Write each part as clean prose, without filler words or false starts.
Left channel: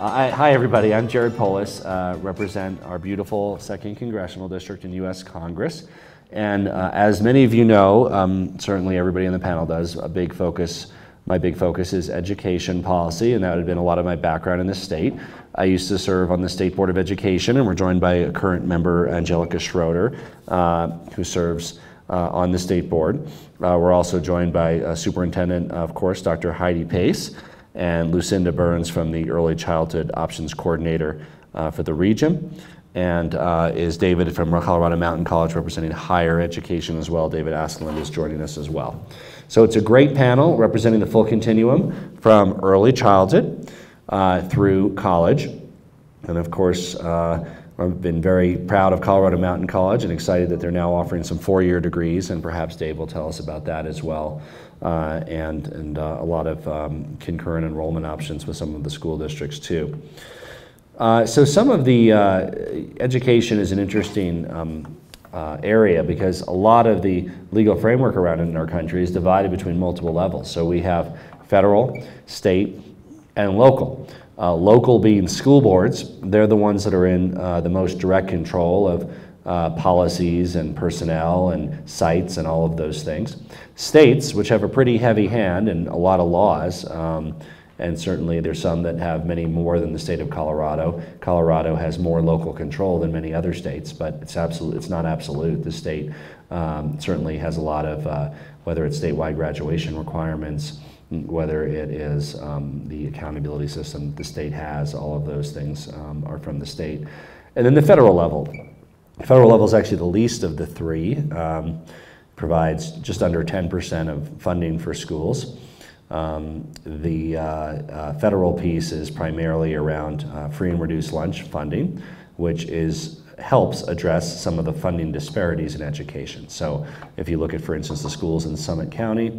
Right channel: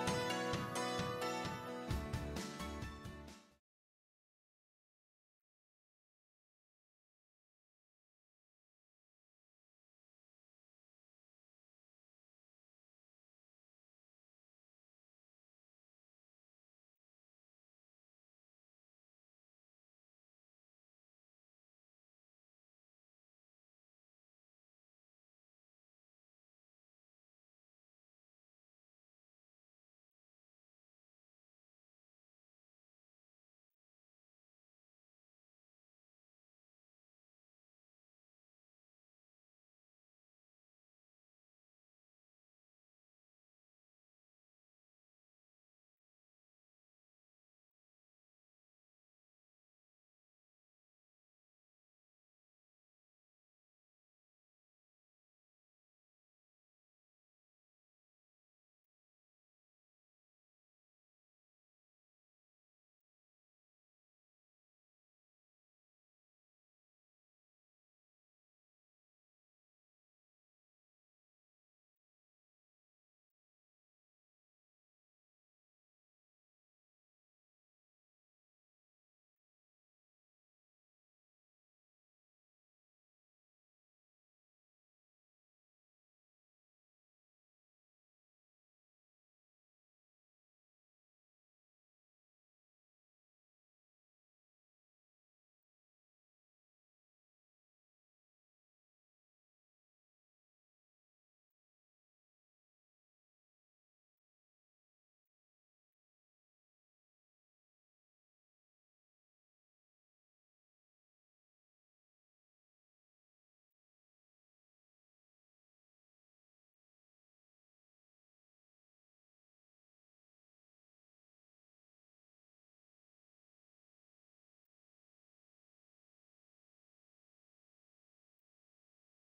Hi everybody, I'm Jared Polis, represent our beautiful 2nd Congressional District in U.S. Congress. And as many of you know, certainly everybody on the panel does, my big focus is education policy, and that would have been a lot of my background in the state. I used to serve on the State Board of Education, and we're joined by a current member, Angelica Schroeder, who serves on the State Board. We're also joined by Superintendent, of course, Dr. Heidi Pace, and Lucinda Burns from the Early Childhood Options Coordinator for the region. And is David from Colorado Mountain College representing higher education as well. David Askeland is joining us as well. So it's a great panel representing the full continuum from early childhood through college. And of course, I've been very proud of Colorado Mountain College and excited that they're now offering some 4-year degrees, and perhaps Dave will tell us about that as well. And a lot of concurrent enrollment options with some of the school districts too. So some of the education is an interesting area because a lot of the legal framework around it in our country is divided between multiple levels. So we have federal, state, and local. Local being school boards, they're the ones that are in the most direct control of policies and personnel and sites and all of those things. States, which have a pretty heavy hand and a lot of laws, and certainly there's some that have many more than the state of Colorado. Colorado has more local control than many other states, but it's not absolute. The state certainly has a lot of, whether it's statewide graduation requirements, whether it is the accountability system the state has, all of those things are from the state. And then the federal level. The federal level is actually the least of the three. Provides just under 10% of funding for schools. The federal piece is primarily around free and reduced lunch funding, which helps address some of the funding disparities in education. So if you look at, for instance, the schools in Summit County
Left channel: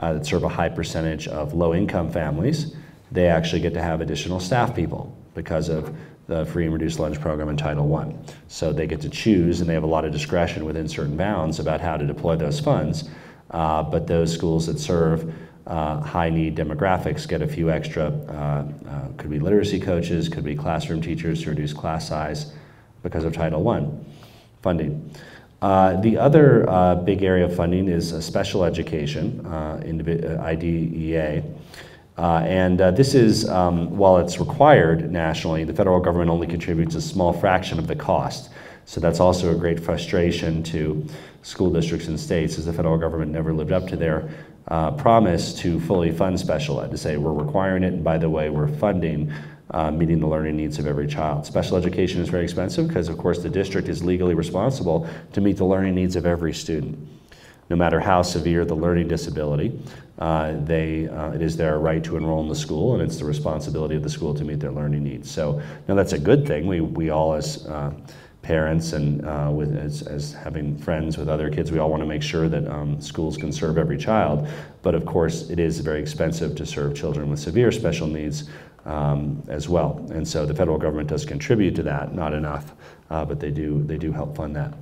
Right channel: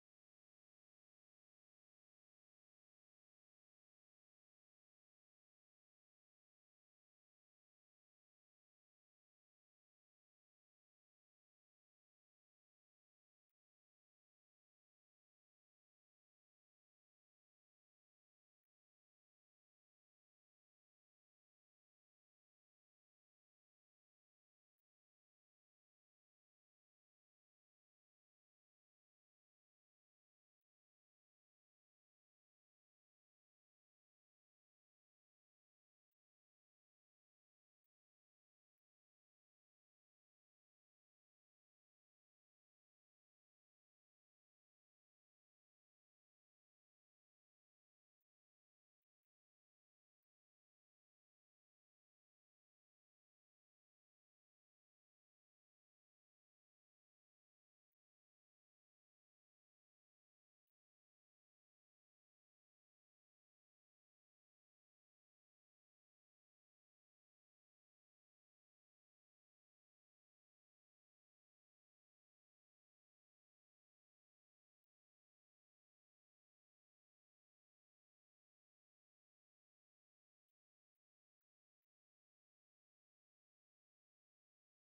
that serve a high percentage of low-income families, they actually get to have additional staff people because of the free and reduced lunch program in Title I. So they get to choose, and they have a lot of discretion within certain bounds about how to deploy those funds. But those schools that serve high-need demographics get a few extra, could be literacy coaches, could be classroom teachers to reduce class size because of Title I funding. The other big area of funding is special education, IDEA. This is, while it's required nationally, the federal government only contributes a small fraction of the cost. So that's also a great frustration to school districts and states, as the federal government never lived up to their promise to fully fund special ed, to say we're requiring it, and by the way, we're funding meeting the learning needs of every child. Special education is very expensive because, of course, the district is legally responsible to meet the learning needs of every student, no matter how severe the learning disability. It is their right to enroll in the school, and it's the responsibility of the school to meet their learning needs. So now that's a good thing. We all, as parents and as having friends with other kids, we all want to make sure that schools can serve every child. But of course, it is very expensive to serve children with severe special needs as well. And so the federal government does contribute to that, not enough, but they do help fund that.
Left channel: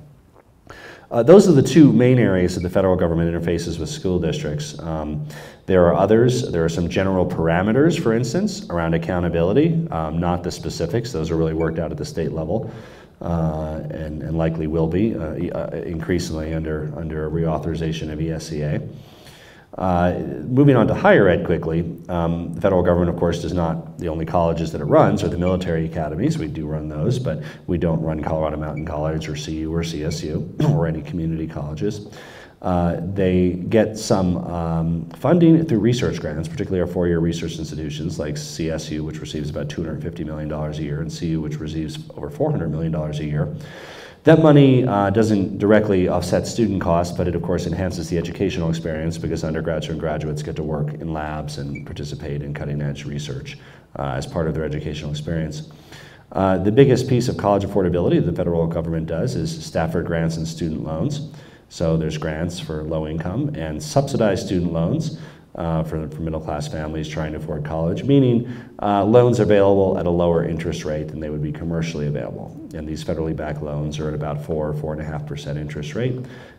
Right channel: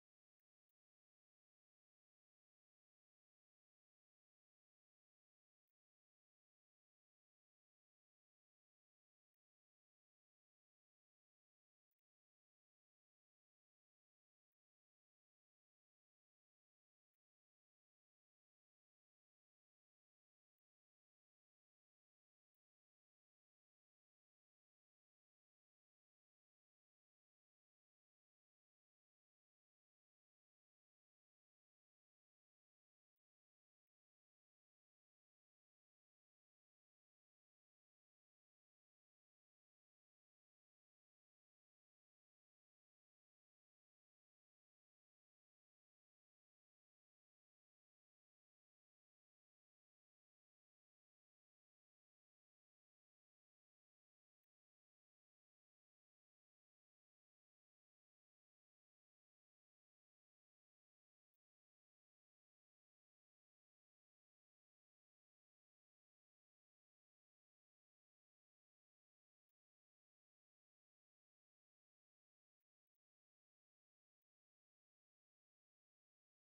Those are the two main areas that the federal government interfaces with school districts. There are others. There are some general parameters, for instance, around accountability, not the specifics. Those are really worked out at the state level and likely will be increasingly under a reauthorization of ESEA. Moving on to higher ed quickly, the federal government, of course, does not, the only colleges that it runs are the military academies. We do run those, but we don't run Colorado Mountain College or CU or CSU or any community colleges. They get some funding through research grants, particularly our 4-year research institutions like CSU, which receives about $250 million a year, and CU, which receives over $400 million a year. That money doesn't directly offset student costs, but it of course enhances the educational experience because undergraduates and graduates get to work in labs and participate in cutting-edge research as part of their educational experience. The biggest piece of college affordability the federal government does is Stafford grants and student loans. So there's grants for low income and subsidized student loans for middle-class families trying to afford college, meaning loans available at a lower interest rate than they would be commercially available. And these federally backed loans are at about 4.5% interest rate,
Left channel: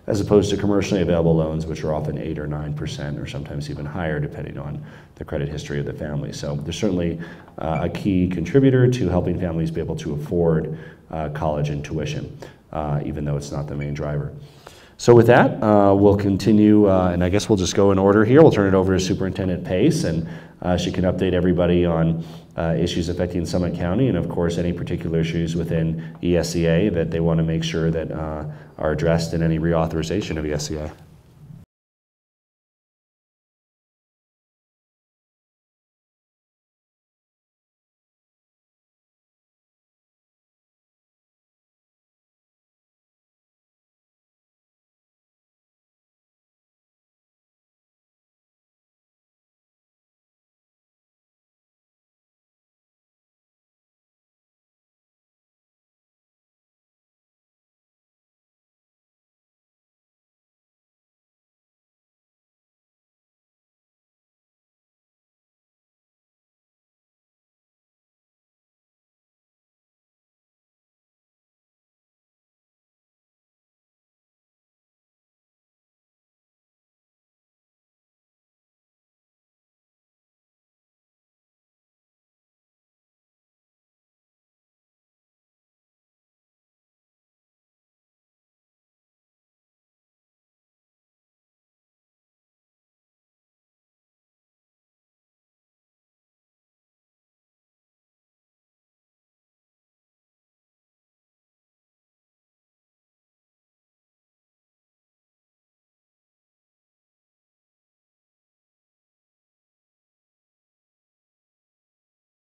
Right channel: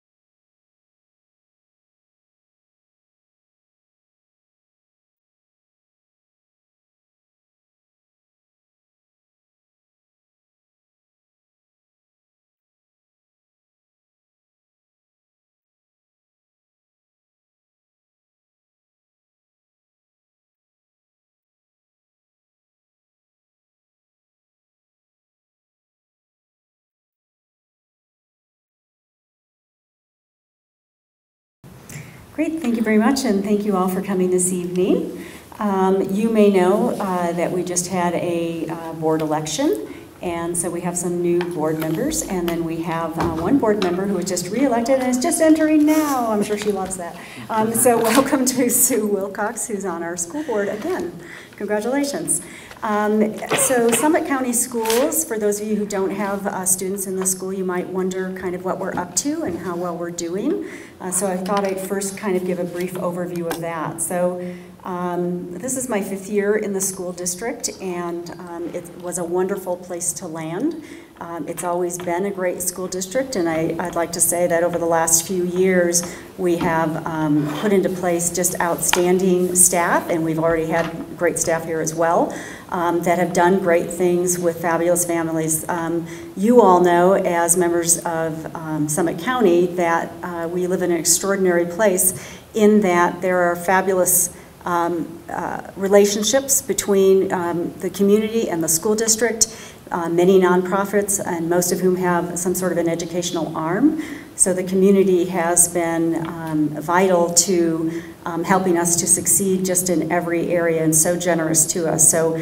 as opposed to commercially available loans, which are often 8 or 9%, or sometimes even higher, depending on the credit history of the family. So they're certainly a key contributor to helping families be able to afford college and tuition, even though it's not the main driver. So with that, we'll continue, and I guess we'll just go in order here. We'll turn it over to Superintendent Pace, and she can update everybody on issues affecting Summit County, and of course any particular issues within ESEA that they want to make sure that are addressed in any reauthorization of ESEA. Great, thank you very much, and thank you all for coming this evening. You may know that we just had a board election, and so we have some new board members, and then we have one board member who was just re-elected and is just entering now. I'm sure she loves that. So welcome to Sue Wilcox, who's on our school board again. Congratulations. So Summit County Schools, for those of you who don't have students in the school, you might wonder kind of what we're up to and how well we're doing. So I thought I'd first kind of give a brief overview of that. So this is my 5th year in the school district, and it was a wonderful place to land. It's always been a great school district, and I'd like to say that over the last few years we have put into place just outstanding staff, and we've already had great staff here as well, that have done great things with fabulous families. You all know, as members of Summit County, that we live in an extraordinary place in that there are fabulous relationships between the community and the school district, many nonprofits, and most of whom have some sort of an educational arm. So the community has been vital to helping us to succeed just in every area, and so generous to us. So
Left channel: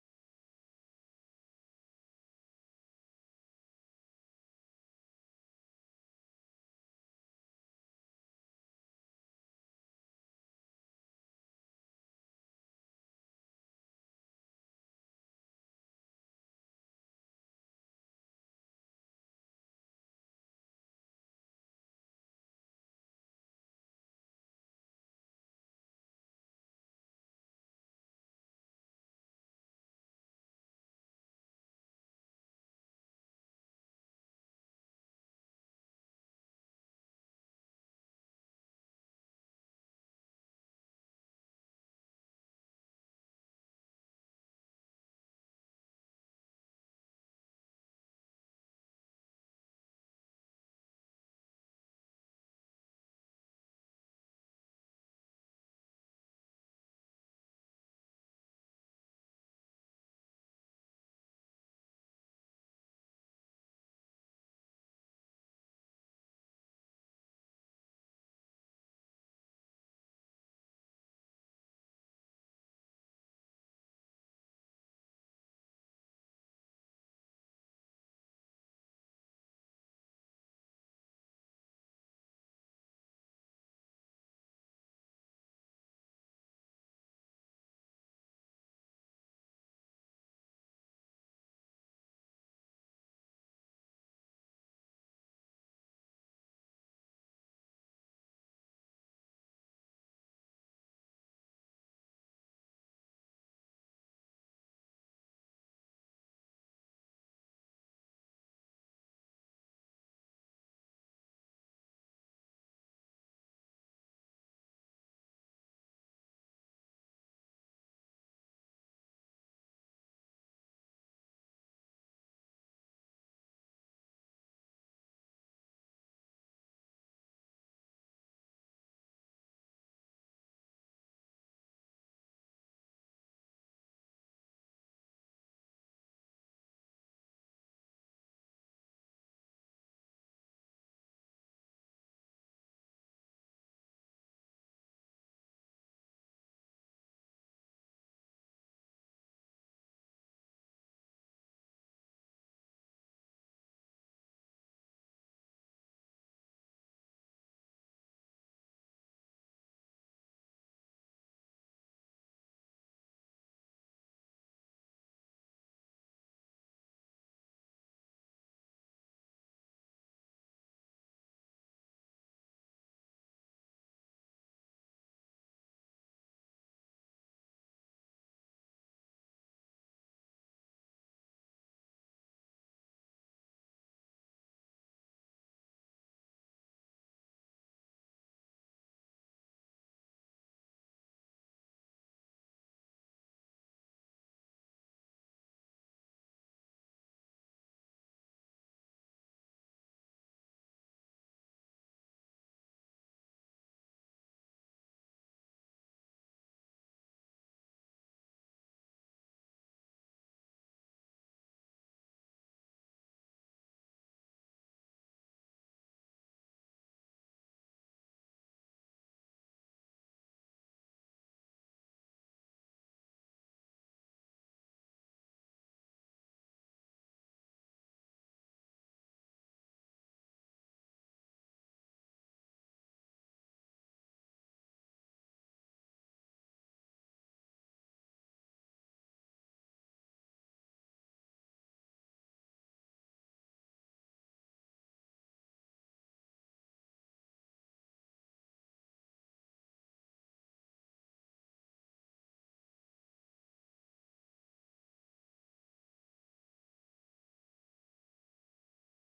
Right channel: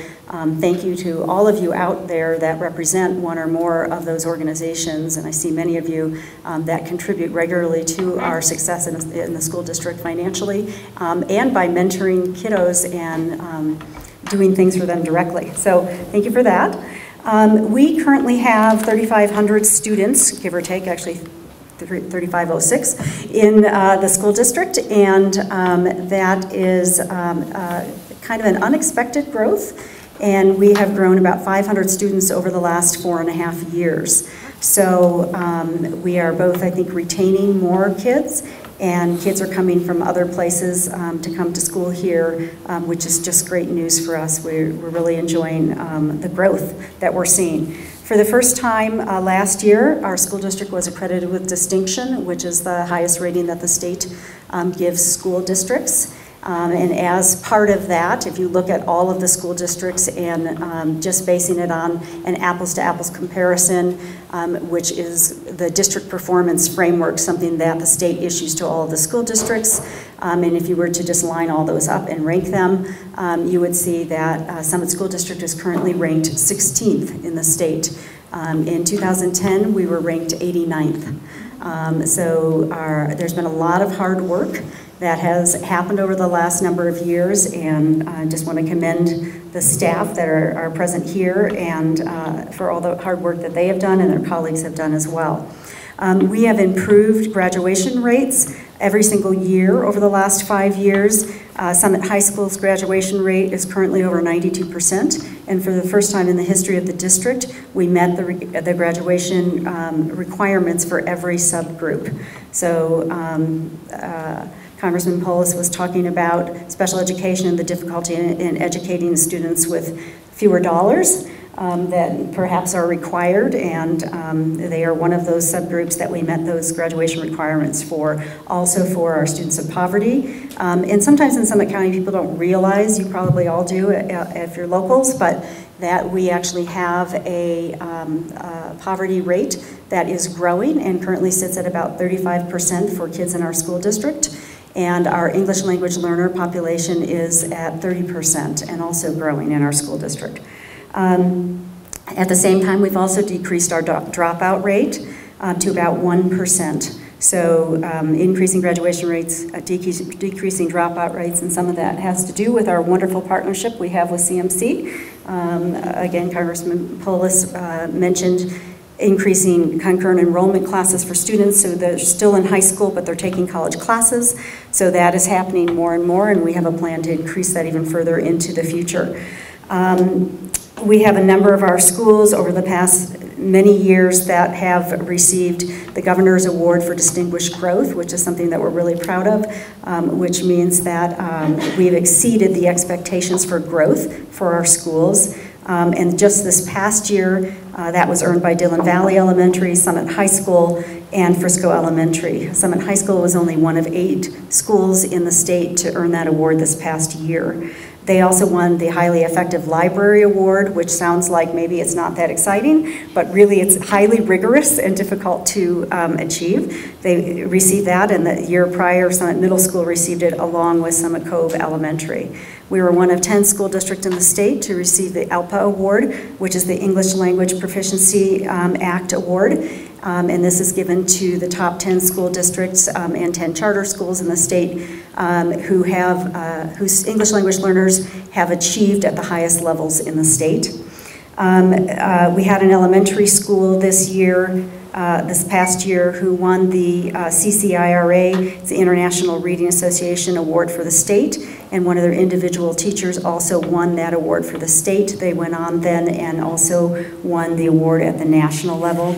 thank you to all of you out there that represent one or more of those organizations, and I see many of you that contribute regularly to our success in the school district financially, and by mentoring kiddos and doing things for them directly. So thank you for that. We currently have 3,500 students, give or take, actually 3,506 in the school district, and that is kind of an unexpected growth, and we have grown about 500 students over the last 4.5 years. So we are both, I think, retaining more kids, and kids are coming from other places to come to school here, which is just great news for us. We're really enjoying the growth that we're seeing. For the first time last year, our school district was accredited with distinction, which is the highest rating that the state gives school districts. And as part of that, if you look at all of the school districts and just basing it on an apples-to-apples comparison, which is the district performance framework, something that the state issues to all of the school districts, and if you were to just line all those up and rank them, you would see that Summit School District is currently ranked 16th in the state. In 2010, we were ranked 89th. So there's been a lot of hard work that has happened over the last number of years, and I just want to commend the staff that are present here and for all the hard work that they have done and their colleagues have done as well. We have improved graduation rates every single year over the last 5 years. Summit High School's graduation rate is currently over 92%, and for the first time in the history of the district, we met the graduation requirements for every subgroup. So Congressman Polis was talking about special education and the difficulty in educating students with fewer dollars that perhaps are required, and they are one of those subgroups that we met those graduation requirements for. Also for our students of poverty. And sometimes in Summit County people don't realize, you probably all do if you're locals, but that we actually have a poverty rate that is growing and currently sits at about 35% for kids in our school district. And our English language learner population is at 30% and also growing in our school district. At the same time, we've also decreased our dropout rate to about 1%. So increasing graduation rates, decreasing dropout rates, and some of that has to do with our wonderful partnership we have with CMC. Again, Congressman Polis mentioned increasing concurrent enrollment classes for students, so they're still in high school, but they're taking college classes. So that is happening more and more, and we have a plan to increase that even further into the future. We have a number of our schools over the past many years that have received the Governor's Award for Distinguished Growth, which is something that we're really proud of, which means that we've exceeded the expectations for growth for our schools. And just this past year, that was earned by Dillon Valley Elementary, Summit High School, and Frisco Elementary. Summit High School was only one of 8 schools in the state to earn that award this past year. They also won the Highly Effective Library Award, which sounds like maybe it's not that exciting, but really it's highly rigorous and difficult to achieve. They received that, and the year prior, Summit Middle School received it along with Summit Cove Elementary. We were one of 10 school districts in the state to receive the ALPA Award, which is the English Language Proficiency Act Award. And this is given to the top 10 school districts and 10 charter schools in the state whose English language learners have achieved at the highest levels in the state. We had an elementary school this past year, who won the CCIRA, the International Reading Association Award for the state, and one of their individual teachers also won that award for the state. They went on then and also won the award at the national level.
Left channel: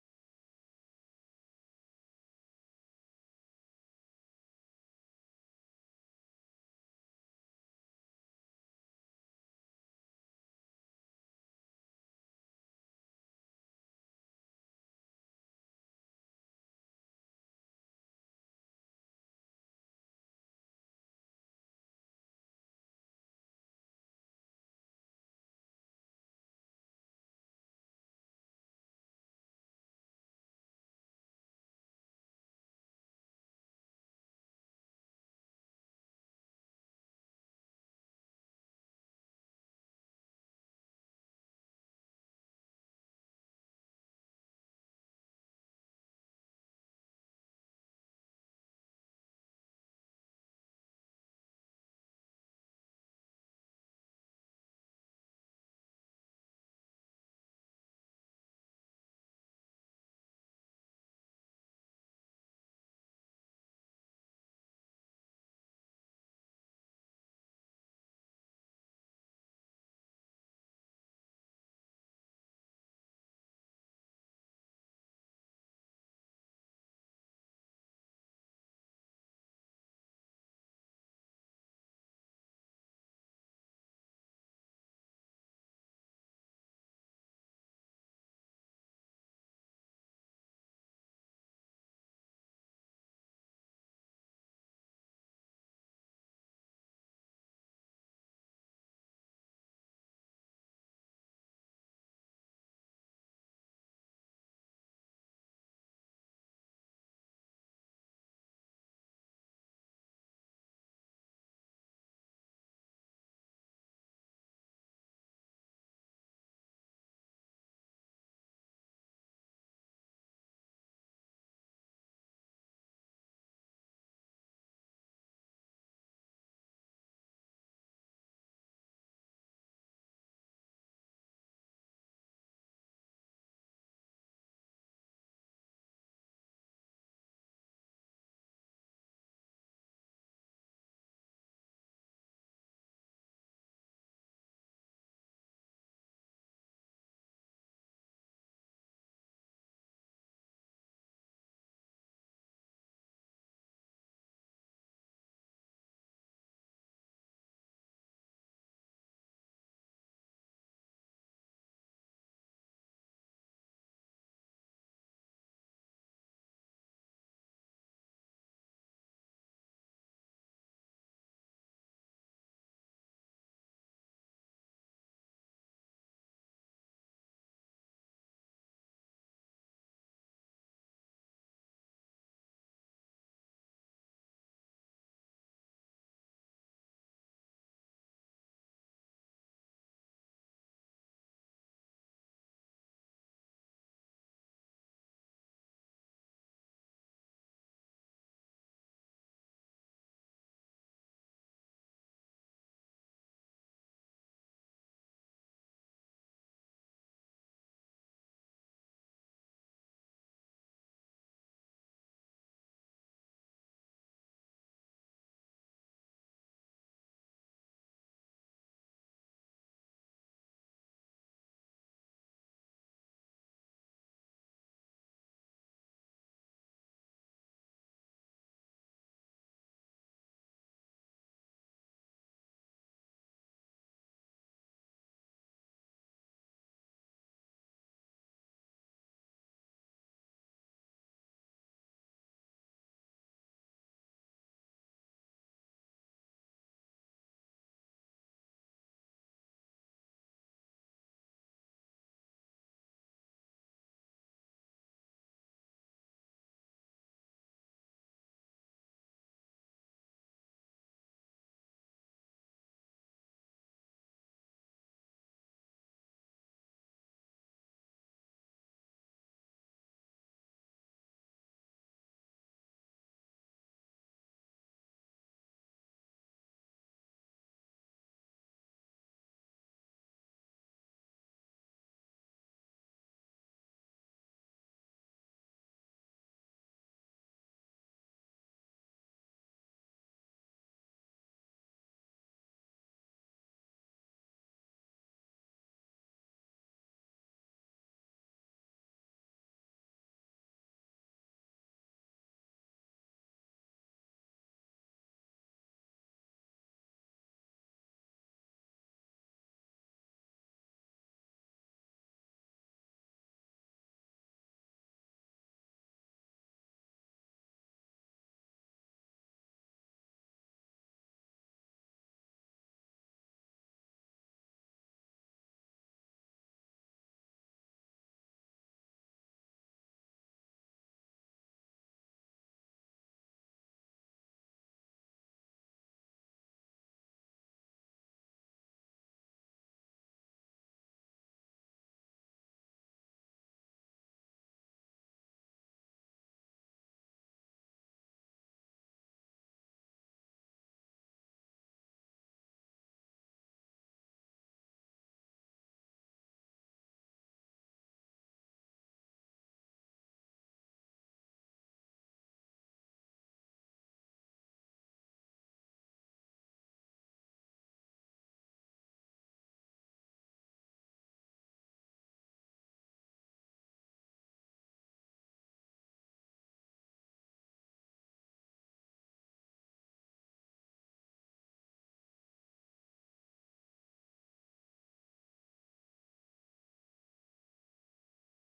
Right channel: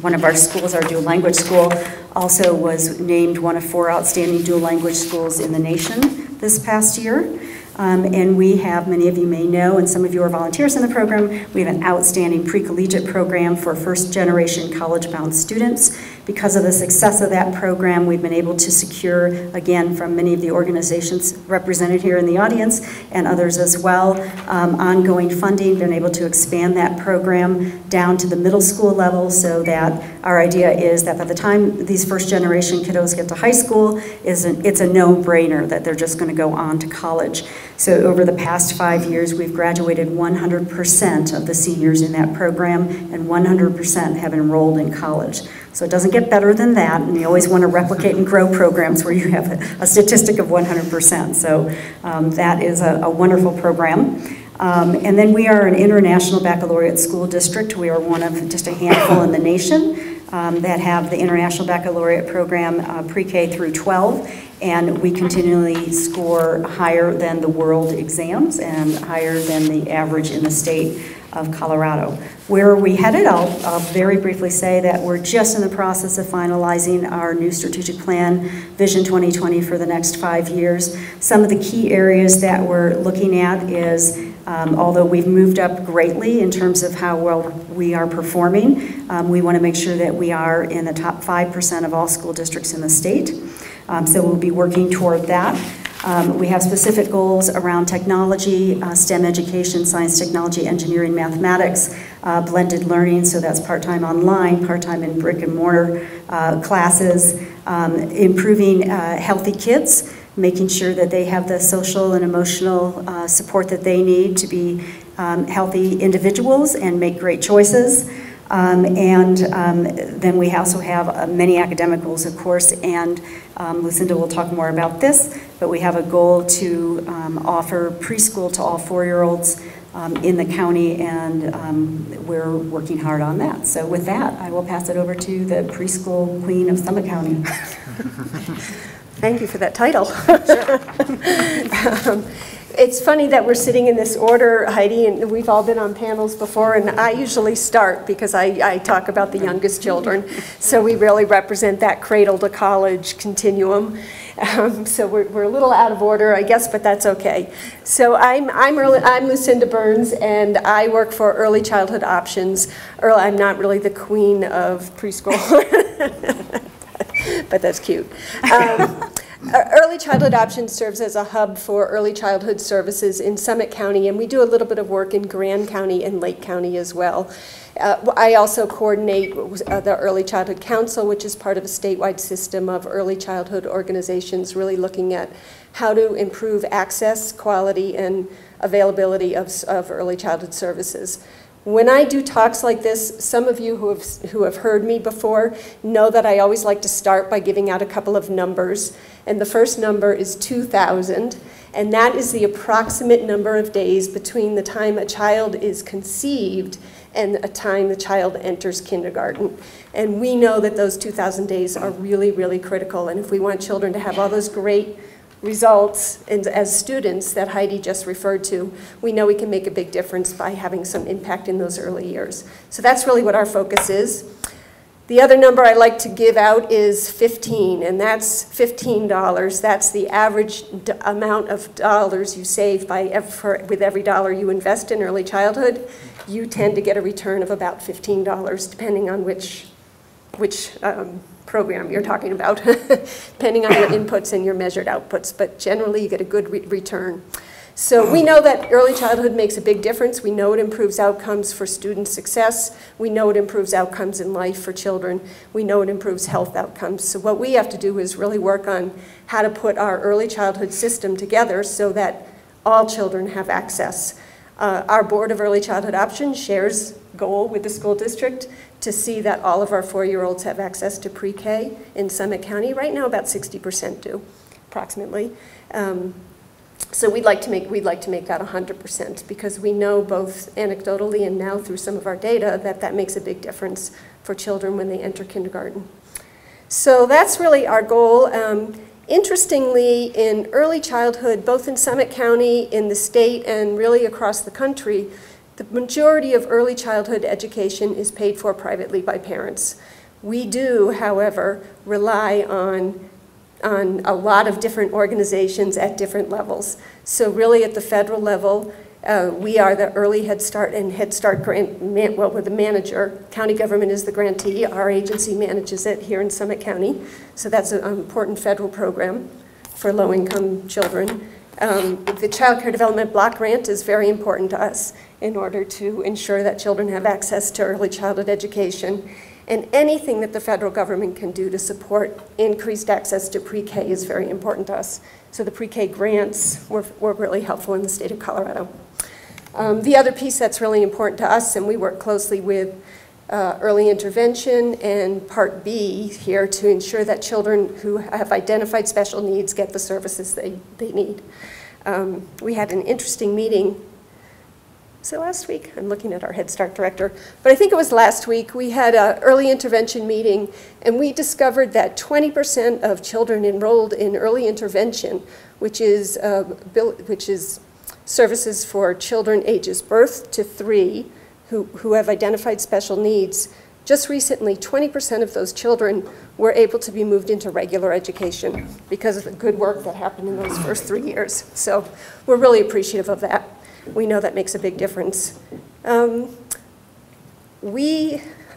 One of our schools, our dual language school, also was named one of 4 outstanding dual language schools in the nation this past year. And we have, many of you may know, and some of you are volunteers in the program, we have an outstanding pre-collegiate program for first-generation college-bound students. Because of the success of that program, we've been able to secure, again, from many of the organizations represented here in the audience and others as well, ongoing funding, been able to expand that program down to the middle school level, so that our idea is that by the time these first-generation kiddos get to high school, it's a no-brainer that they're just going to go on to college. So over the past 5 years, we've graduated 100% of the seniors in that program, and 100% have enrolled in college. So it doesn't get better than that, and you always want to replicate and grow programs where you have a statistic of 100%. So that is a wonderful program. And then we are an international baccalaureate school district. We are one of just a handful in the nation that have the International Baccalaureate program pre-K through 12, and we continually score higher than the world exams and higher than the average in the state of Colorado. Where are we headed? I'll very briefly say that we're just in the process of finalizing our new strategic plan, Vision 2020, for the next 5 years. Some of the key areas that we're looking at is, although we've moved up greatly in terms of how well we are performing, we want to make sure that we are in the top 5% of all school districts in the state. So we'll be working toward that. We have specific goals around technology, STEM education, science, technology, engineering, mathematics, blended learning, so that's part-time online, part-time in brick and mortar classes, improving healthy kids, making sure that they have the social and emotional support that they need to be healthy individuals and make great choices. Then we also have many academic goals, of course, and Lucinda will talk more about this, but we have a goal to offer preschool to all 4-year-olds in the county, and we're working hard on that. So with that, I will pass it over to the preschool queen of Summit County. Thank you for that title. It's funny that we're sitting in this order, Heidi, and we've all been on panels before, and I usually start because I talk about the youngest children. So we really represent that cradle to college continuum. So we're a little out of order, I guess, but that's okay. So I'm Lucinda Burns, and I work for Early Childhood Options. I'm not really the queen of preschool, but that's cute. Early Childhood Options serves as a hub for early childhood services in Summit County, and we do a little bit of work in Grand County and Lake County as well. I also coordinate the Early Childhood Council, which is part of a statewide system of early childhood organizations, really looking at how to improve access, quality, and availability of early childhood services. When I do talks like this, some of you who have heard me before know that I always like to start by giving out a couple of numbers. And the first number is 2,000, and that is the approximate number of days between the time a child is conceived and the time the child enters kindergarten. And we know that those 2,000 days are really, really critical. And if we want children to have all those great results and as students that Heidi just referred to, we know we can make a big difference by having some impact in those early years. So that's really what our focus is. The other number I like to give out is 15, and that's $15. That's the average amount of dollars you save with every dollar you invest in early childhood. You tend to get a return of about $15, depending on which program you're talking about, depending on your inputs and your measured outputs, but generally you get a good return. So we know that early childhood makes a big difference. We know it improves outcomes for student success. We know it improves outcomes in life for children. We know it improves health outcomes. So what we have to do is really work on how to put our early childhood system together so that all children have access. Our Board of Early Childhood Options shares goal with the school district to see that all of our 4-year-olds have access to pre-K in Summit County. Right now, about 60% do, approximately. So we'd like to make that 100% because we know both anecdotally and now through some of our data that makes a big difference for children when they enter kindergarten. So that's really our goal. Interestingly, in early childhood, both in Summit County, in the state, and really across the country, the majority of early childhood education is paid for privately by parents. We do, however, rely on a lot of different organizations at different levels. So really at the federal level, we are the early Head Start and Head Start grant, we're the manager. County government is the grantee. Our agency manages it here in Summit County. So that's an important federal program for low-income children. The Child Care Development Block Grant is very important to us in order to ensure that children have access to early childhood education. And anything that the federal government can do to support increased access to pre-K is very important to us. So the pre-K grants were really helpful in the state of Colorado. The other piece that's really important to us, and we work closely with early intervention and Part B here to ensure that children who have identified special needs get the services they need. We had an interesting meeting. So last week, I'm looking at our Head Start director, but I think it was last week, we had an early intervention meeting, and we discovered that 20% of children enrolled in early intervention, which is services for children ages birth to 3 who have identified special needs, just recently, 20% of those children were able to be moved into regular education because of the good work that happened in those first 3 years. So we're really appreciative of that. We know that makes a big difference. Let's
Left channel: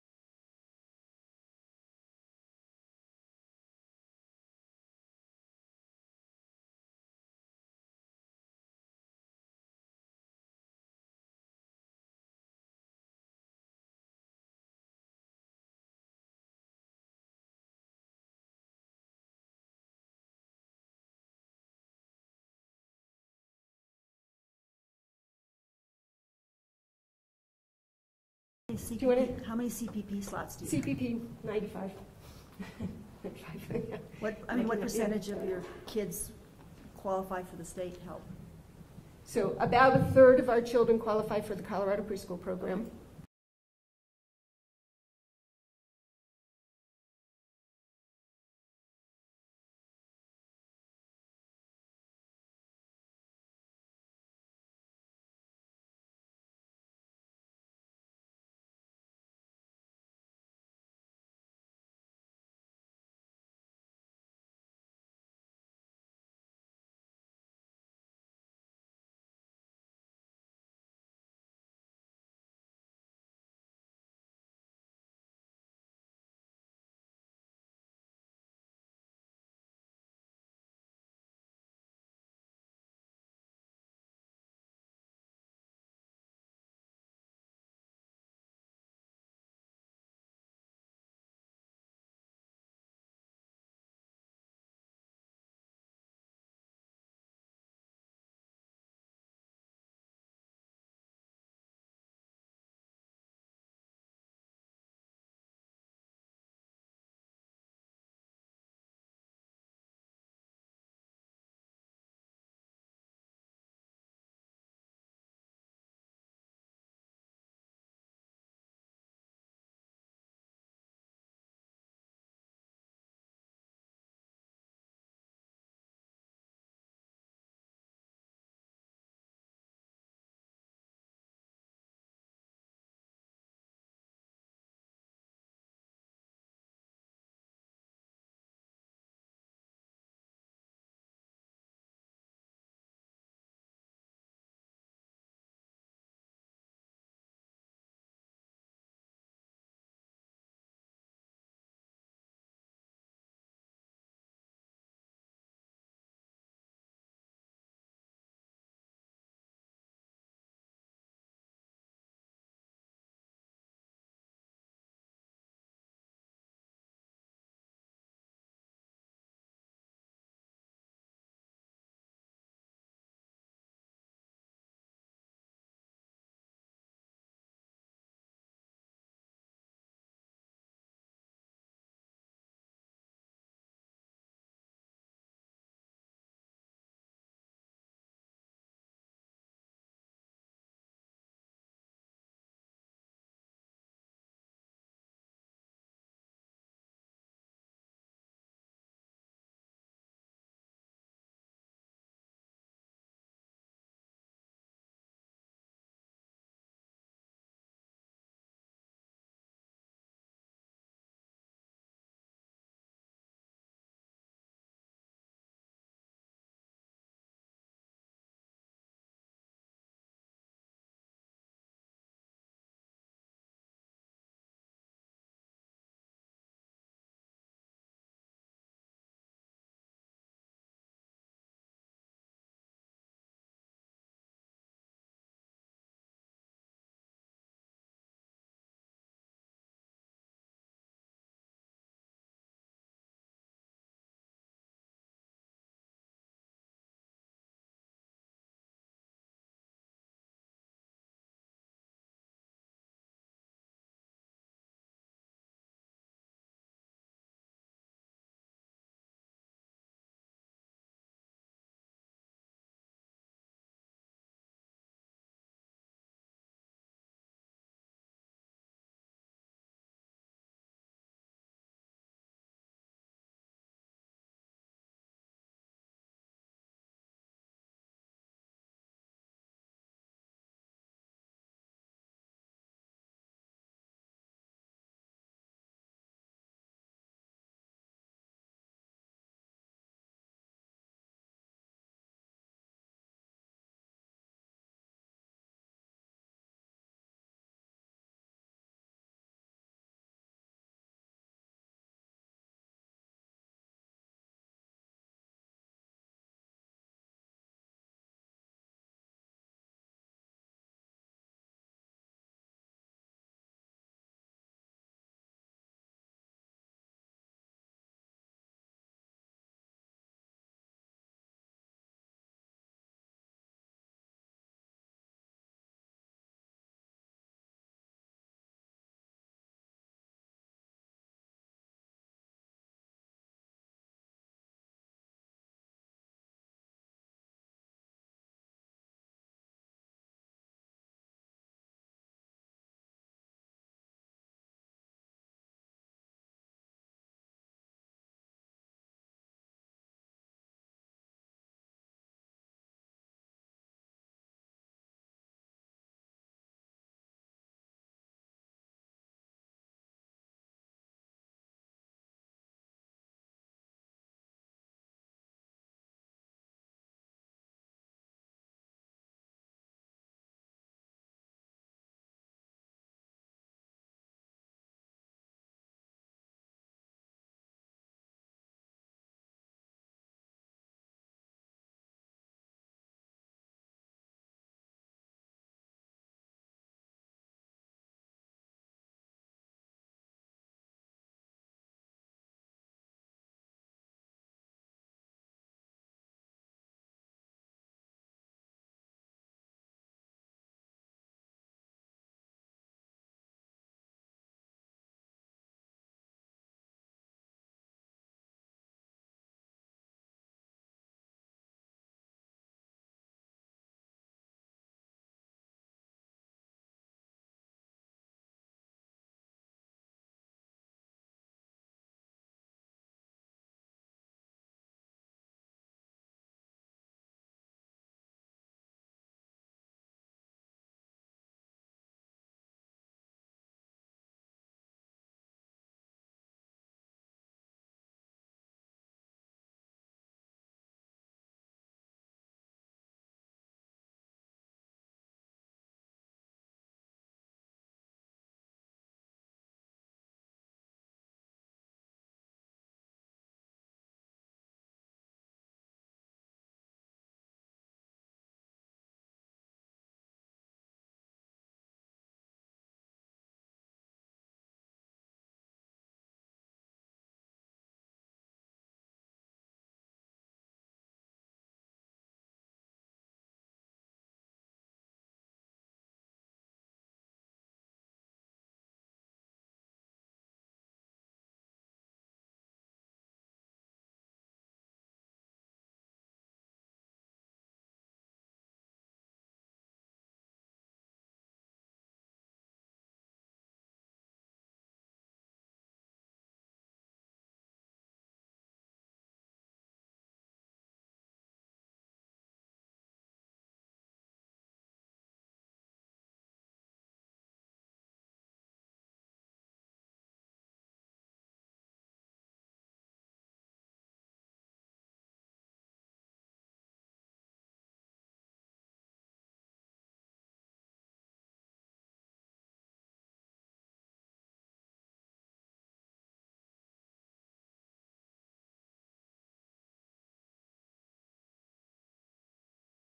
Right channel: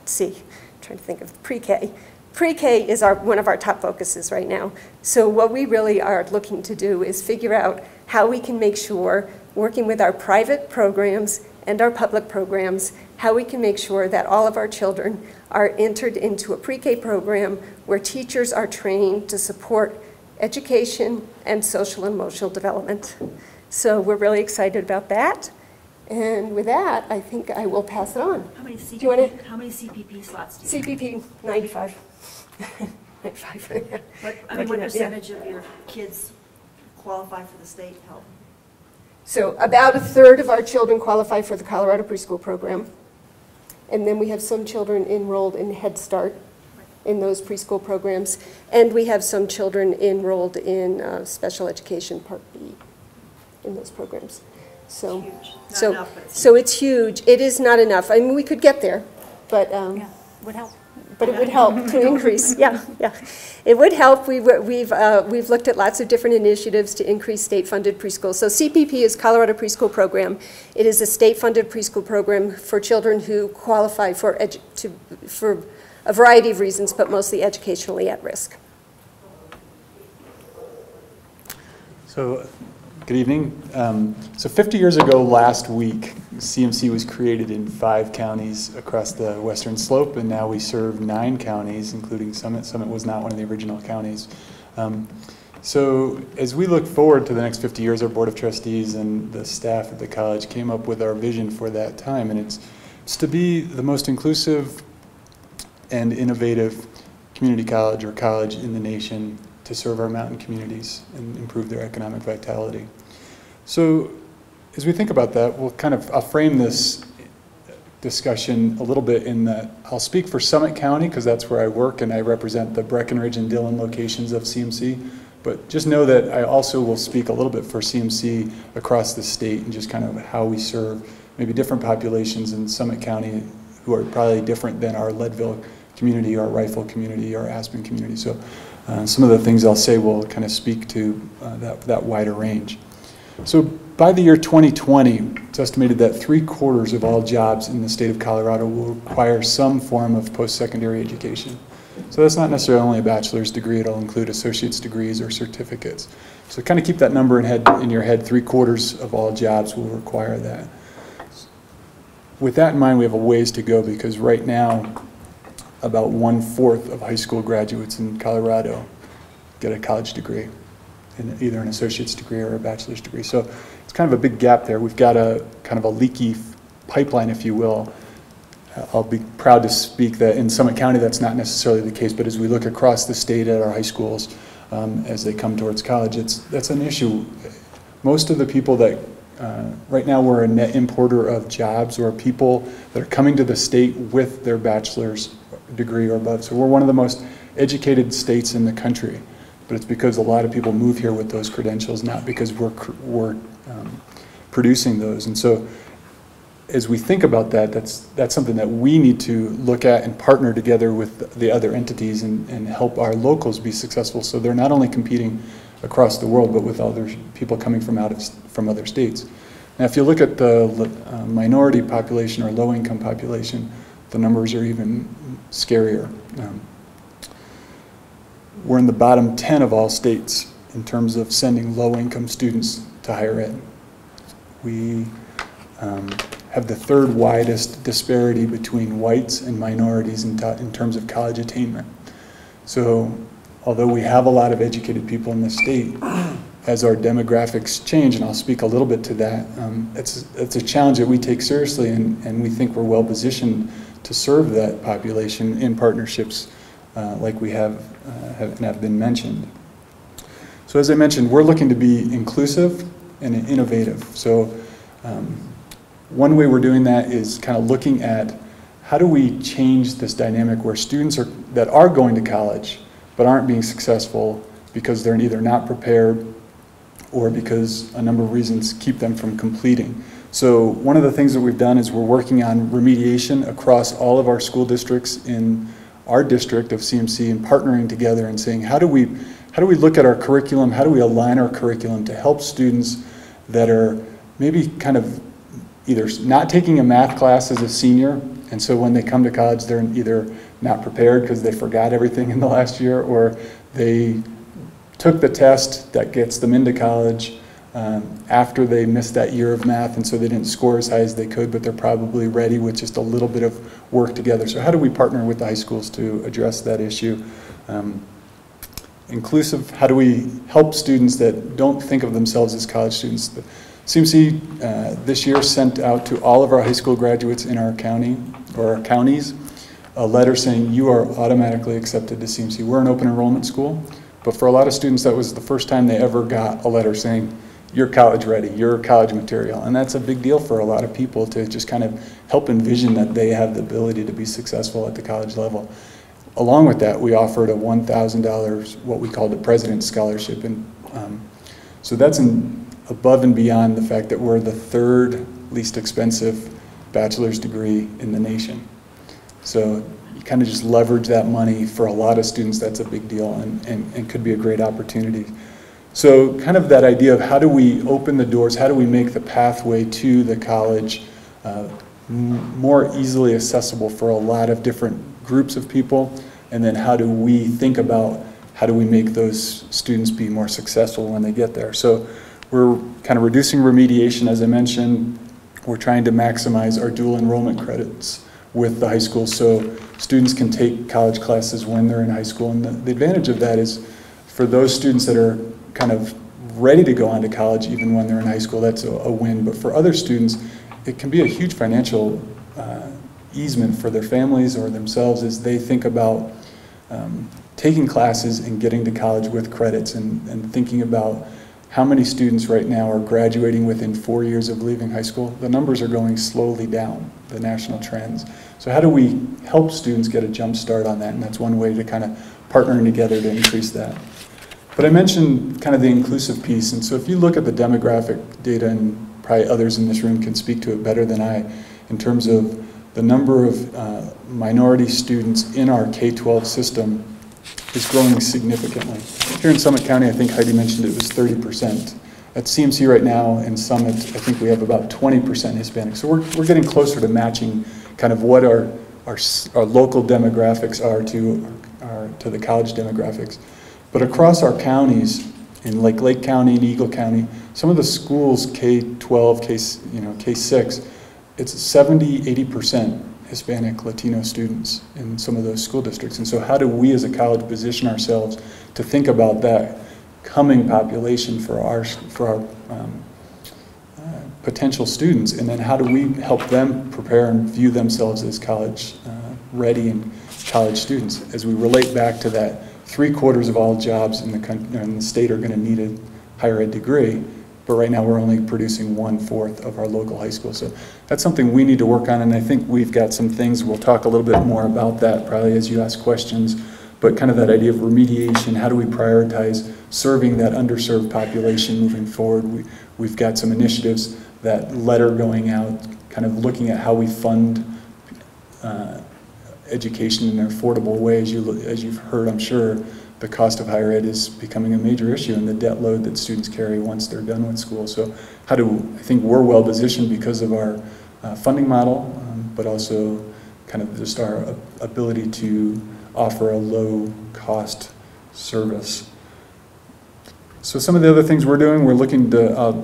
see, I'm trying to think of pre-K. Pre-K is one of our top focuses right now. So what we really are looking to do is figure out how we can make sure, working with our private programs and our public programs, how we can make sure that all of our children are entered into a pre-K program where teachers are trained to support education and social and emotional development. So we're really excited about that. And with that, I think I will pass it on. How many CPP slots do you have? CPP, 95. 95. What percentage of your kids qualify for the state help? So about 1/3 of our children qualify for the Colorado preschool program. And then we have some children enrolled in Head Start in those preschool programs. And we have some children enrolled in special education Part B in those programs. So, so it's huge. It is not enough. I mean, we could get there, but yeah, would help. But it would help to increase. Yeah, it would help. We've looked at lots of different initiatives to increase state-funded preschool. So CPP is Colorado Preschool Program. It is a state-funded preschool program for children who qualify for a variety of reasons, but mostly educationally at risk. So. Good evening. So 50 years ago last week, CMC was created in 5 counties across the western slope, and now we serve 9 counties, including Summit. Summit was not one of the original counties. So as we look forward to the next 50 years, our Board of Trustees and the staff at the college came up with our vision for that time, and it's It's to be the most inclusive and innovative community college or college in the nation to serve our mountain communities and improve their economic vitality. So as we think about that, I'll frame this discussion a little bit in that I'll speak for Summit County because that's where I work and I represent the Breckenridge and Dillon locations of CMC. But just know that I also will speak a little bit for CMC across the state and just kind of how we serve maybe different populations in Summit County who are probably different than our Leadville community, our Rifle community, our Aspen community. So some of the things I'll say will kind of speak to that wider range. So by the year 2020, it's estimated that 3/4 of all jobs in the state of Colorado will require some form of post-secondary education. So that's not necessarily only a bachelor's degree, it'll include associate's degrees or certificates. So kind of keep that number in your head, 3/4 of all jobs will require that. With that in mind, we have a ways to go because right now, about 1/4 of high school graduates in Colorado get a college degree, in either an associate's degree or a bachelor's degree. So it's kind of a big gap there. We've got a kind of a leaky pipeline, if you will. I'll be proud to speak that in Summit County that's not necessarily the case, but as we look across the state at our high schools as they come towards college, that's an issue. Most of the people that, right now we're a net importer of jobs or people that are coming to the state with their bachelor's degree or above. So we're one of the most educated states in the country, but it's because a lot of people move here with those credentials, not because we're producing those. And so as we think about that, that's something that we need to look at and partner together with the other entities and help our locals be successful so they're not only competing across the world, but with other people coming from other states. Now, if you look at the minority population or low-income population, the numbers are even scarier. We're in the bottom 10 of all states in terms of sending low-income students to higher ed. We have the third widest disparity between whites and minorities in terms of college attainment. So although we have a lot of educated people in the state, as our demographics change, and I'll speak a little bit to that, it's a challenge that we take seriously, and we think we're well positioned to serve that population in partnerships like we have been mentioned. So as I mentioned, we're looking to be inclusive and innovative. So one way we're doing that is kind of looking at how do we change this dynamic where students that are going to college but aren't being successful because they're either not prepared or because a number of reasons keep them from completing. So one of the things that we've done is we're working on remediation across all of our school districts in our district of CMC and partnering together and saying, how do we look at our curriculum, how do we align our curriculum to help students that are maybe kind of either not taking a math class as a senior, and so when they come to college they're either not prepared because they forgot everything in the last year, or they took the test that gets them into college after they missed that year of math, and so they didn't score as high as they could, but they're probably ready with just a little bit of work together. So how do we partner with the high schools to address that issue? Inclusive, how do we help students that don't think of themselves as college students? The CMC this year sent out to all of our high school graduates in our county, or our counties, a letter saying you are automatically accepted to CMC. We're an open enrollment school, but for a lot of students that was the first time they ever got a letter saying you're college ready, you're college material. And that's a big deal for a lot of people to just kind of help envision that they have the ability to be successful at the college level. Along with that, we offered a $1,000, what we called a President's Scholarship. And so that's above and beyond the fact that we're the third least expensive bachelor's degree in the nation. So you kind of just leverage that money. For a lot of students, that's a big deal and could be a great opportunity. So kind of that idea of how do we open the doors, how do we make the pathway to the college more easily accessible for a lot of different groups of people, and then how do we think about how do we make those students be more successful when they get there. So we're kind of reducing remediation, as I mentioned. We're trying to maximize our dual enrollment credits with the high school so students can take college classes when they're in high school. And the advantage of that is for those students that are kind of ready to go on to college even when they're in high school, that's a win. But for other students, it can be a huge financial easement for their families or themselves as they think about taking classes and getting to college with credits, and thinking about how many students right now are graduating within 4 years of leaving high school. The numbers are going slowly down, the national trends. So how do we help students get a jump start on that? And that's one way to kind of partnering together to increase that. But I mentioned kind of the inclusive piece, and so if you look at the demographic data, and probably others in this room can speak to it better than I, in terms of the number of minority students in our K-12 system is growing significantly. Here in Summit County, I think Heidi mentioned it was 30%. At CMC right now in Summit, I think we have about 20% Hispanic. So we're getting closer to matching kind of what our local demographics are to the college demographics. But across our counties, in Lake County and Eagle County, some of the schools, K-12, K-6, it's 70, 80% Hispanic, Latino students in some of those school districts. And so how do we as a college position ourselves to think about that coming population for our potential students, and then how do we help them prepare and view themselves as college ready and college students, as we relate back to that 3/4 of all jobs in the country in the state are going to need a higher ed degree, but right now we're only producing 1/4 of our local high school. So that's something we need to work on, and I think we've got some things, we'll talk a little bit more about that probably as you ask questions, but kind of that idea of remediation, how do we prioritize serving that underserved population moving forward? We've got some initiatives, that letter going out, kind of looking at how we fund education in an affordable way. As you've heard, I'm sure, the cost of higher ed is becoming a major issue, and the debt load that students carry once they're done with school. So I think we're well positioned because of our funding model, but also kind of just our ability to offer a low cost service. So some of the other things we're doing, we're looking to,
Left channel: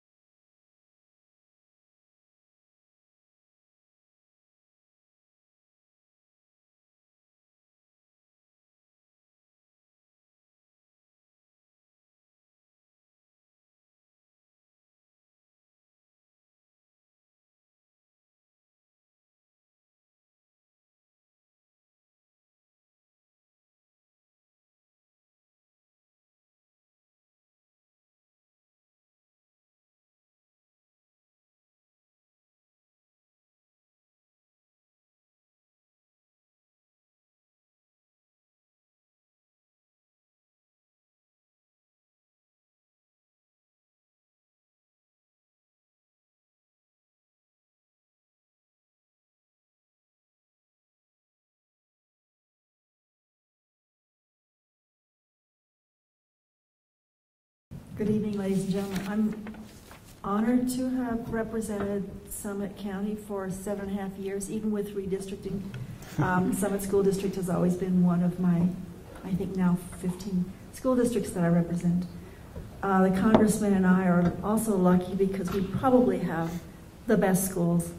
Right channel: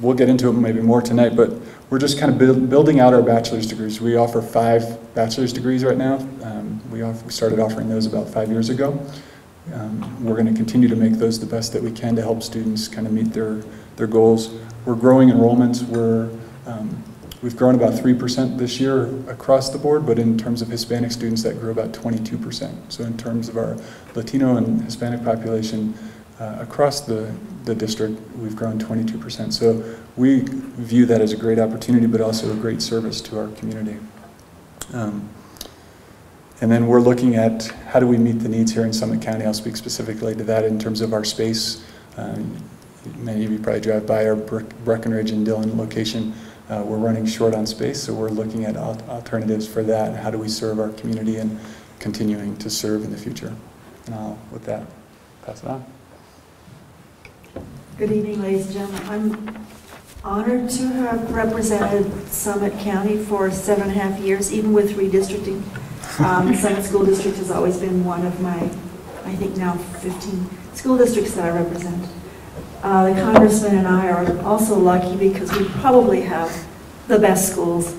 we'll get into it maybe more tonight, but we're just kind of building out our bachelor's degrees. We offer 5 bachelor's degrees right now. We started offering those about 5 years ago. We're going to continue to make those the best that we can to help students kind of meet their goals. We're growing enrollments. We've grown about 3% this year across the board, but in terms of Hispanic students, that grew about 22%. So in terms of our Latino and Hispanic population across the district, we've grown 22%. So we view that as a great opportunity, but also a great service to our community. And then we're looking at how do we meet the needs here in Summit County. I'll speak specifically to that in terms of our space. Many of you probably drive by our Breckenridge and Dillon location. We're running short on space, so we're looking at alternatives for that, and how do we serve our community and continuing to serve in the future. And I'll, with that, pass it on. Good evening, ladies and gentlemen. I'm honored to have represented Summit County for 7.5 years, even with redistricting. Summit School District has always been one of my, I think now 15 school districts that I represent. The Congressman and I are also lucky because we probably have the best schools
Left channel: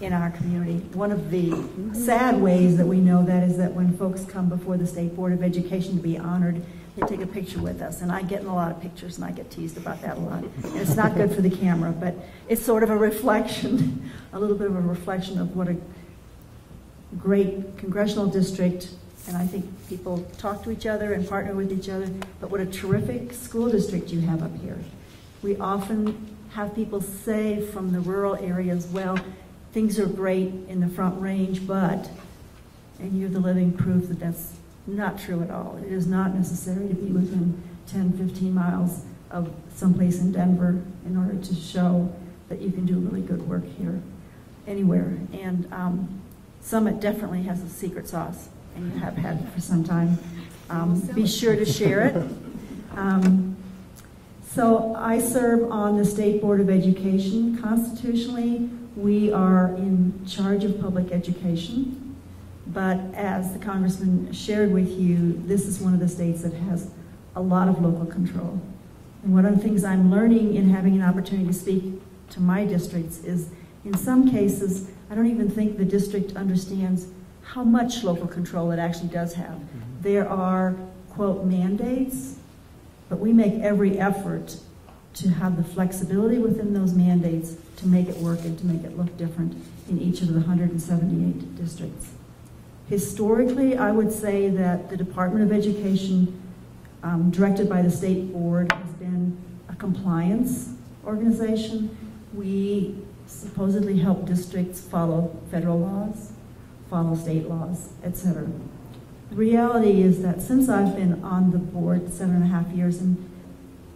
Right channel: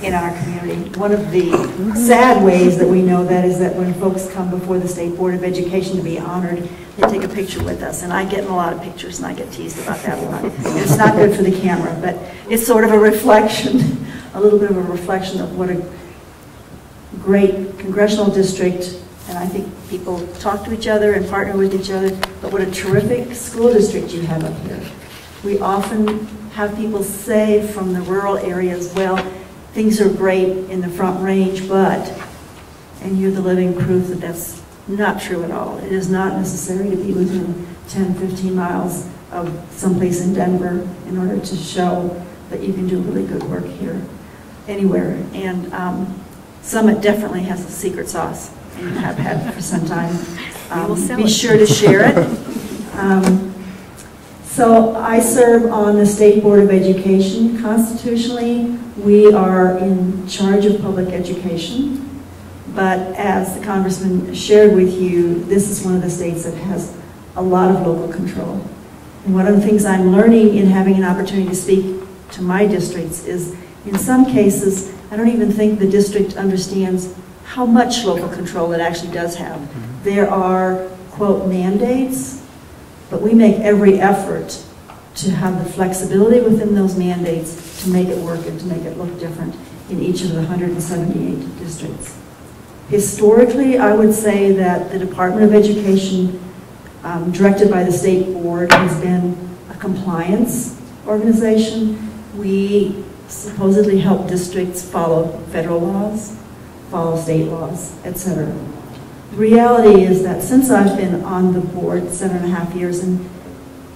in our community. One of the sad ways that we know that is that when folks come before the State Board of Education to be honored, they take a picture with us, and I get in a lot of pictures, and I get teased about that a lot. And it's not good for the camera, but it's sort of a reflection, a little bit of a reflection of what a great congressional district, and I think people talk to each other and partner with each other, but what a terrific school district you have up here. We often have people say from the rural areas, well, things are great in the Front Range, but, and you're the living proof that that's not true at all. It is not necessary to be within 10, 15 miles of someplace in Denver in order to show that you can do really good work here, anywhere. And Summit definitely has a secret sauce, and you have had for some time. Be sure to share it. So I serve on the State Board of Education. Constitutionally, we are in charge of public education, but as the Congressman shared with you, this is one of the states that has a lot of local control. And one of the things I'm learning in having an opportunity to speak to my districts is, in some cases, I don't even think the district understands how much local control it actually does have. There are, quote, mandates, but we make every effort to have the flexibility within those mandates to make it work and to make it look different. in each of the 178 districts. Historically, I would say that the Department of Education, directed by the State Board, has been a compliance organization. We supposedly help districts follow federal laws, follow state laws, etc. The reality is that since I've been on the board 7.5 years, and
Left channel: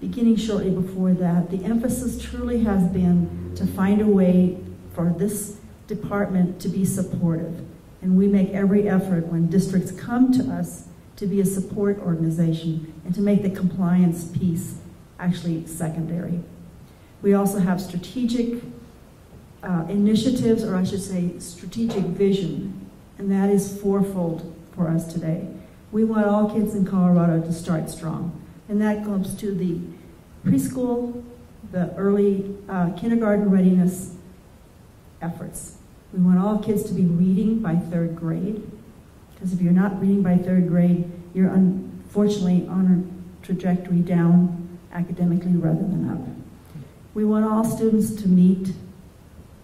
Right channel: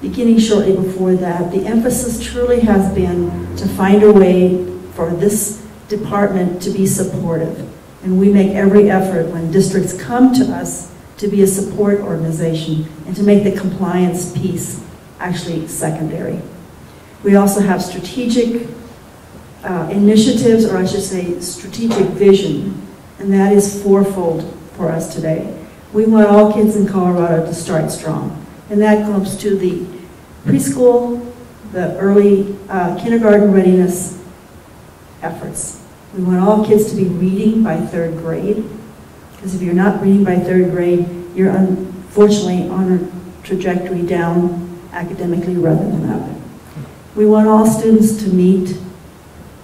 beginning shortly before that, the emphasis truly has been to find a way for this department to be supportive. And we make every effort when districts come to us to be a support organization and to make the compliance piece actually secondary. We also have strategic initiatives, or I should say strategic vision, and that is fourfold for us today. We want all kids in Colorado to start strong, and that comes to the preschool, the early kindergarten readiness efforts. We want all kids to be reading by 3rd grade, because if you're not reading by 3rd grade, you're unfortunately on a trajectory down academically rather than up. We want all students to meet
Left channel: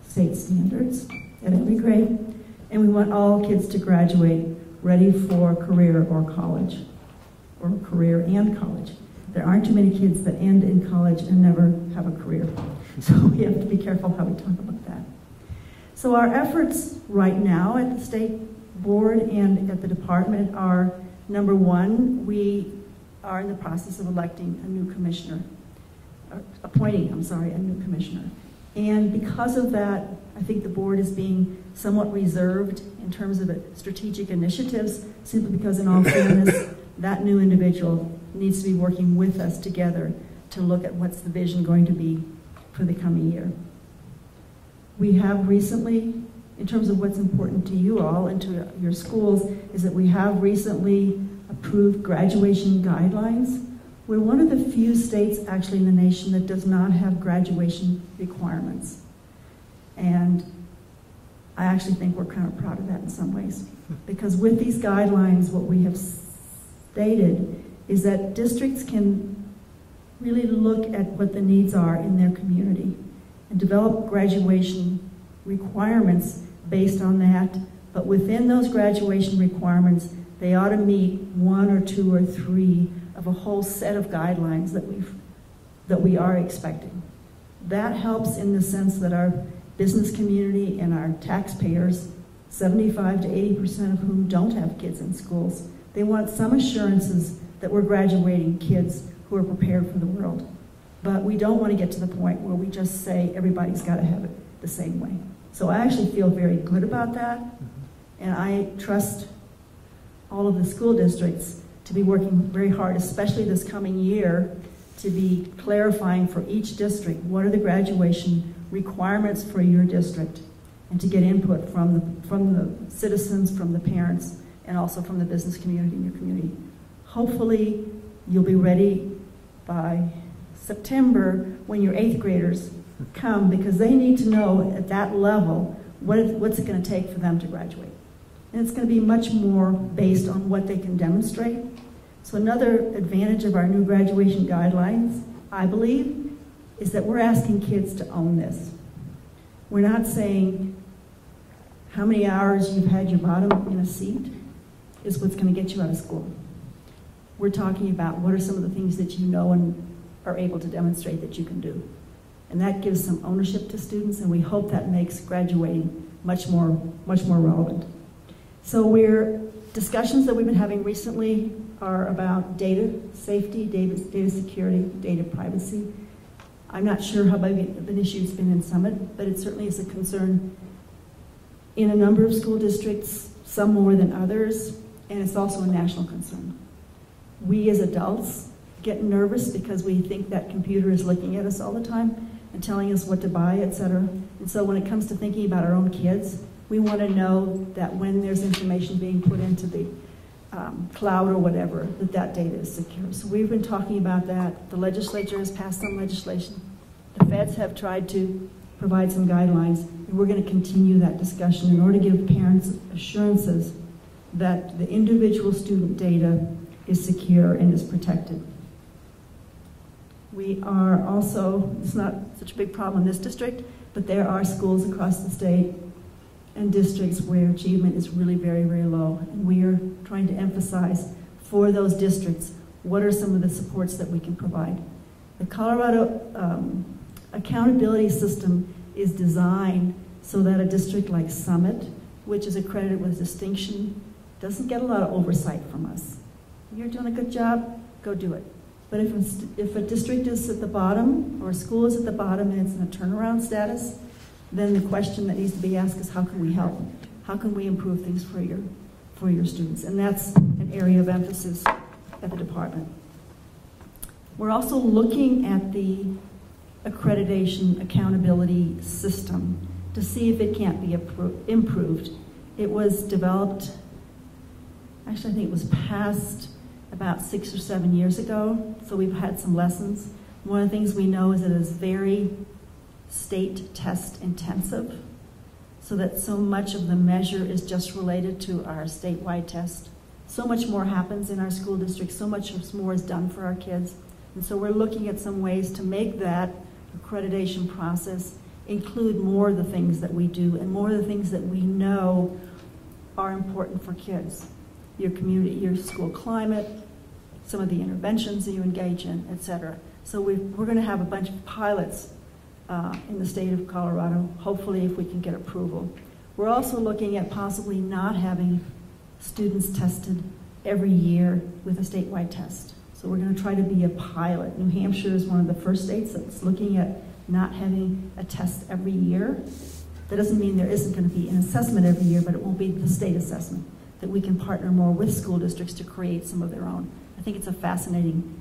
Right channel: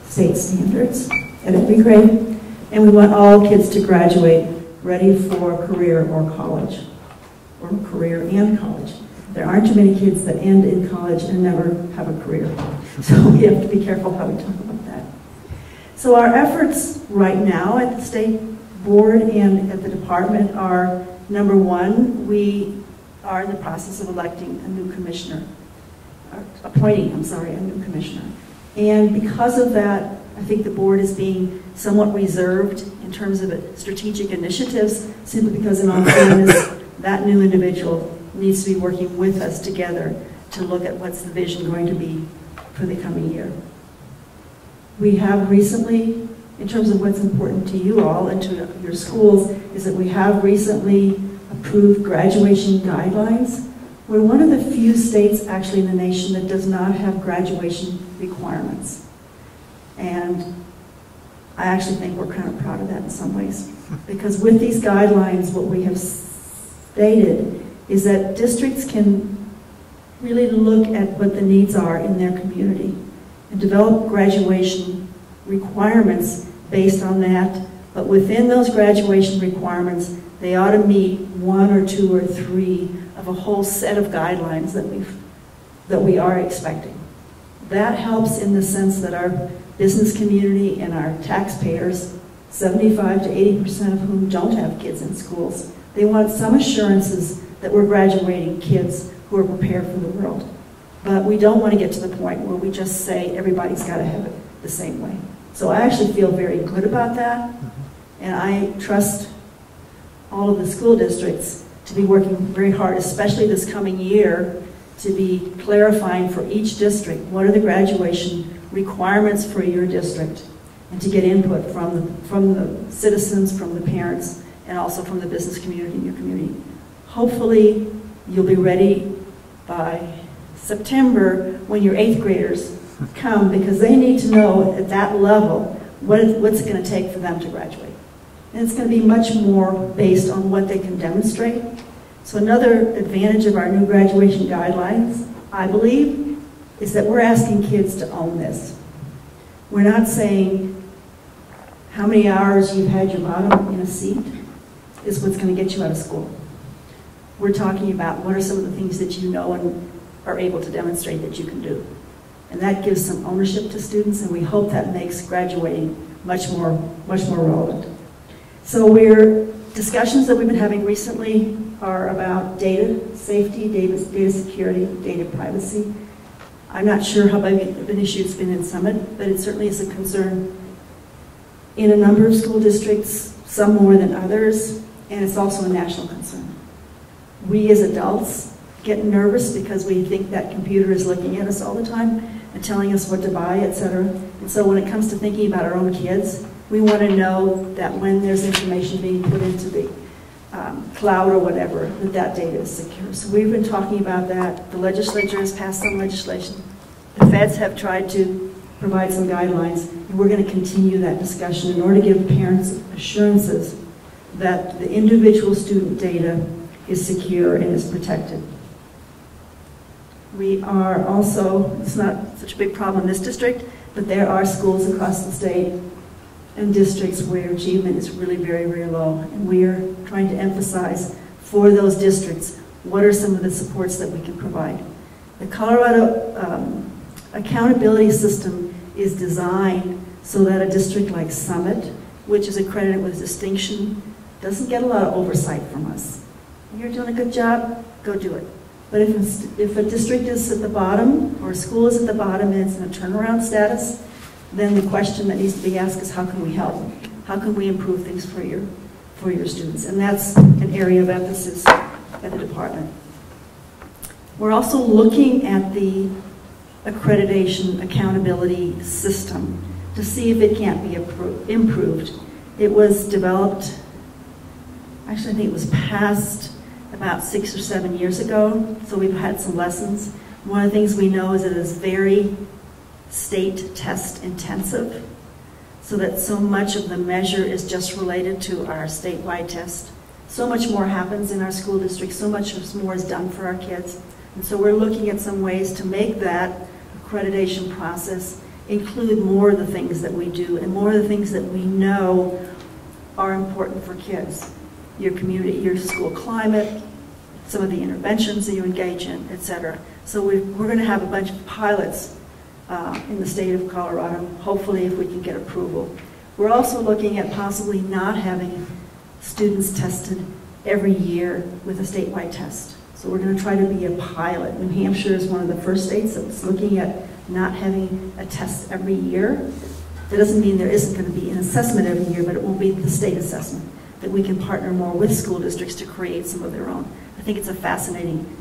state standards at every grade, and we want all kids to graduate ready for career or college, or career and college. There aren't too many kids that end in college and never have a career, so we have to be careful how we talk about that. So our efforts right now at the State Board and at the department are, number one, we are in the process of electing a new commissioner, appointing a new commissioner. And because of that, I think the board is being somewhat reserved in terms of strategic initiatives, simply because in all fairness, that new individual needs to be working with us together to look at what's the vision going to be for the coming year. We have recently, in terms of what's important to you all and to your schools, is that we have recently approved graduation guidelines. We're one of the few states actually in the nation that does not have graduation requirements. And I actually think we're kind of proud of that in some ways. Because with these guidelines, what we have stated is that districts can really look at what the needs are in their community and develop graduation requirements based on that. But within those graduation requirements, they ought to meet 1 or 2 or 3 of a whole set of guidelines that we are expecting. That helps in the sense that our business community and our taxpayers, 75 to 80% of whom don't have kids in schools, they want some assurances that we're graduating kids who are prepared for the world. But we don't want to get to the point where we just say everybody's got to have it the same way. So I actually feel very good about that, and I trust all of the school districts to be working very hard, especially this coming year, to be clarifying for each district what are the graduation requirements for your district, and to get input from the citizens, from the parents, and also from the business community in your community. Hopefully, you'll be ready by September when your 8th graders come, because they need to know at that level what's it going to take for them to graduate. And it's going to be much more based on what they can demonstrate. So another advantage of our new graduation guidelines, I believe, is that we're asking kids to own this. We're not saying how many hours you've had your bottom in a seat is what's going to get you out of school. We're talking about what are some of the things that you know and are able to demonstrate that you can do. And that gives some ownership to students, and we hope that makes graduating much more relevant. So discussions that we've been having recently are about data safety, data security, data privacy. I'm not sure how big of an issue it's been in Summit, but it certainly is a concern in a number of school districts, some more than others, and it's also a national concern. We as adults get nervous because we think that computer is looking at us all the time and telling us what to buy, etc. And so when it comes to thinking about our own kids, we want to know that when there's information being put into the cloud or whatever, that data is secure. So we've been talking about that. The legislature has passed some legislation. The feds have tried to provide some guidelines, and we're going to continue that discussion in order to give parents assurances that the individual student data is secure and is protected. We are also, it's not such a big problem in this district, but there are schools across the state and districts where achievement is really very, very low. And we are trying to emphasize for those districts, what are some of the supports that we can provide. The Colorado accountability system is designed so that a district like Summit, which is accredited with distinction, doesn't get a lot of oversight from us. You're doing a good job, go do it. But if a district is at the bottom, or a school is at the bottom and it's in a turnaround status, then the question that needs to be asked is how can we help? How can we improve things for your students? And that's an area of emphasis at the department. We're also looking at the accreditation accountability system to see if it can't be improved. It was developed, actually I think it was passed about 6 or 7 years ago, so we've had some lessons. One of the things we know is that it is very state test intensive, so that so much of the measure is just related to our statewide test. So much more happens in our school district, so much more is done for our kids. And so we're looking at some ways to make that accreditation process include more of the things that we do and more of the things that we know are important for kids. Your community, your school climate, some of the interventions that you engage in, etc. So we're going to have a bunch of pilots in the state of Colorado, hopefully if we can get approval. We're also looking at possibly not having students tested every year with a statewide test. So we're going to try to be a pilot. New Hampshire is one of the first states that's looking at not having a test every year. That doesn't mean there isn't going to be an assessment every year, but it won't be the state assessment, that we can partner more with school districts to create some of their own. I think it's a fascinating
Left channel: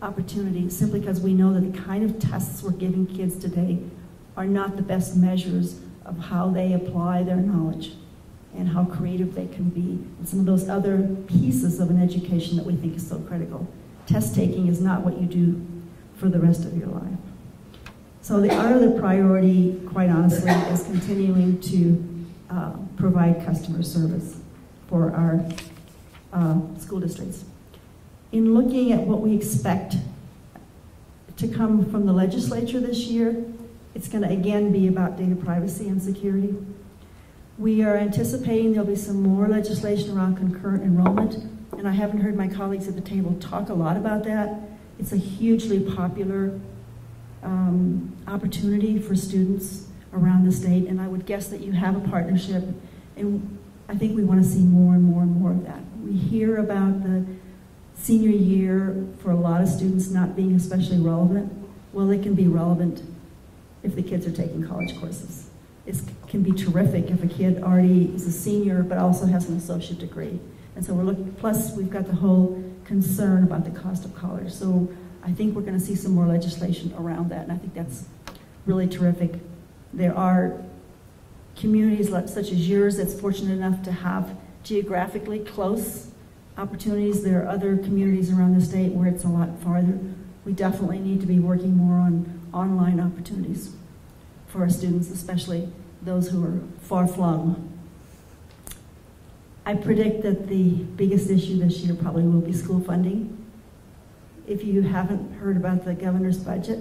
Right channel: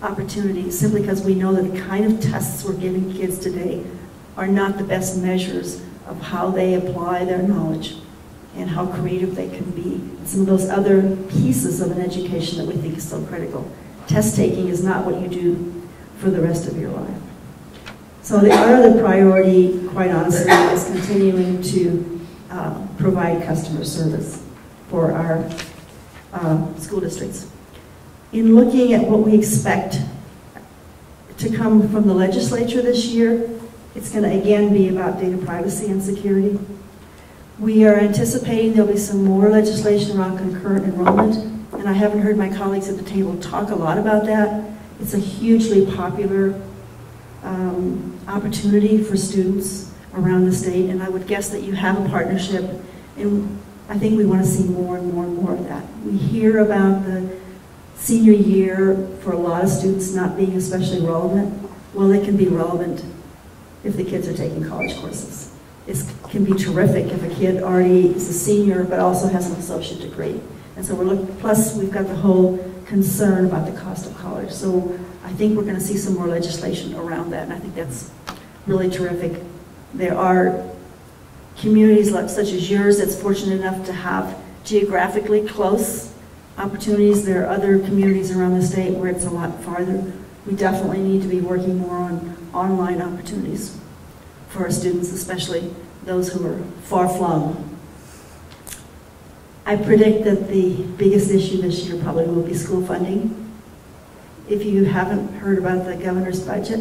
opportunity simply because we know that the kind of tests we're giving kids today are not the best measures of how they apply their knowledge and how creative they can be, and some of those other pieces of an education that we think is so critical. Test taking is not what you do for the rest of your life. So our other priority, quite honestly, is continuing to provide customer service for our school districts. In looking at what we expect to come from the legislature this year, it's going to again be about data privacy and security. We are anticipating there'll be some more legislation around concurrent enrollment, and I haven't heard my colleagues at the table talk a lot about that. It's a hugely popular opportunity for students around the state, and I would guess that you have a partnership, and I think we want to see more and more and more of that. We hear about the senior year for a lot of students not being especially relevant. Well, it can be relevant if the kids are taking college courses. It can be terrific if a kid already is a senior but also has an associate degree. And so plus we've got the whole concern about the cost of college. So I think we're going to see some more legislation around that, and I think that's really terrific. There are communities such as yours that's fortunate enough to have geographically close opportunities. There are other communities around the state where it's a lot farther. We definitely need to be working more on online opportunities for our students, especially those who are far-flung. I predict that the biggest issue this year probably will be school funding. If you haven't heard about the governor's budget,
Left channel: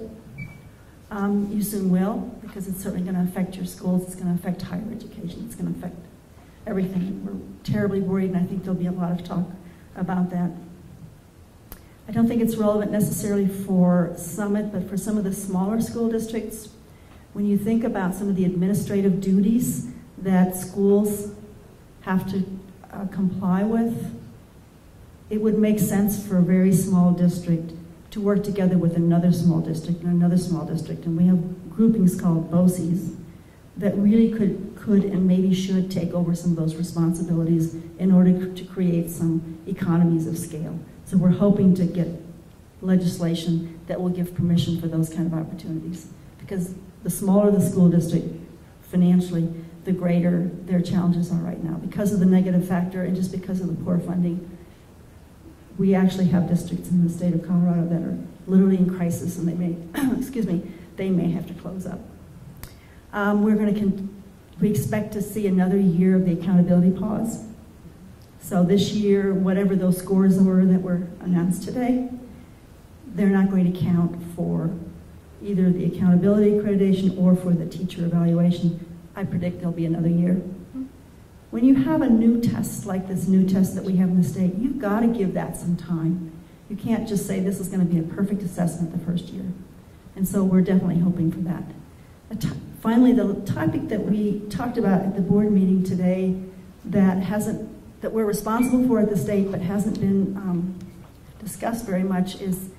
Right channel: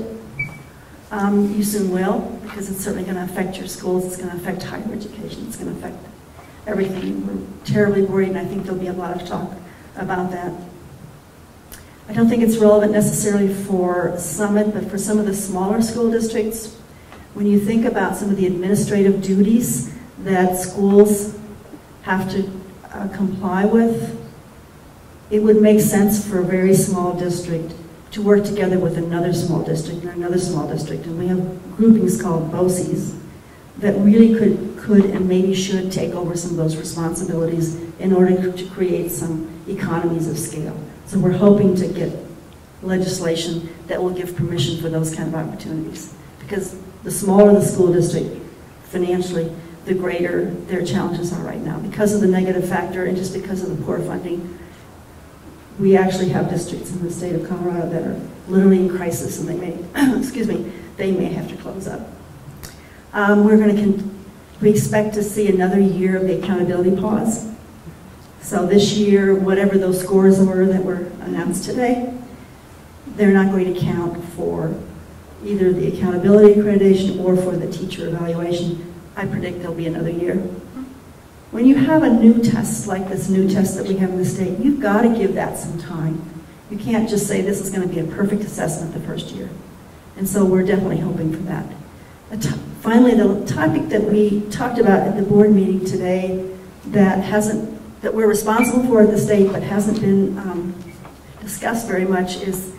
you soon will, because it's certainly going to affect your schools, it's going to affect higher education, it's going to affect everything. We're terribly worried, and I think there'll be a lot of talk about that. I don't think it's relevant necessarily for Summit, but for some of the smaller school districts, when you think about some of the administrative duties that schools have to comply with, it would make sense for a very small district to work together with another small district and another small district. And we have groupings called BOCES that really could and maybe should take over some of those responsibilities in order to create some economies of scale. So we're hoping to get legislation that will give permission for those kind of opportunities. Because the smaller the school district financially, the greater their challenges are right now. Because of the negative factor and just because of the poor funding, we actually have districts in the state of Colorado that are literally in crisis, and they may, excuse me, they may have to close up. We expect to see another year of the accountability pause. So this year, whatever those scores were that were announced today, they're not going to count for either the accountability accreditation or for the teacher evaluation. I predict there'll be another year when you have a new test like this new test that we have in the state, you've got to give that some time. You can't just say this is going to be a perfect assessment the first year. And so we're definitely hoping for that. Finally, the topic that we talked about at the board meeting today that we're responsible for at the state but hasn't been discussed very much is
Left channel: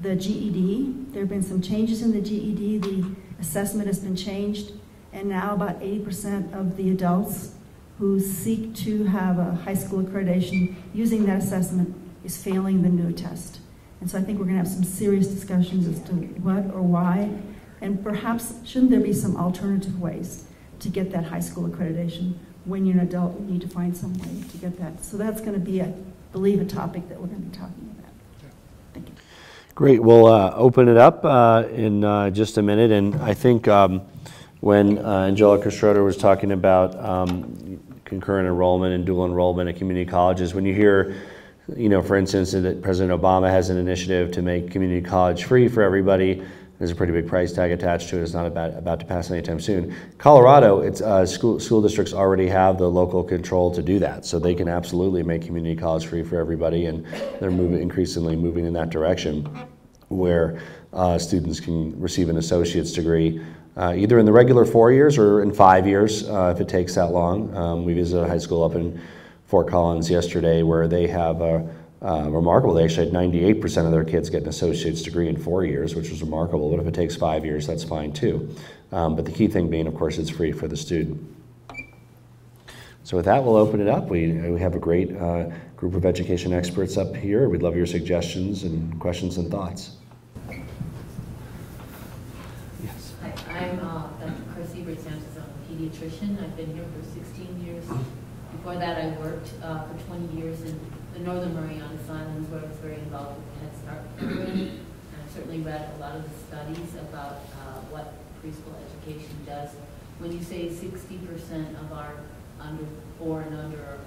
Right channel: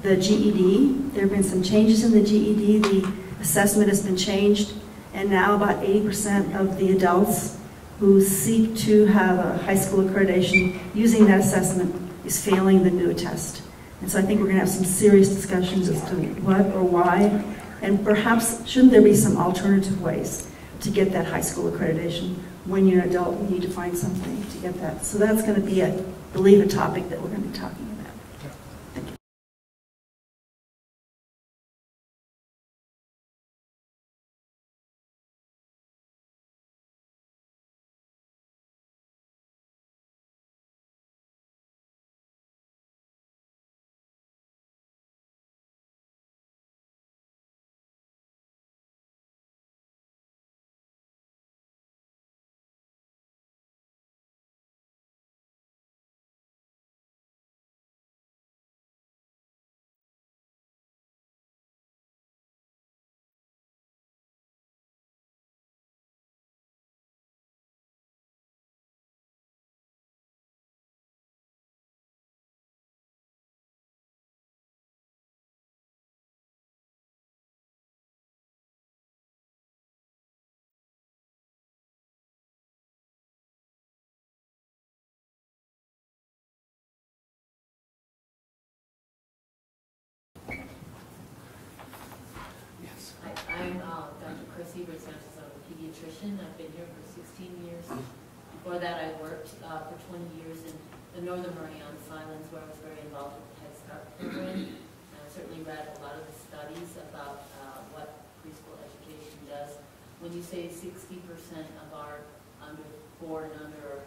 the GED. There have been some changes in the GED. The assessment has been changed, and now about 80% of the adults who seek to have a high school accreditation using that assessment is failing the new test. And so I think we're going to have some serious discussions as to what or why, and perhaps shouldn't there be some alternative ways to get that high school accreditation. When you're an adult, you need to find something to get that. So that's going to be, I believe, a topic that we're going to be talking about. Thank you. Great. We'll open it up in just a minute. And I think when Angelica Schroeder was talking about concurrent enrollment and dual enrollment at community colleges, when you hear, for instance, that President Obama has an initiative to make community college free for everybody, there's a pretty big price tag attached to it. It's not about to pass anytime soon. Colorado, it's school districts already have the local control to do that, so they can absolutely make community college free for everybody, and they're increasingly moving in that direction, where students can receive an associate's degree either in the regular 4 years or in 5 years if it takes that long. We visited a high school up in Fort Collins yesterday where they have remarkable. They actually had 98% of their kids get an associate's degree in 4 years, which was remarkable. But if it takes 5 years, that's fine too. But the key thing being, of course, it's free for the student. So with that, we'll open it up. We have a great group of education experts up here. We'd love your suggestions and questions and thoughts. Yes. I'm Dr. Chrissy Sanchez. I'm a pediatrician. I've been here for 16 years. Before that, I worked for 20 years in the Northern Marianas Islands, where I was very involved with the Head Start program. And I've certainly read a lot of the studies about what preschool education does. When you say 60% of our under 4 and under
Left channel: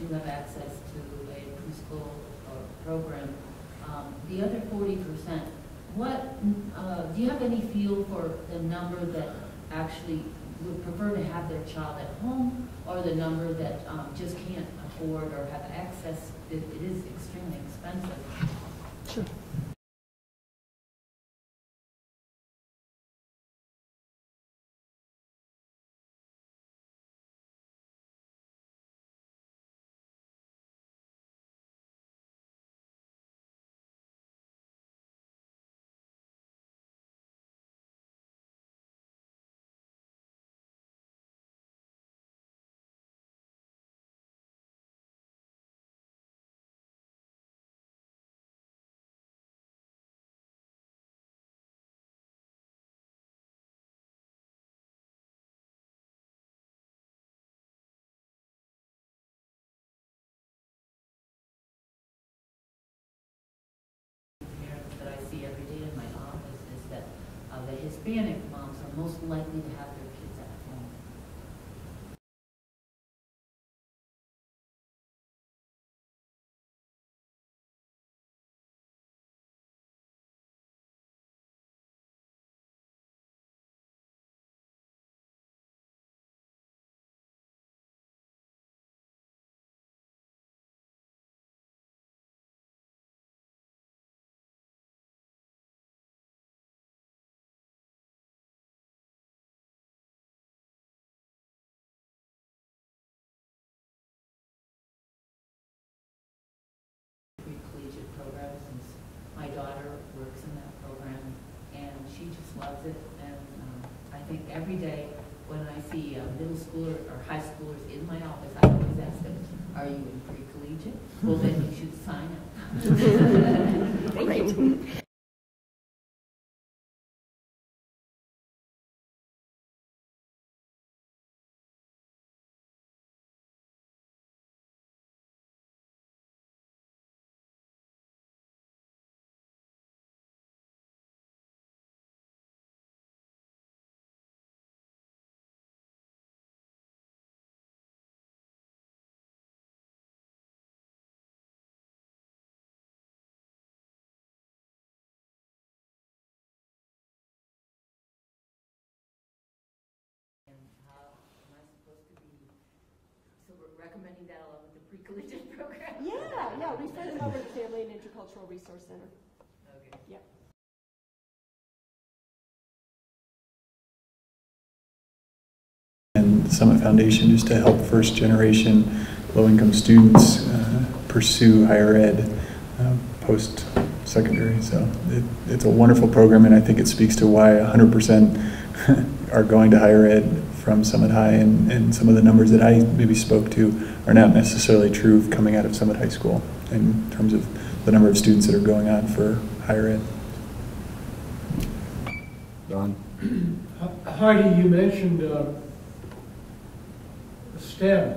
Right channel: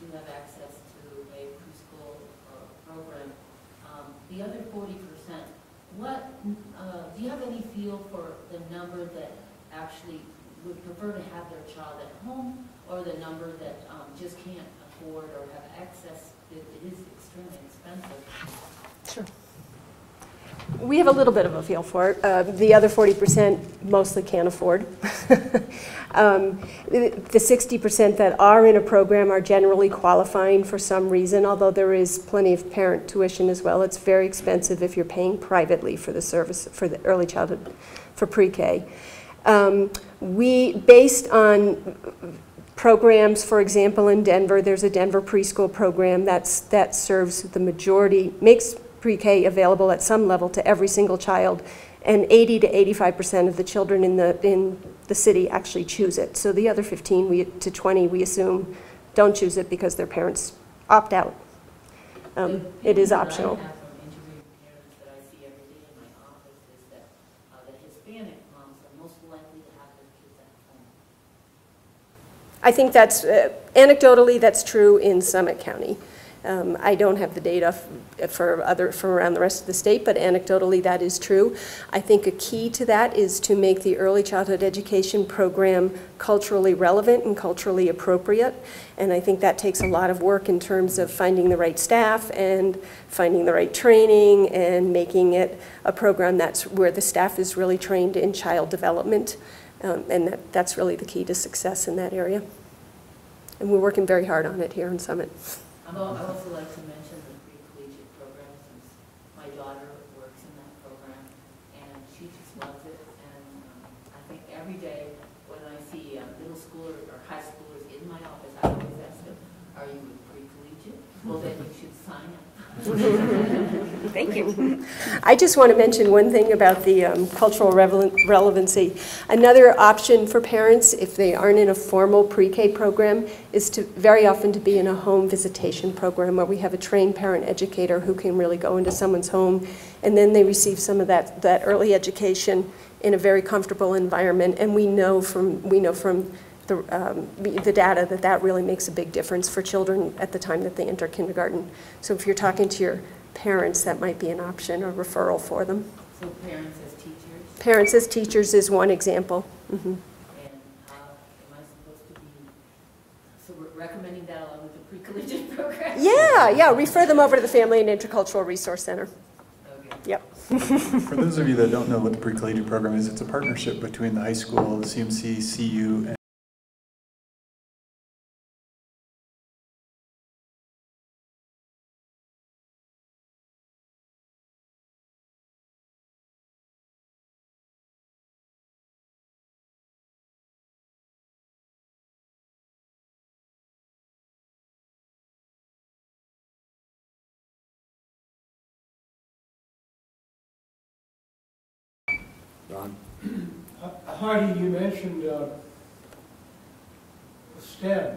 do have access to a preschool program, the other 40%, what do you have any feel for the number that actually would prefer to have their child at home, or the number that just can't afford or have access? It is extremely expensive. Sure. We have a little bit of a feel for it. The other 40% mostly can't afford. The 60% that are in a program are generally qualifying for some reason, although there is plenty of parent tuition as well. It's very expensive if you're paying privately for the service for the early childhood, for pre-K. Based on programs, for example, in Denver, there's a Denver preschool program that serves the majority, makes pre-K available at some level to every single child, and 80 to 85% of the children in the city actually choose it. So the other 15 to 20, we assume, don't choose it because their parents opt out. It is optional. I have from interviewing parents that I see every day in my office is that the Hispanic moms are most likely to have their kids at home. I think that's, anecdotally, that's true in Summit County. I don't have the data for around the rest of the state, but anecdotally that is true. I think a key to that is to make the early childhood education program culturally relevant and culturally appropriate. And I think that takes a lot of work in terms of finding the right staff and finding the right training and making it a program that's where the staff is really trained in child development. And that's really the key to success in that area. And we're working very hard on it here in Summit. I also like to mention the pre-collegiate program, since my daughter works in that program, and she just loves it. And I think every day when I see middle schooler or high schoolers in my office, I always ask them, "Are you in pre-collegiate? Well, then you should sign up." Thank you. I just want to mention one thing about the cultural relevancy. Another option for parents, if they aren't in a formal pre-K program, is to very often to be in a home visitation program where we have a trained parent educator who can really go into someone's home, and then they receive some of that early education in a very comfortable environment. And we know from the data that really makes a big difference for children at the time that they enter kindergarten. So if you're talking to your parents, that might be an option or referral for them. So parents as teachers? Parents as teachers is one example. Mm-hmm. And how am I supposed to be, so recommending that along with the pre-collegiate program. Yeah, refer them over to the Family and Intercultural Resource Center. Okay. Yep. For those of you that don't know what the pre-collegiate program is, it's a partnership between the high school, the CMC, CU, and the Summit Foundation just to help first-generation low-income students pursue higher ed post-secondary. So it's a wonderful program, and I think it speaks to why 100% are going to higher ed from Summit High, and some of the numbers that I maybe spoke to are not necessarily true coming out of Summit High School in terms of the number of students that are going on for higher ed. Don? Heidi, you mentioned STEM,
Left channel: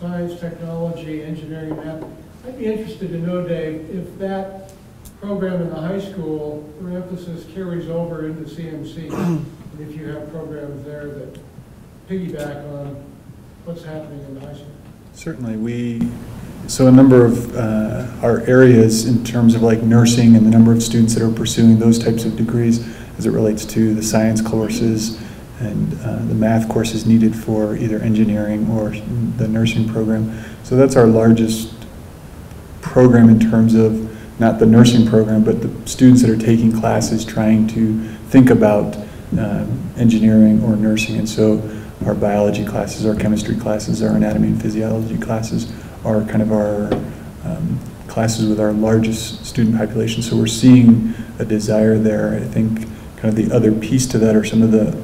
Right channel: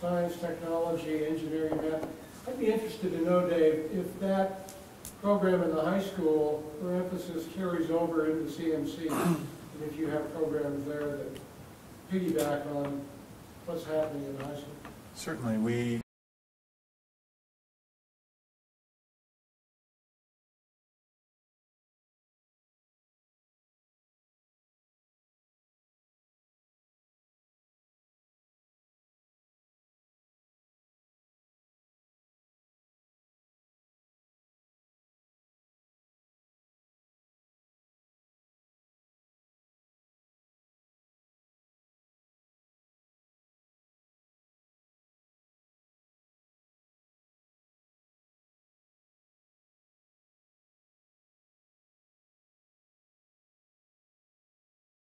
science, technology, engineering, math. I'd be interested to know, Dave, if that program in the high school, or emphasis carries over into CMC, and if you have programs there that piggyback on what's happening in the high school. Certainly, so a number of our areas in terms of like nursing and the number of students that are pursuing those types of degrees as it relates to the science courses and the math courses needed for either engineering or the nursing program. So that's our largest program in terms of not the nursing program, but the students that are taking classes trying to think about engineering or nursing. And so our biology classes, our chemistry classes, our anatomy and physiology classes are kind of our classes with our largest student population. So we're seeing a desire there. I think kind of the other piece to that are some of the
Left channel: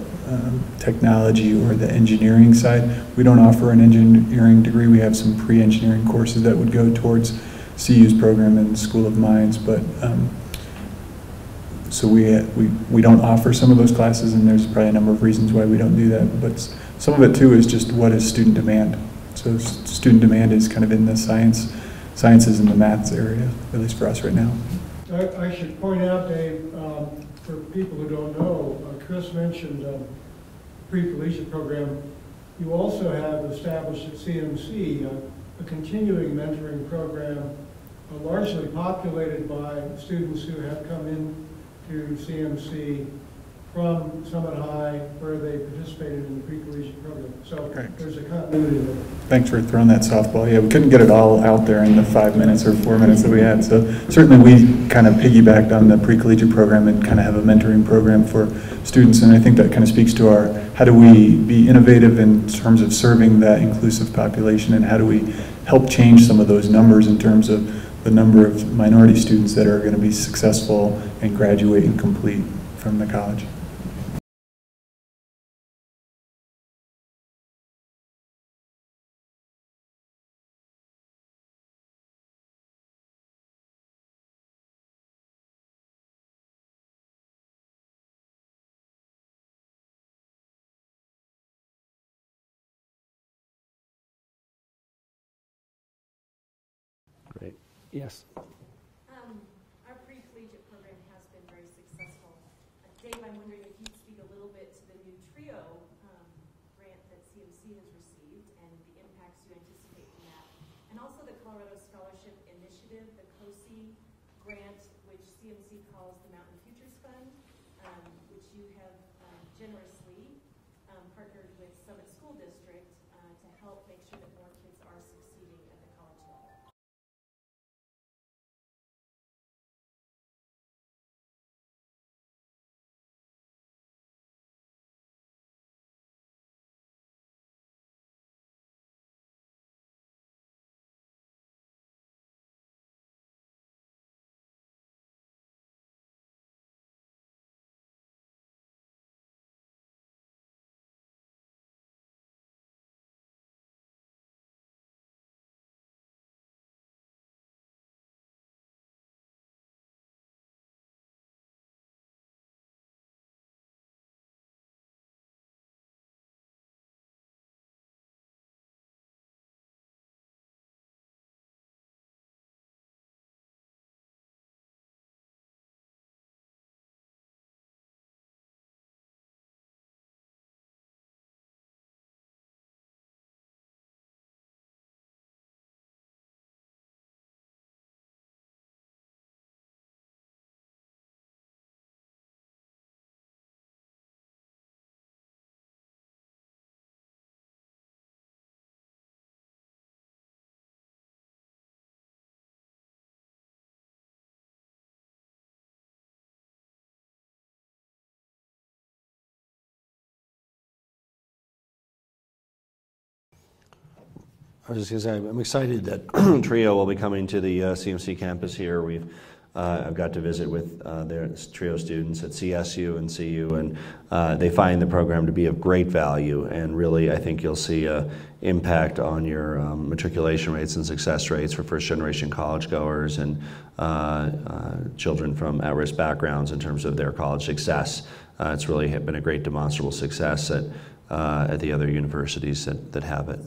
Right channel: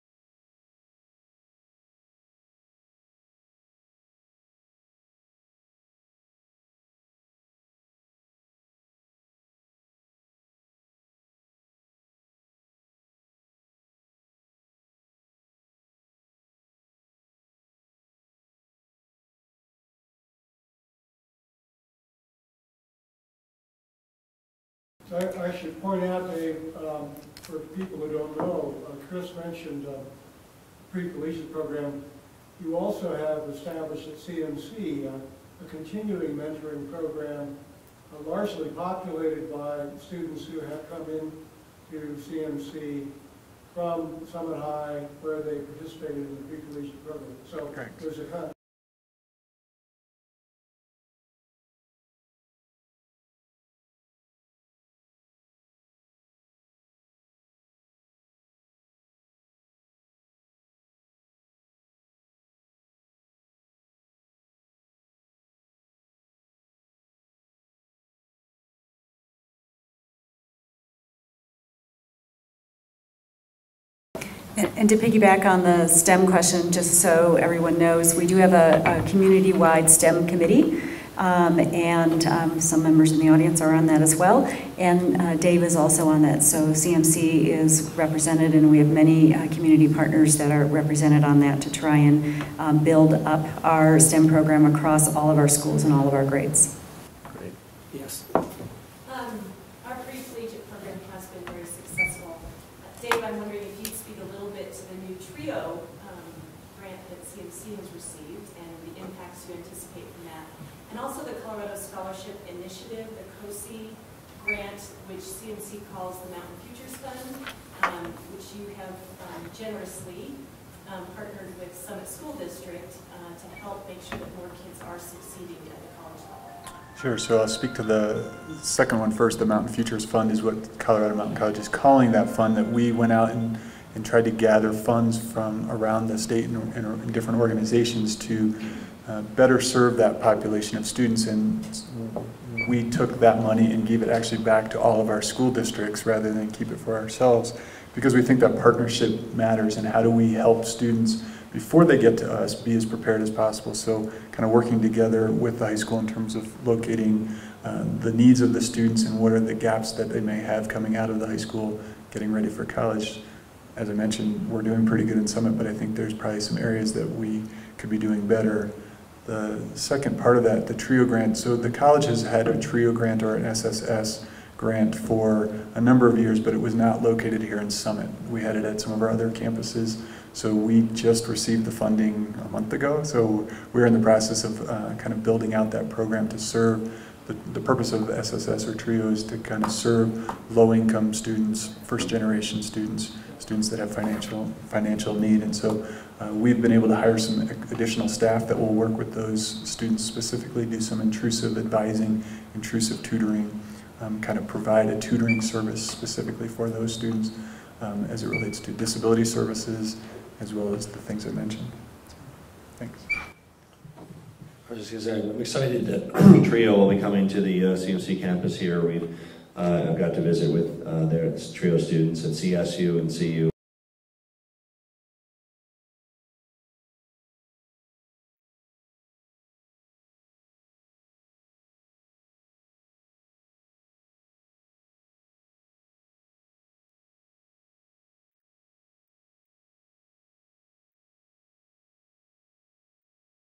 technology or the engineering side. We don't offer an engineering degree. We have some pre-engineering courses that would go towards CU's program and School of Mines, but so we don't offer some of those classes, and there's probably a number of reasons why we don't do that, but some of it too is just what is student demand. So student demand is kind of in the sciences and the maths area, at least for us right now. I should point out, Dave, for people who don't know, Chris mentioned pre-collegiate program. You also have established at CMC a continuing mentoring program largely populated by students who have come in to CMC from Summit High, where they participated in the pre-collegiate program. So Correct. There's a continuity there. Thanks for throwing that softball. Yeah, we couldn't get it all out there in the 5 minutes or 4 minutes that we had. So certainly we kind of piggybacked on the pre-collegiate program and kind of have a mentoring program for students. And I think that kind of speaks to our, how do we be innovative in terms of serving that inclusive population, and how do we help change some of those numbers in terms of the number of minority students that are going to be successful and graduate and complete from the college. And to piggyback on the STEM question, just so everyone knows, we do have a community-wide STEM committee, and some members in the audience are on that as well. And Dave is also on that, so CMC is represented, and we have many community partners that are represented on that to try and build up our STEM program across all of our schools and all of our grades. Great. Yes. Our pre-collegiate program has been very successful. Dave, I'm wondering if you'd speak a little bit to the new TRIO grant that CMC has received and the impacts you anticipate from that. And also the Colorado Scholarship Initiative, the COSI grant, which CMC calls the Mountain Futures Fund, which you have generously partnered with Summit School District to help make sure that more kids are succeeding at the college level. Sure, so I'll speak to the second one first. The Mountain Futures Fund is what Colorado Mountain College is calling that fund, that we went out and tried to gather funds from around the state and different organizations to better serve that population of students. And we took that money and gave it actually back to all of our school districts rather than keep it for ourselves, because we think that partnership matters, and how do we help students before they get to us be as prepared as possible. So kind of working together with the high school in terms of locating the needs of the students and what are the gaps that they may have coming out of the high school, getting ready for college. As I mentioned, we're doing pretty good in Summit, but I think there's probably some areas that we could be doing better. The second part of that, the TRIO grant, so the college has had a TRIO grant or an SSS grant for a number of years, but it was not located here in Summit. We had it at some of our other campuses. So we just received the funding a month ago. So we're in the process of kind of building out that program to serve. The purpose of SSS or TRIO is to kind of serve low-income students, first-generation students, students that have financial need. And so we've been able to hire some additional staff that will work with those students specifically, do some intrusive advising, intrusive tutoring, kind of provide a tutoring service specifically for those students as it relates to disability services, as well as the things I mentioned. Thanks. I was just going to say, I'm excited that TRIO will be coming to the CMC campus here. I've got to visit with their TRIO students at CSU and CU, and they find the program to be of great value, and really I think you'll see an impact on your matriculation rates and success rates for first-generation college goers and children from at-risk backgrounds in terms of their college success. It's really been a great demonstrable success at the other universities that have it.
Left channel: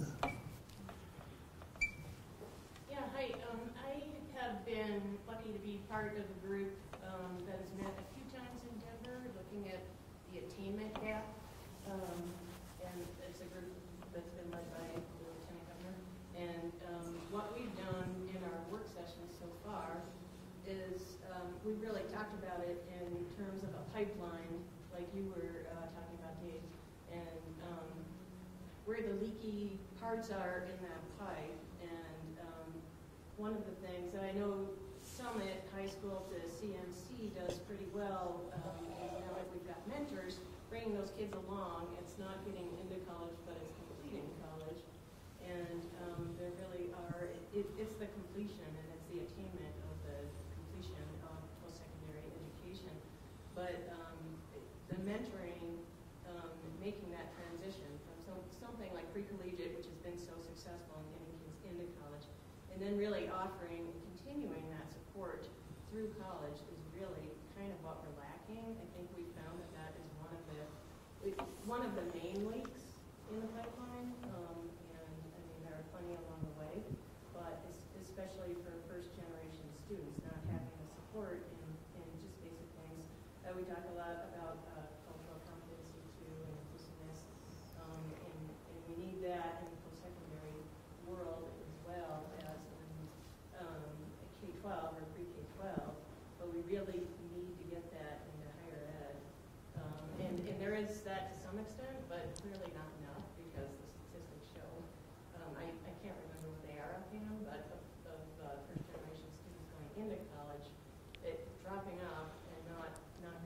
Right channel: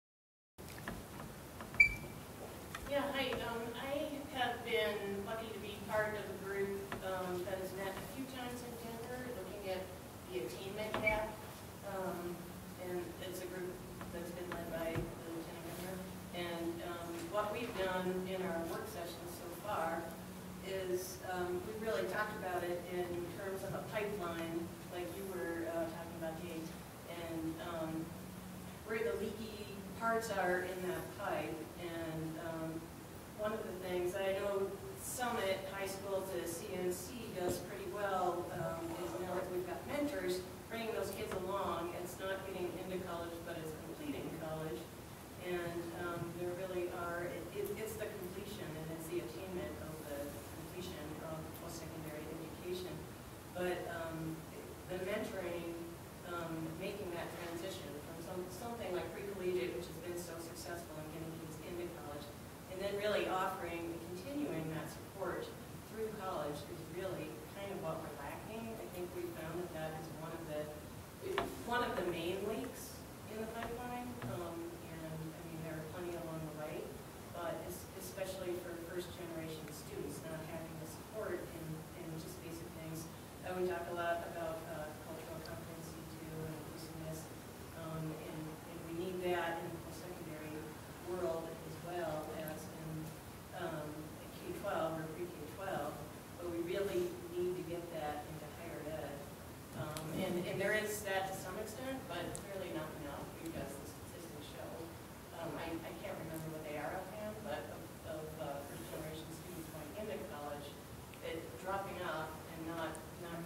Are in that pipe, and one of the things I know Summit High School to CMC does pretty well is now that we've got mentors, bringing those kids along. It's not getting into college, but it's completing college, and there really are, it's the completion and it's the attainment of the completion of post-secondary education. But the mentoring, making that transition from something like pre-collegiate, which has been so successful in getting kids into college, and then really offering and continuing that support through college is really kind of what we're lacking. I think we found that is one of the main leaks in the pipeline, and I mean there are plenty along the way, but especially for first-generation students, not having the support in just basic things. We talk a lot about cultural competency too, and inclusiveness, and we need that in the post-secondary world as well as in K-12 or pre-K-12, but we really need to get that into higher ed. And there is that to some extent, but clearly not enough because the statistics show, I can't remember what they are offhand, but of first-generation students going into college, dropping off and not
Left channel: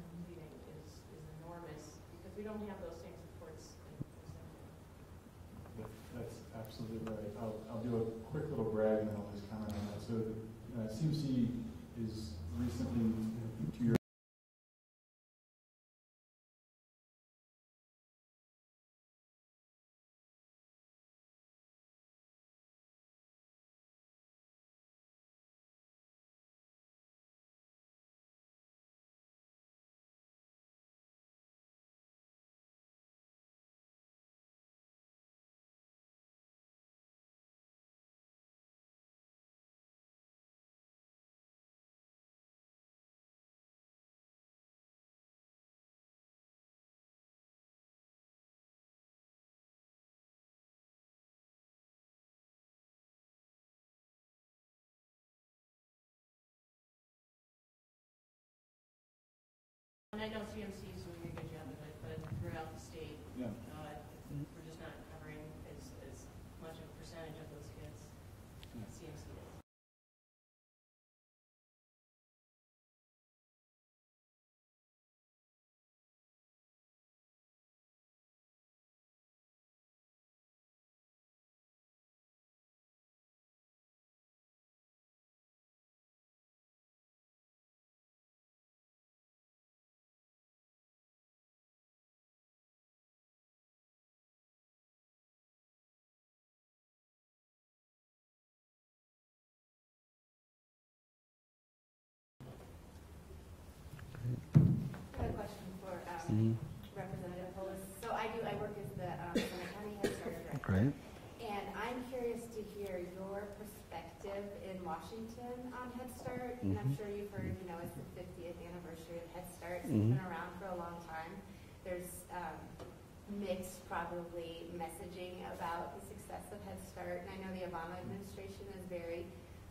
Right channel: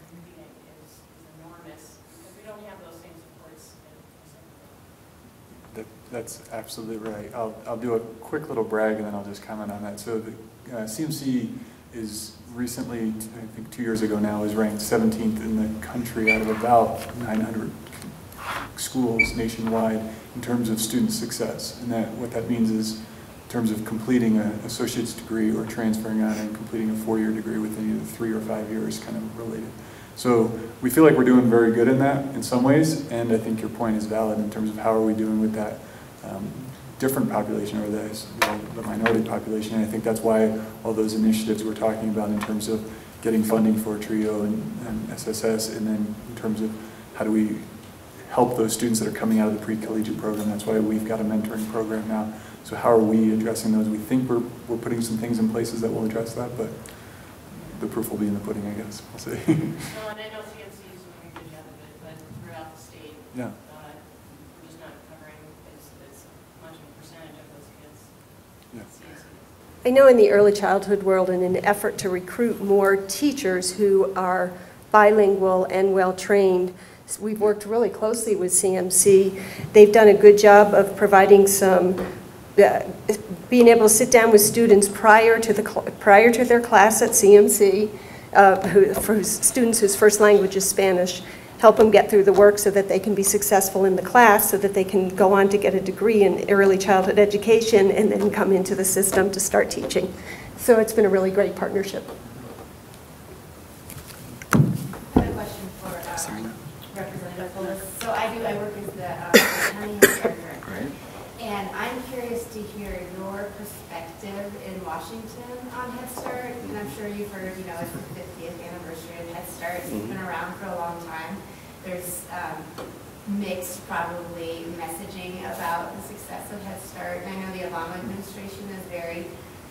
completing is enormous because we don't have those same supports in secondary. That's absolutely right. I'll do a quick little brag and then I'll just comment on that. So the CMC is recently, I think 2 years ago now, is ranked 17th in the country out of about 900 schools nationwide in terms of student success. And what that means is in terms of completing an associate's degree or transferring on and completing a 4-year degree within either 3 or 5 years, kind of related. So we feel like we're doing very good in that in some ways, and I think your point is valid in terms of how are we doing with that different population or the minority population. And I think that's why all those initiatives we're talking about in terms of getting funding for TRIO and SSS, and then in terms of how do we help those students that are coming out of the pre-collegiate program. That's why we've got a mentoring program now. So how are we addressing those? We think we're putting some things in places that will address that, but the proof will be in the pudding, I guess. We'll see. Well, and I know CMC is doing a good job of it, but throughout the state, yeah. We're just not covering as much of a percentage of those kids. Yeah. I know in the early childhood world, in an effort to recruit more teachers who are bilingual and well-trained, we've worked really closely with CMC. They've done a good job of providing some, being able to sit down with students prior to their class at CMC, for students whose first language is Spanish, help them get through the work so that they can be successful in the class, so that they can go on to get a degree in early childhood education and then come into the system to start teaching. So it's been a really great partnership. I have a question for Representative Polis. So I work as the county health care director. Right. And I'm curious to hear your perspective in Washington on Head Start. And I'm sure you've heard, it's the 50th anniversary of Head Start. It's been around for a long time. There's mixed, probably, messaging about the success of Head Start. And I know the Obama administration is very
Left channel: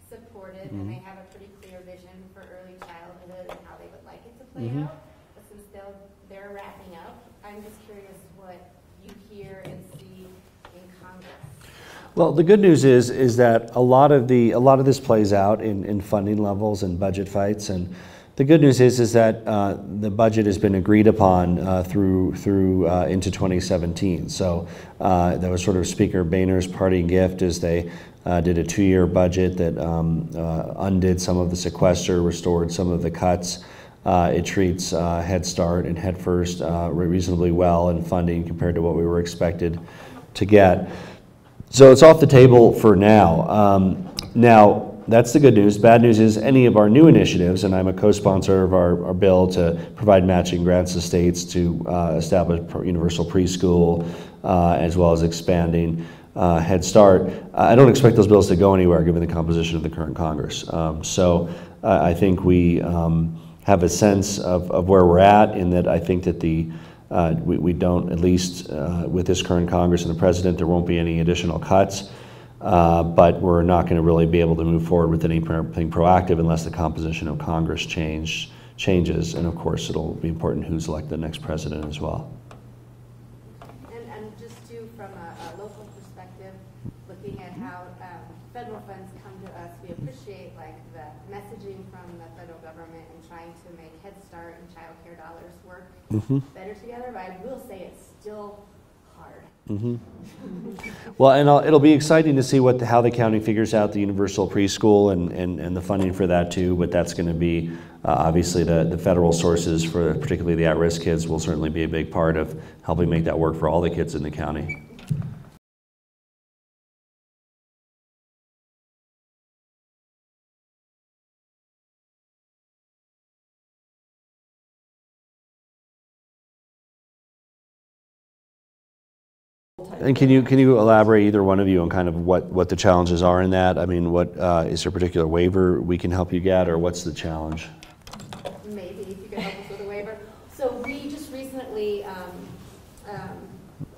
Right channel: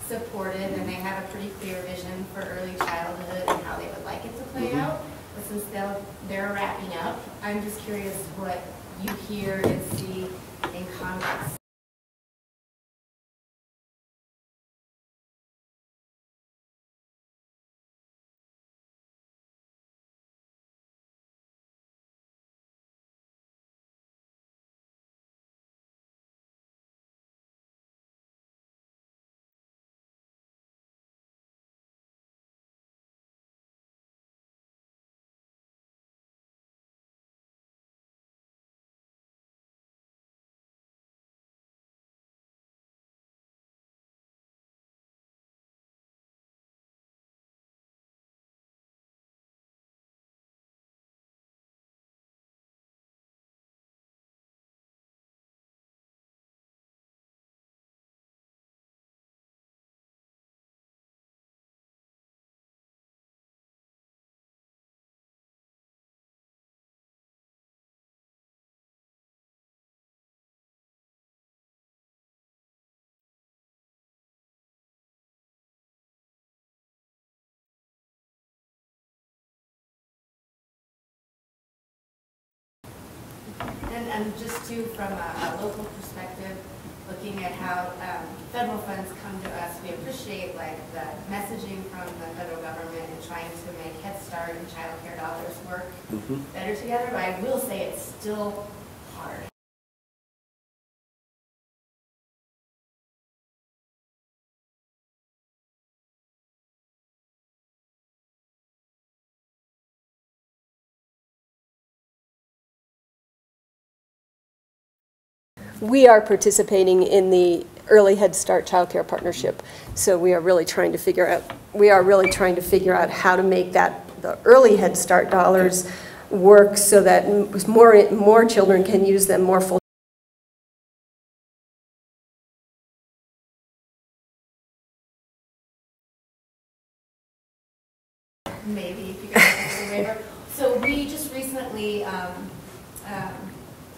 supportive, and they have a pretty clear vision for early childhood and how they would like it to play out. But since they're wrapping up, I'm just curious what you hear and see in Congress? Well, the good news is that a lot of this plays out in funding levels and budget fights, and the good news is that the budget has been agreed upon through into 2017. So that was sort of Speaker Boehner's parting gift as they did a 2-year budget that undid some of the sequester, restored some of the cuts. It treats Head Start and Head First reasonably well in funding compared to what we were expected to get. So it's off the table for now. Now, that's the good news. Bad news is any of our new initiatives, and I'm a co-sponsor of our bill to provide matching grants to states to establish universal preschool, as well as expanding Head Start. I don't expect those bills to go anywhere given the composition of the current Congress. So I think we have a sense of where we're at, in that I think that we don't, at least with this current Congress and the President, there won't be any additional cuts. But we're not going to really be able to move forward with anything proactive unless the composition of Congress changes. And of course, it'll be important who's elected the next president as well. And just too, from a local perspective, looking at how federal funds come to us, we appreciate like the messaging from the federal government and trying to make Head Start and child care dollars work better together. But I will say it's still hard. Well, and it'll be exciting to see how the county figures out the universal preschool and the funding for that too. But that's going to be obviously the federal sources for particularly the at-risk kids will certainly be a big part of helping make that work for all the kids in the county. We are participating in the Early Head Start Child Care Partnership, so we are really trying to figure out how to make the Early Head Start dollars work so that more children can use them more full time. And can you elaborate, either one of you, on kind of what the challenges are in that? I mean, what is there a particular waiver we can help you get, or what's the challenge? Maybe if you guys have a waiver. So we just recently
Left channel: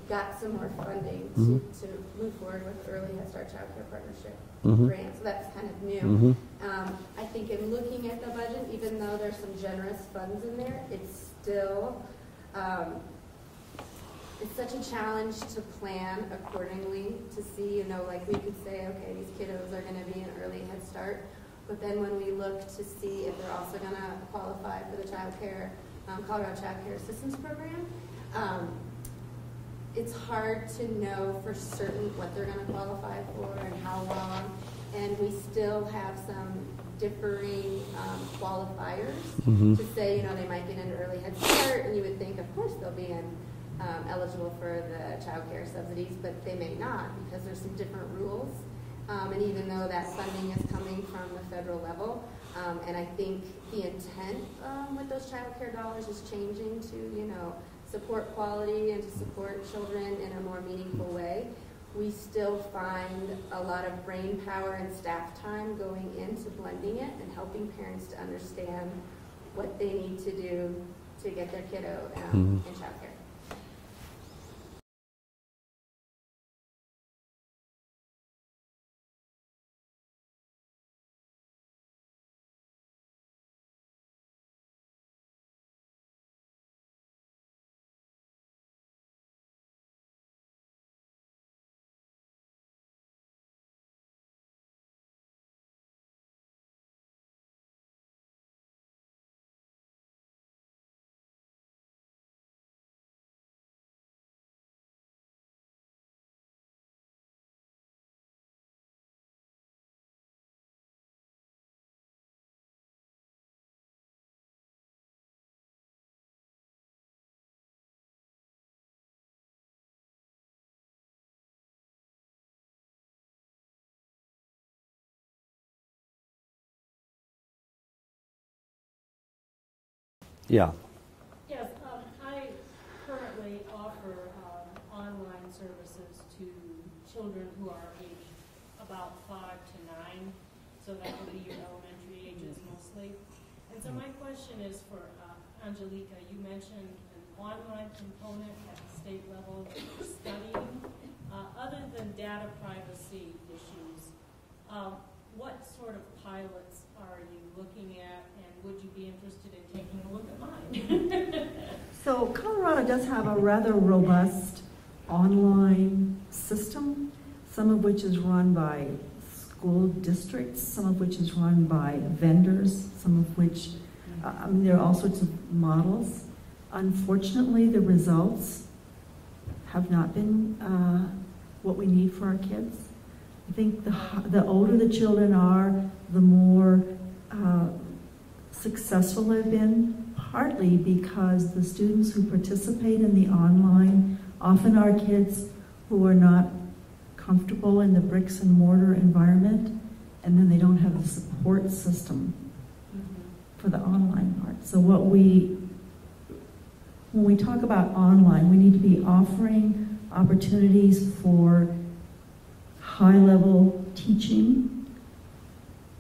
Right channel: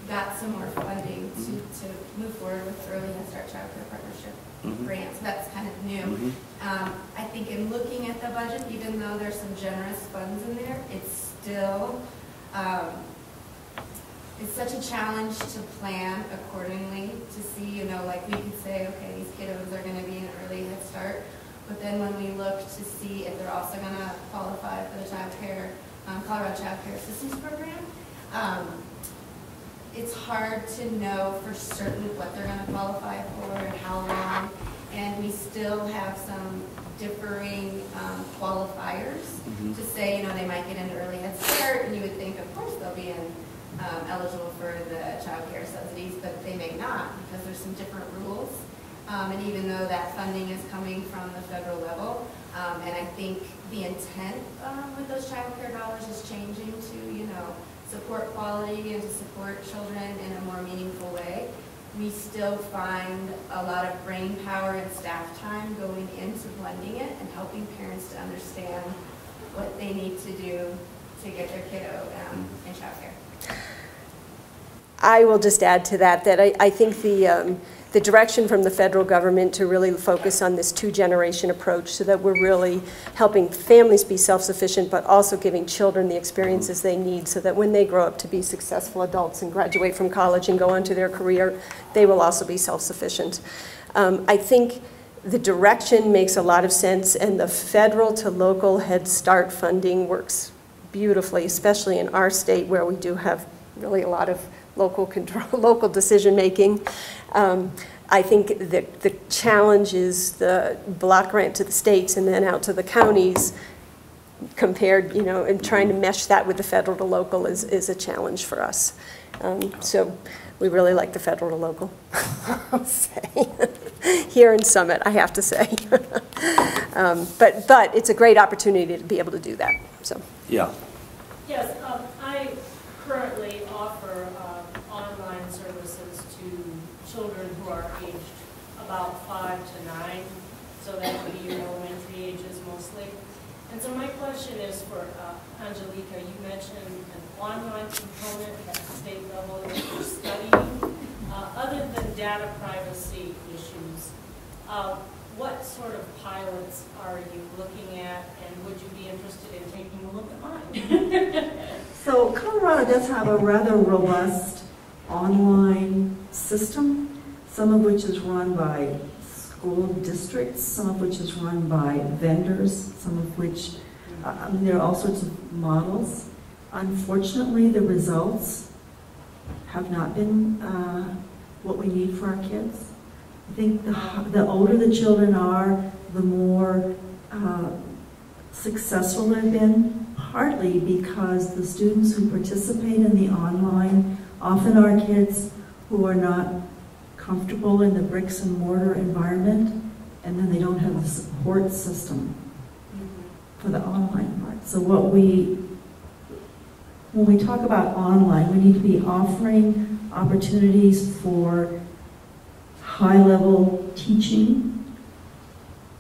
got some more funding to move forward with the Early Head Start Child Care Partnership grant. So that's kind of new. I think in looking at the budget, even though there's some generous funds in there, it's still it's such a challenge to plan accordingly, to see, like we can say, okay, these kiddos are going to be in Early Head Start, but then when we look to see if they're also going to qualify for the Colorado Child Care Assistance Program, it's hard to know for certain what they're going to qualify for and how long, and we still have some differing qualifiers to say, they might get into Early Head Start, and you would think, of course, they'll be eligible for the child care subsidies, but they may not because there's some different rules. And even though that funding is coming from the federal level, and I think the intent with those child care dollars is changing to, support quality and to support children in a more meaningful way, we still find a lot of brain power and staff time going into blending it and helping parents to understand what they need to do to get their kiddo in child care. I will just add to that I think the direction from the federal government to really focus on this two-generation approach so that we're really helping families be self-sufficient, but also giving children the experiences they need so that when they grow up to be successful adults and graduate from college and go on to their career, they will also be self-sufficient. I think the direction makes a lot of sense, and the federal to local Head Start funding works beautifully, especially in our state where we do have really a lot of local control, local decision making. I think that the challenge is the block grant to the states and then out to the counties compared, and trying to mesh that with the federal to local is a challenge for us. So we really like the federal to local, I'll say. Here in Summit, I have to say. But it's a great opportunity to be able to do that. So. Yeah. Yes, I currently offer online services to children who are aged about 5 to 9, so that would be your elementary ages mostly. And so my question is for Angelica. You mentioned an online component at the state level that you're studying. Other than data privacy issues, what sort of pilots are you looking at, and would you be interested in taking a look at mine? So Colorado does have a rather robust online system, some of which is run by school districts, some of which is run by vendors, some of which, I mean, there are all sorts of models. Unfortunately, the results have not been what we need for our kids. I think the older the children are, the more successful they've been, partly because the students who participate in the online often are kids who are not comfortable in the bricks and mortar environment, and then they don't have a support system for the online part. So when we talk about online, we need to be offering opportunities for high-level teaching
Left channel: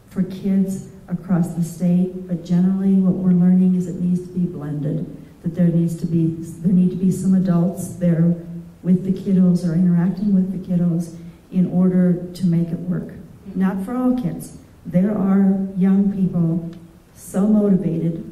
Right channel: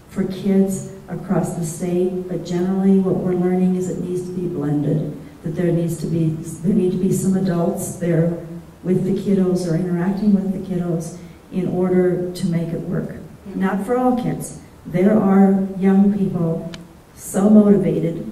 for kids across the state, but generally what we're learning is it needs to be blended, that there need to be some adults there with the kiddos or interacting with the kiddos in order to make it work. Not for all kids. There are young people so motivated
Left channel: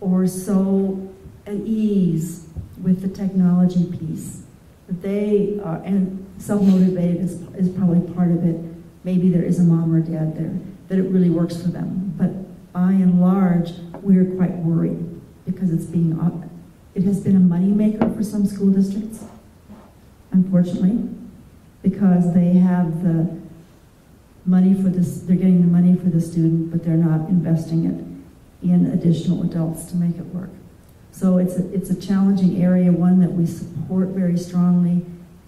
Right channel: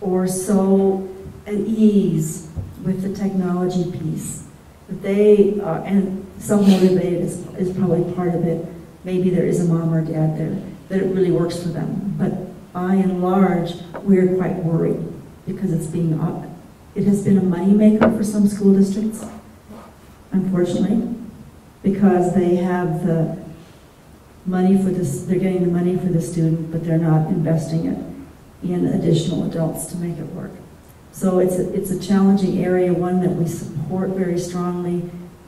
or so at ease with the technology piece that they are, and self-motivated is probably part of it. Maybe there is a mom or dad there, that it really works for them. But by and large, we're quite worried because it has been a moneymaker for some school districts, unfortunately, because they have the money for this, they're getting the money for the student, but they're not investing it in additional adults to make it work. So it's a challenging area, one that we support very strongly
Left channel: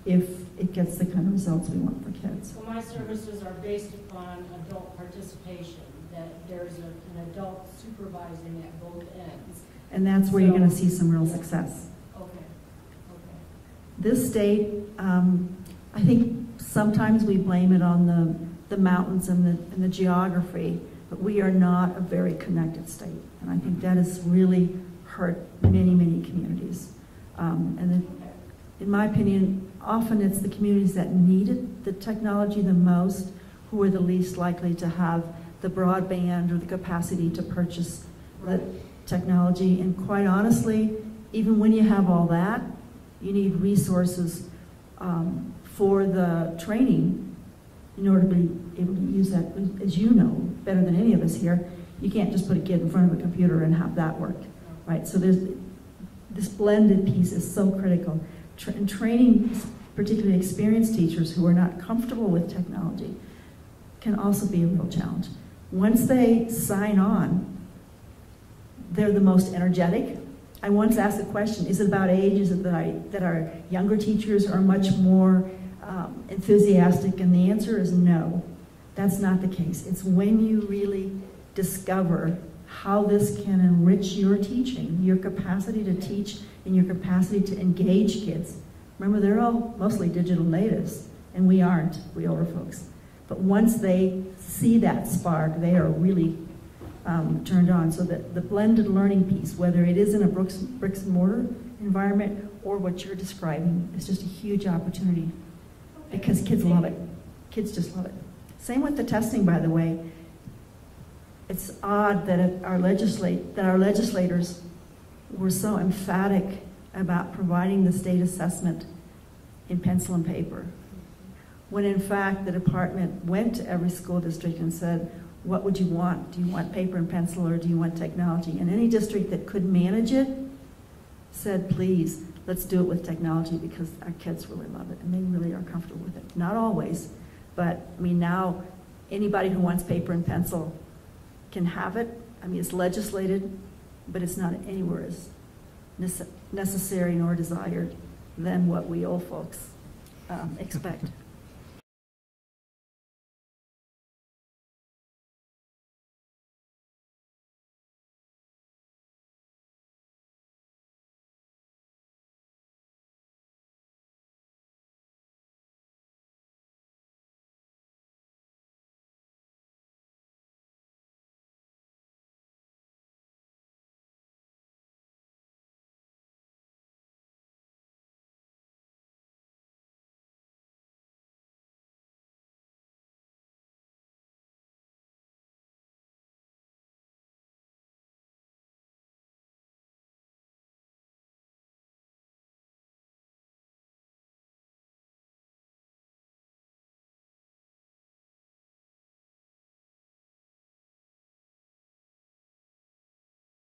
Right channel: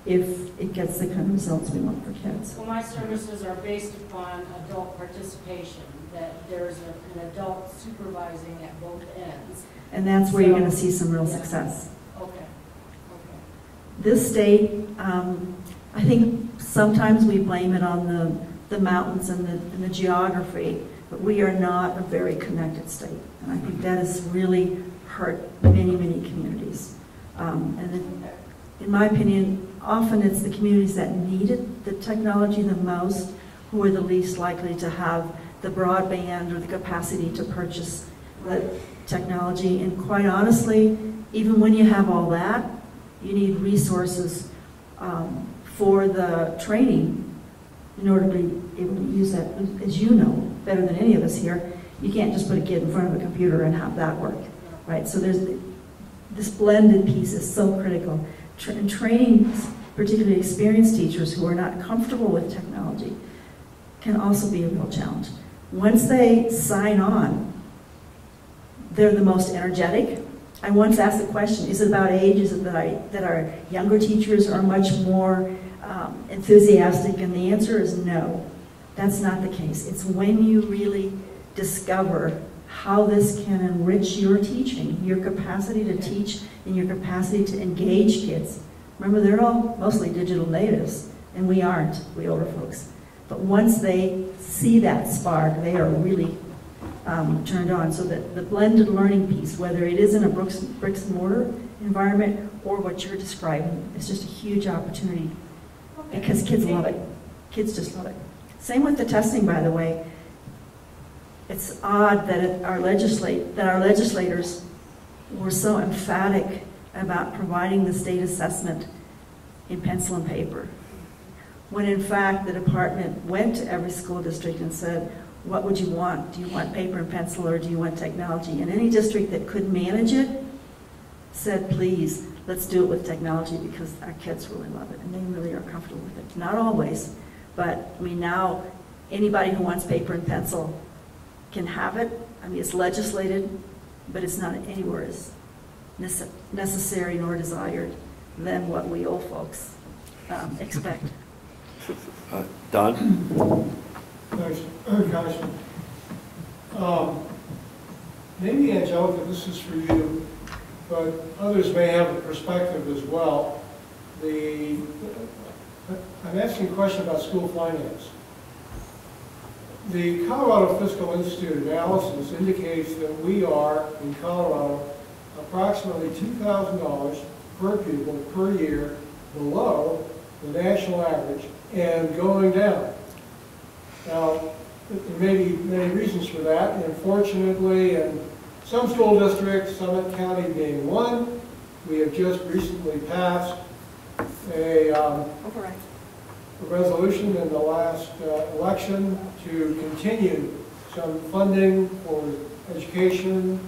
if it gets the kind of results we want for kids. Well, my services are based upon adult participation, that there's an adult supervising at both ends. And that's where you're going to see some real success. Okay. This state, I think sometimes we blame it on the mountains and the geography, but we are not a very connected state. And I think that has really hurt many, many communities. In my opinion, often it's the communities that needed the technology the most who are the least likely to have the broadband or the capacity to purchase the technology. And quite honestly, even when you have all that, you need resources for the training in order to be able to use that. As you know, better than any of us here, you can't just put a kid in front of a computer and have that work, right? So this blended piece is so critical. And training particularly experienced teachers who are not comfortable with technology can also be a real challenge. Once they sign on, they're the most energetic. I once asked the question, is it about age? Is it that our younger teachers are much more enthusiastic? And the answer is no, that's not the case. It's when you really discover how this can enrich your teaching, your capacity to teach and your capacity to engage kids. Remember, they're all mostly digital natives, and we aren't, we older folks. But once they see that spark, they are really turned on. So that the blended learning piece, whether it is in a bricks and mortar environment or what you're describing, is just a huge opportunity because kids love it. Kids just love it. Same with the testing, by the way. It's odd that our legislators were so emphatic about providing the state assessment in pencil and paper, when in fact the department went to every school district and said, what would you want? Do you want paper and pencil or do you want technology? And any district that could manage it said, please, let's do it with technology because our kids really love it and they really are comfortable with it. Not always, but I mean now anybody who wants paper and pencil can have it. I mean, it's legislated, but it's not anywhere as necessary nor desired than what we old folks expect. Don? Thanks, Congressman. Maybe, Angelica, this is for you, but others may have a perspective as well. I'm asking a question about school finance. The Colorado Fiscal Institute analysis indicates that we are, in Colorado, approximately $2,000 per pupil per year below the national average and going down. Now, there may be many reasons for that. Unfortunately, in some school districts, Summit County being one, we have just recently passed a resolution in the last election to continue some funding for education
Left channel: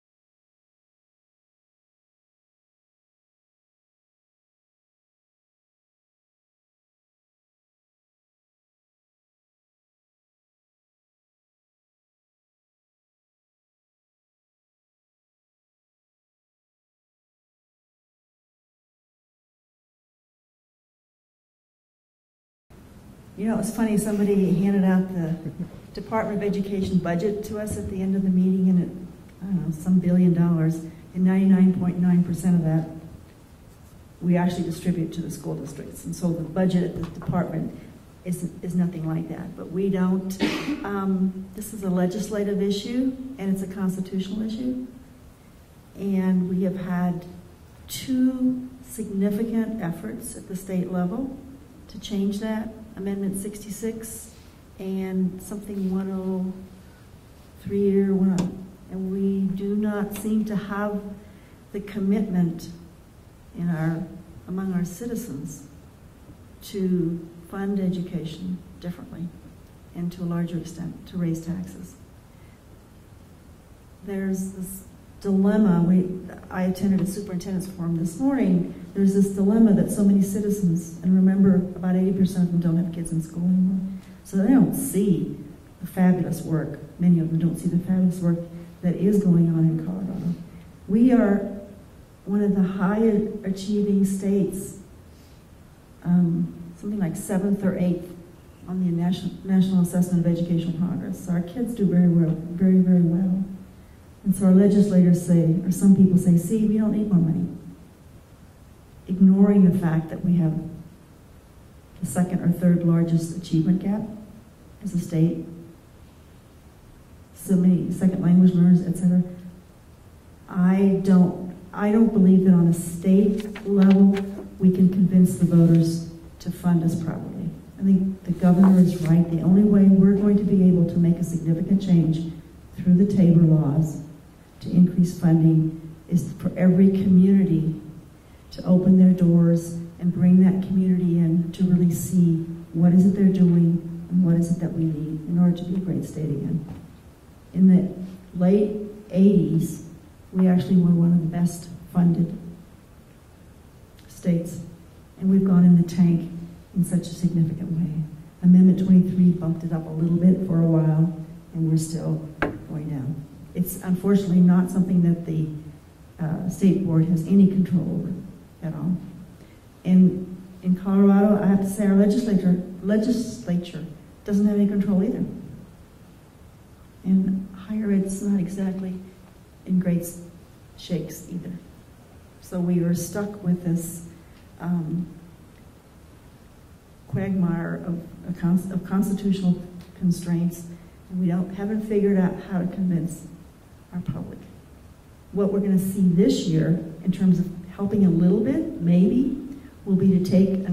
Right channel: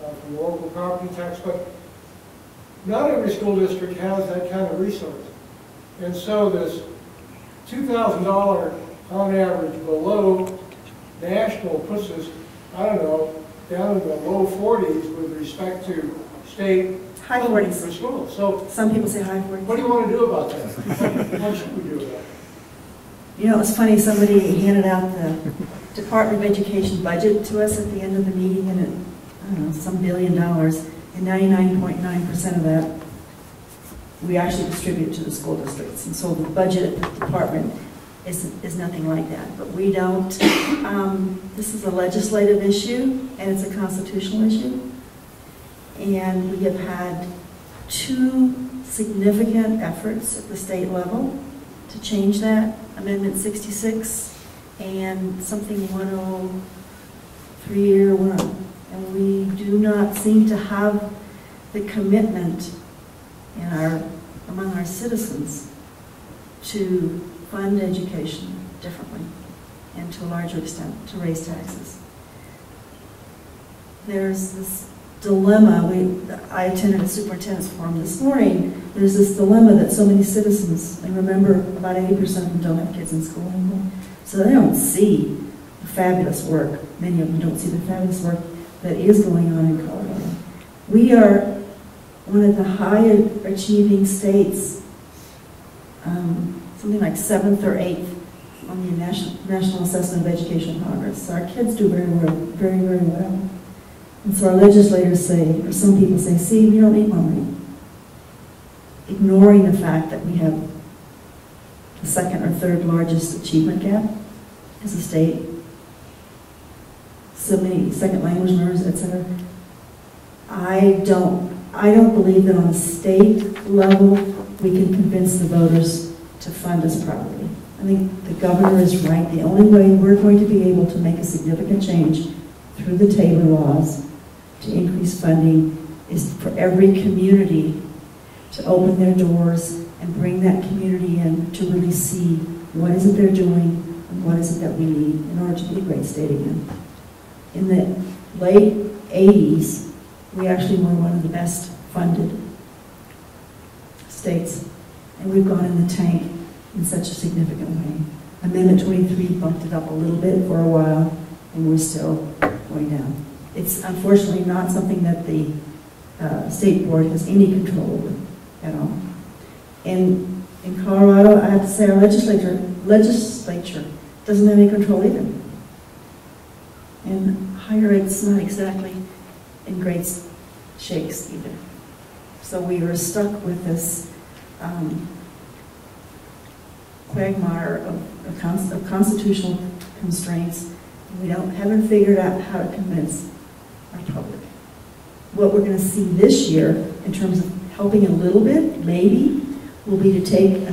from local property tax, but not every school district has that kind of resource. And so this $2,000 on average below national puts us, I don't know, down in the low 40s with respect to state High funding 40s. for schools. So Some people say high 40s. what do you want to do about that? What should we do about it? You know, it's funny, somebody handed out the Department of Education budget to us at the end of the meeting, and it, I don't know, some $1 billion, and 99.9% of that we actually distribute to the school districts. And so the budget at the department is nothing like that. But we don't, this is a legislative issue, and it's a constitutional issue. And we have had 2 significant efforts at the state level to change that, Amendment 66 and something 103 or 1. And we do not seem to have the commitment in among our citizens to fund education differently and to a larger extent to raise taxes. There's this dilemma. I attended a superintendent's forum this morning. There's this dilemma that so many citizens, and remember, about 80% of them don't have kids in school anymore, so they don't see the fabulous work. Many of them don't see the fabulous work that is going on in Colorado. We are one of the higher achieving states, something like 7th or 8th on the National Assessment of Educational Progress. So our kids do very well, very, very well. And so our legislators say, or some people say, see, we don't need more money. Ignoring the fact that we have the 2nd or 3rd largest achievement gap as a state, so many second language learners, etc. I don't believe that on a state level we can convince the voters to fund us properly. I think the governor is right. The only way we're going to be able to make a significant change through the Tabor laws to increase funding is for every community to open their doors and bring that community in to really see what is it they're doing and what is it that we need in order to be a great state again. In the late 80s, we actually were one of the best funded states, and we've gone in the tank in such a significant way. Amendment 23 bumped it up a little bit for a while, and we're still going down. It's unfortunately not something that the state board has any control over at all. And in Colorado, I have to say our legislature doesn't have any control either. And higher ed's not exactly in great shakes either. So we were stuck with this quagmire of constitutional constraints, and we haven't figured out how to convince our public. What we're going to see this year, in terms of helping a little bit, maybe, will be to take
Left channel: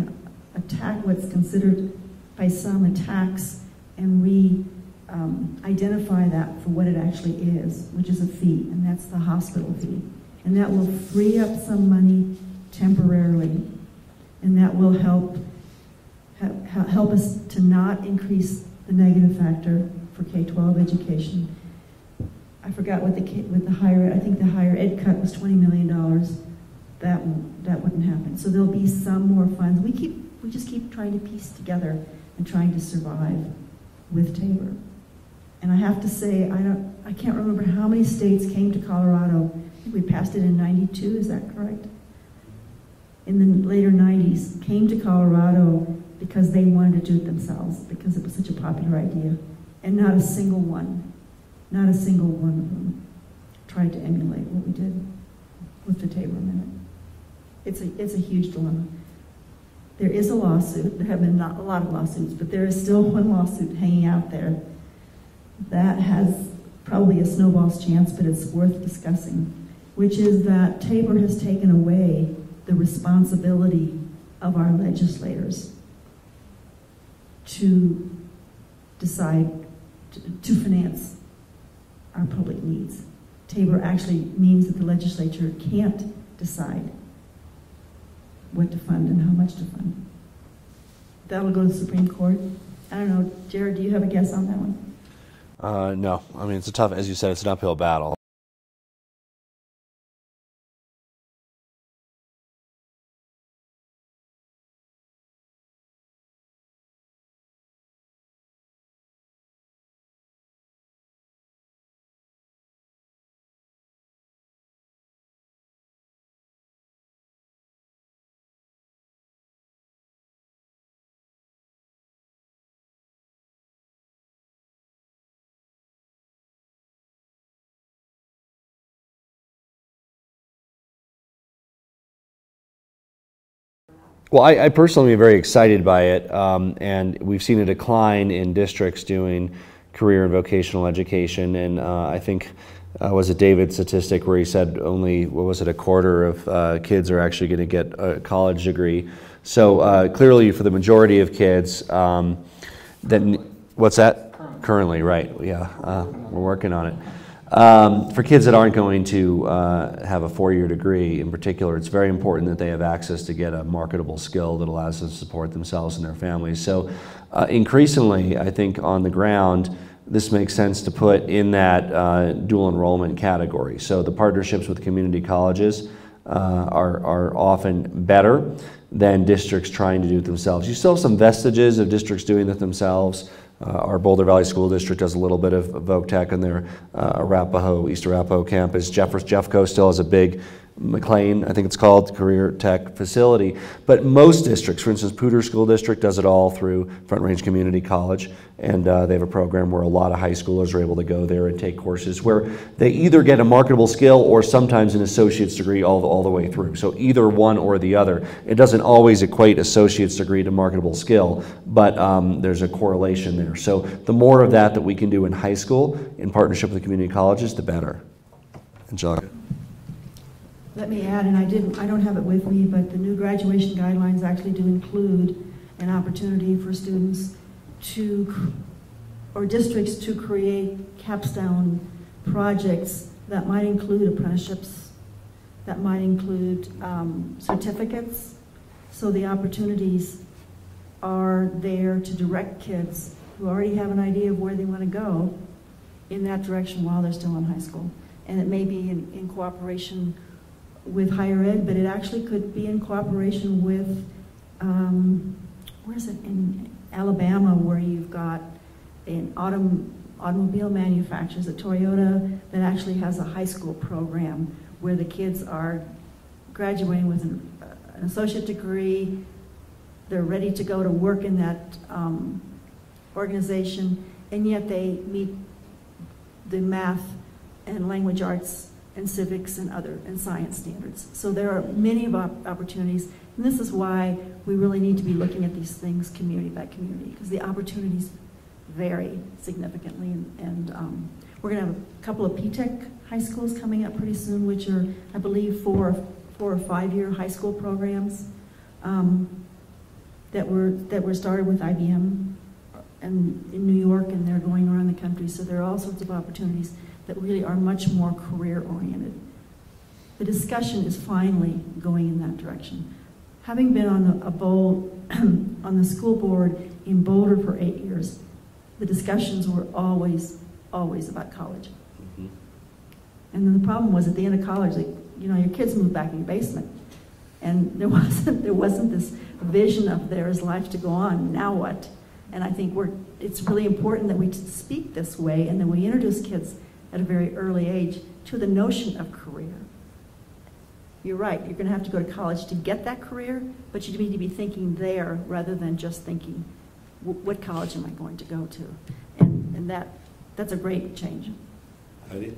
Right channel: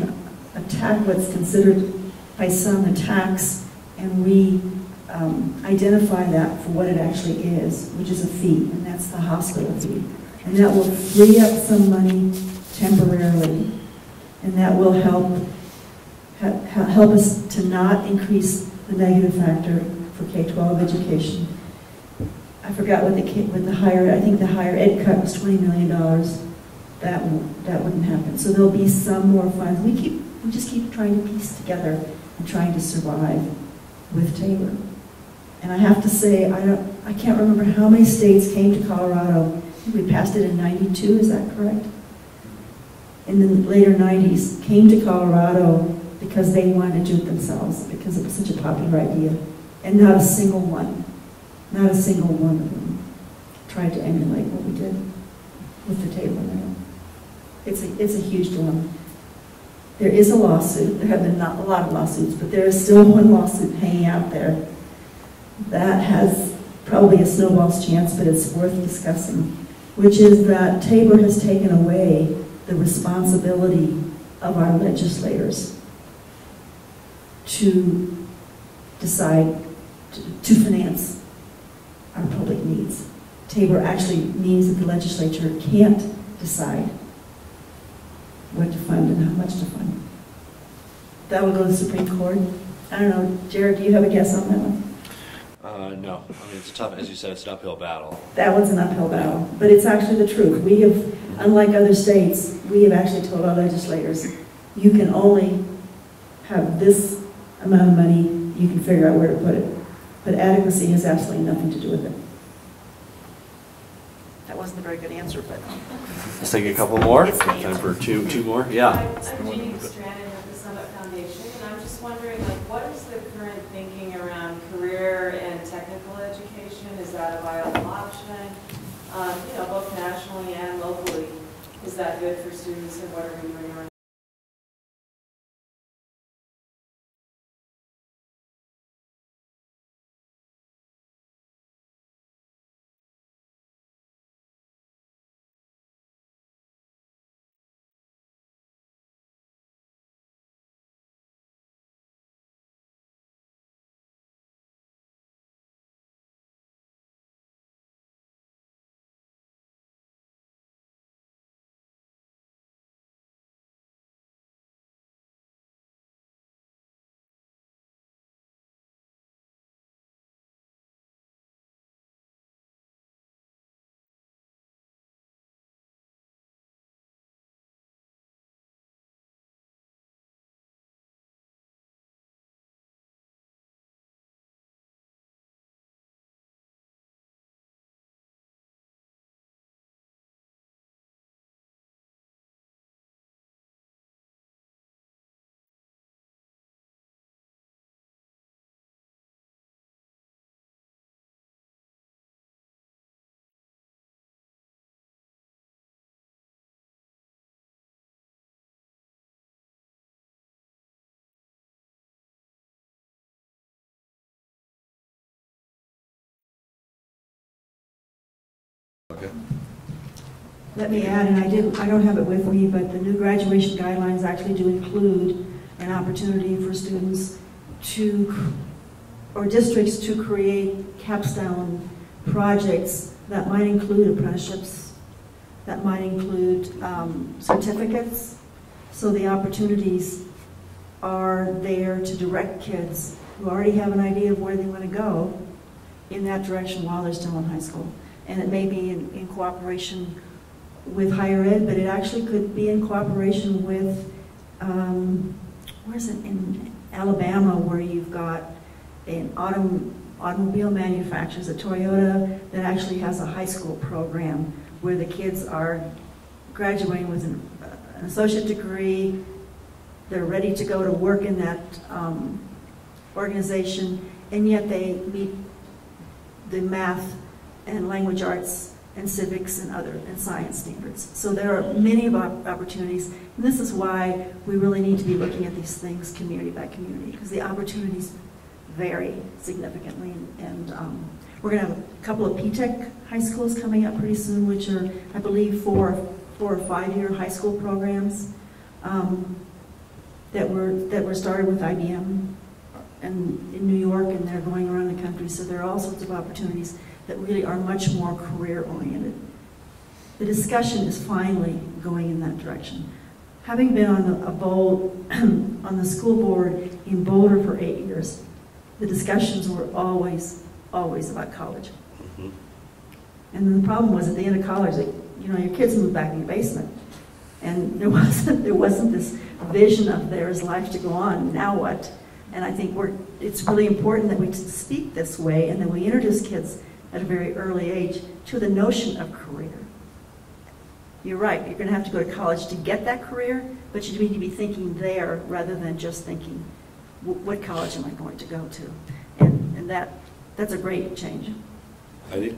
what's considered by some a tax, and identify that for what it actually is, which is a fee, and that's the hospital fee. And that will free up some money temporarily, and that will help us to not increase the negative factor for K-12 education. I forgot what the higher, I think the higher ed cut was $20 million. That wouldn't happen. So there'll be some more funds. We just keep trying to piece together and trying to survive with Tabor. And I have to say, I can't remember how many states came to Colorado. I think we passed it in '92, is that correct? In the later 90s, came to Colorado because they wanted to do it themselves, because it was such a popular idea. And not a single one of them tried to emulate what we did with the Tabor now. It's a huge dilemma. There is a lawsuit. There have been not a lot of lawsuits, but there is still one lawsuit hanging out there that has probably a snowball's chance, but it's worth discussing, which is that Tabor has taken away the responsibility of our legislators to decide, to finance our public needs. Tabor actually means that the legislature can't decide what to fund and how much to fund. That will go to the Supreme Court. I don't know, Jared, do you have a guess on that one? No, I mean, it's a tough, as you said, it's an uphill battle. That one's an uphill battle, but it's actually the truth. We have, unlike other states, we have actually told our legislators, you can only have this amount of money, you can figure out where to put it. But adequacy has absolutely nothing to do with it. That wasn't a very good answer, but. Let's take a couple more. It's the Time answer. for two more. Yeah. I'm Jeannie Strandon with the Summit Foundation, and I'm just wondering, like, what is the current thinking around career and technical education? Is that a viable option? You know, both nationally and locally, is that good for students, and what are we doing around that? Well, I personally am very excited by it, and we've seen a decline in districts doing career and vocational education, and I think was it David's statistic where he said only, what was it, a quarter of kids are actually going to get a college degree. So clearly for the majority of kids, then what's that? Currently, right, yeah, we're working on it. For kids that aren't going to have a four-year degree in particular, it's very important that they have access to get a marketable skill that allows them to support themselves and their families. So increasingly, I think on the ground, this makes sense to put in that dual enrollment category. So the partnerships with community colleges are often better than districts trying to do it themselves. You still have some vestiges of districts doing it themselves. Our Boulder Valley School District does a little bit of voc tech in their East Arapahoe campus. Jeffco still has a big McLean, I think it's called, career tech facility. But most districts, for instance, Poudre School District does it all through Front Range Community College, and they have a program where a lot of high schoolers are able to go there and take courses where they either get a marketable skill or sometimes an associate's degree all the way through. So either one or the other. It doesn't always equate associate's degree to marketable skill, but there's a correlation there. So the more of that we can do in high school in partnership with the community colleges, the better. Angelica. Let me add, and I don't have it with me, but the new graduation guidelines actually do include an opportunity for students to, or districts to create capstone projects that might include apprenticeships, that might include certificates. So the opportunities are there to direct kids who already have an idea of where they want to go in that direction while they're still in high school. And it may be in cooperation with higher ed, but it actually could be in cooperation with, where is it, in Alabama, where you've got an automobile manufacturers, a Toyota, that actually has a high school program where the kids are graduating with an associate degree, they're ready to go to work in that organization, and yet they meet the math and language arts and civics and science standards. So there are many opportunities, and this is why we really need to be looking at these things community by community, because the opportunities vary significantly. And we're going to have a couple of P-Tech high schools coming up pretty soon, which are, I believe, 4 or 5 year high school programs that were started with IBM and in New York, and they're going around the country. So there are all sorts of opportunities that really are much more career-oriented. The discussion is finally going in that direction. Having been on the school board in Boulder for 8 years, the discussions were always about college. Mm-hmm. And then the problem was at the end of college, your kids moved back in your basement, and there wasn't this vision of there's life to go on. Now what? And I think it's really important that we speak this way, and that we introduce kids at a very early age to the notion of career. You're right, you're going to have to go to college to get that career, but you need to be thinking there rather than just thinking, what college am I going to go to? And that's a great change. Heidi?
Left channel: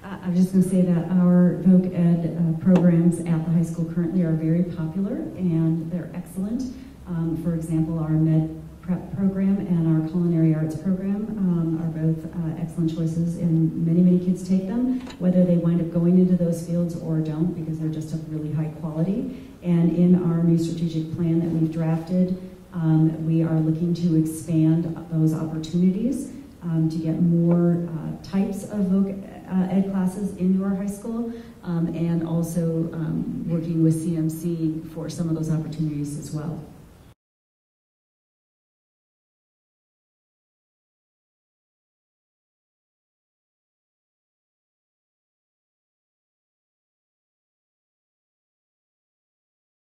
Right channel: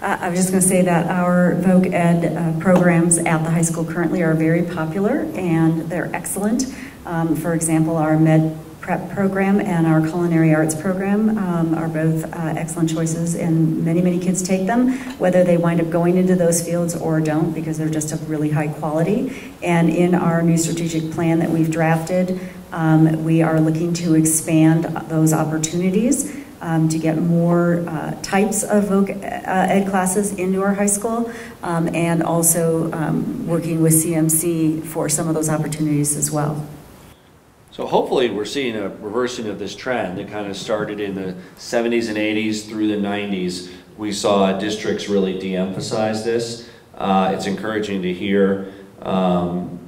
I was just going to say that our voc ed programs at the high school currently are very popular, and they're excellent. For example, our med prep program and our culinary arts program are both excellent choices, and many kids take them, whether they wind up going into those fields or don't, because they're just of really high quality. And in our new strategic plan that we've drafted, we are looking to expand those opportunities to get more types of voc ed classes into our high school, and also working with CMC for some of those opportunities as well. So hopefully we're seeing a reversing of this trend that kind of started in the 70s and 80s through the 90s. We saw districts really de-emphasize this. It's encouraging to hear from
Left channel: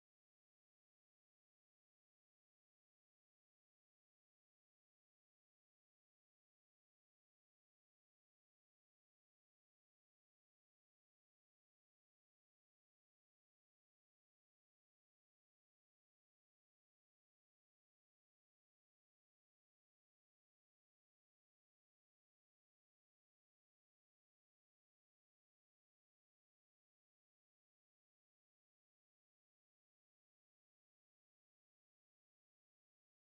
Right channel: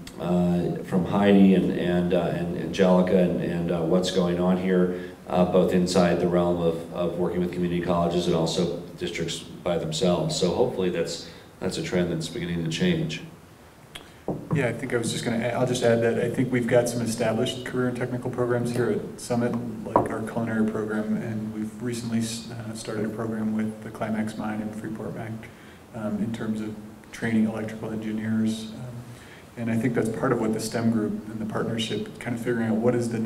Heidi and Angelica and what's going on here, both inside the realm of working with community colleges and also districts by themselves. So hopefully that's a trend that's beginning to change. Yeah, I think I was just going to, I'll just add that I think we've got some established career and technical programs here at Summit, like our culinary program, and we've recently started a program with the Climax Mine and Freeport Bank in terms of training electrical engineers. And I think that's part of what the STEM group and the partnership, kind of figuring out what are the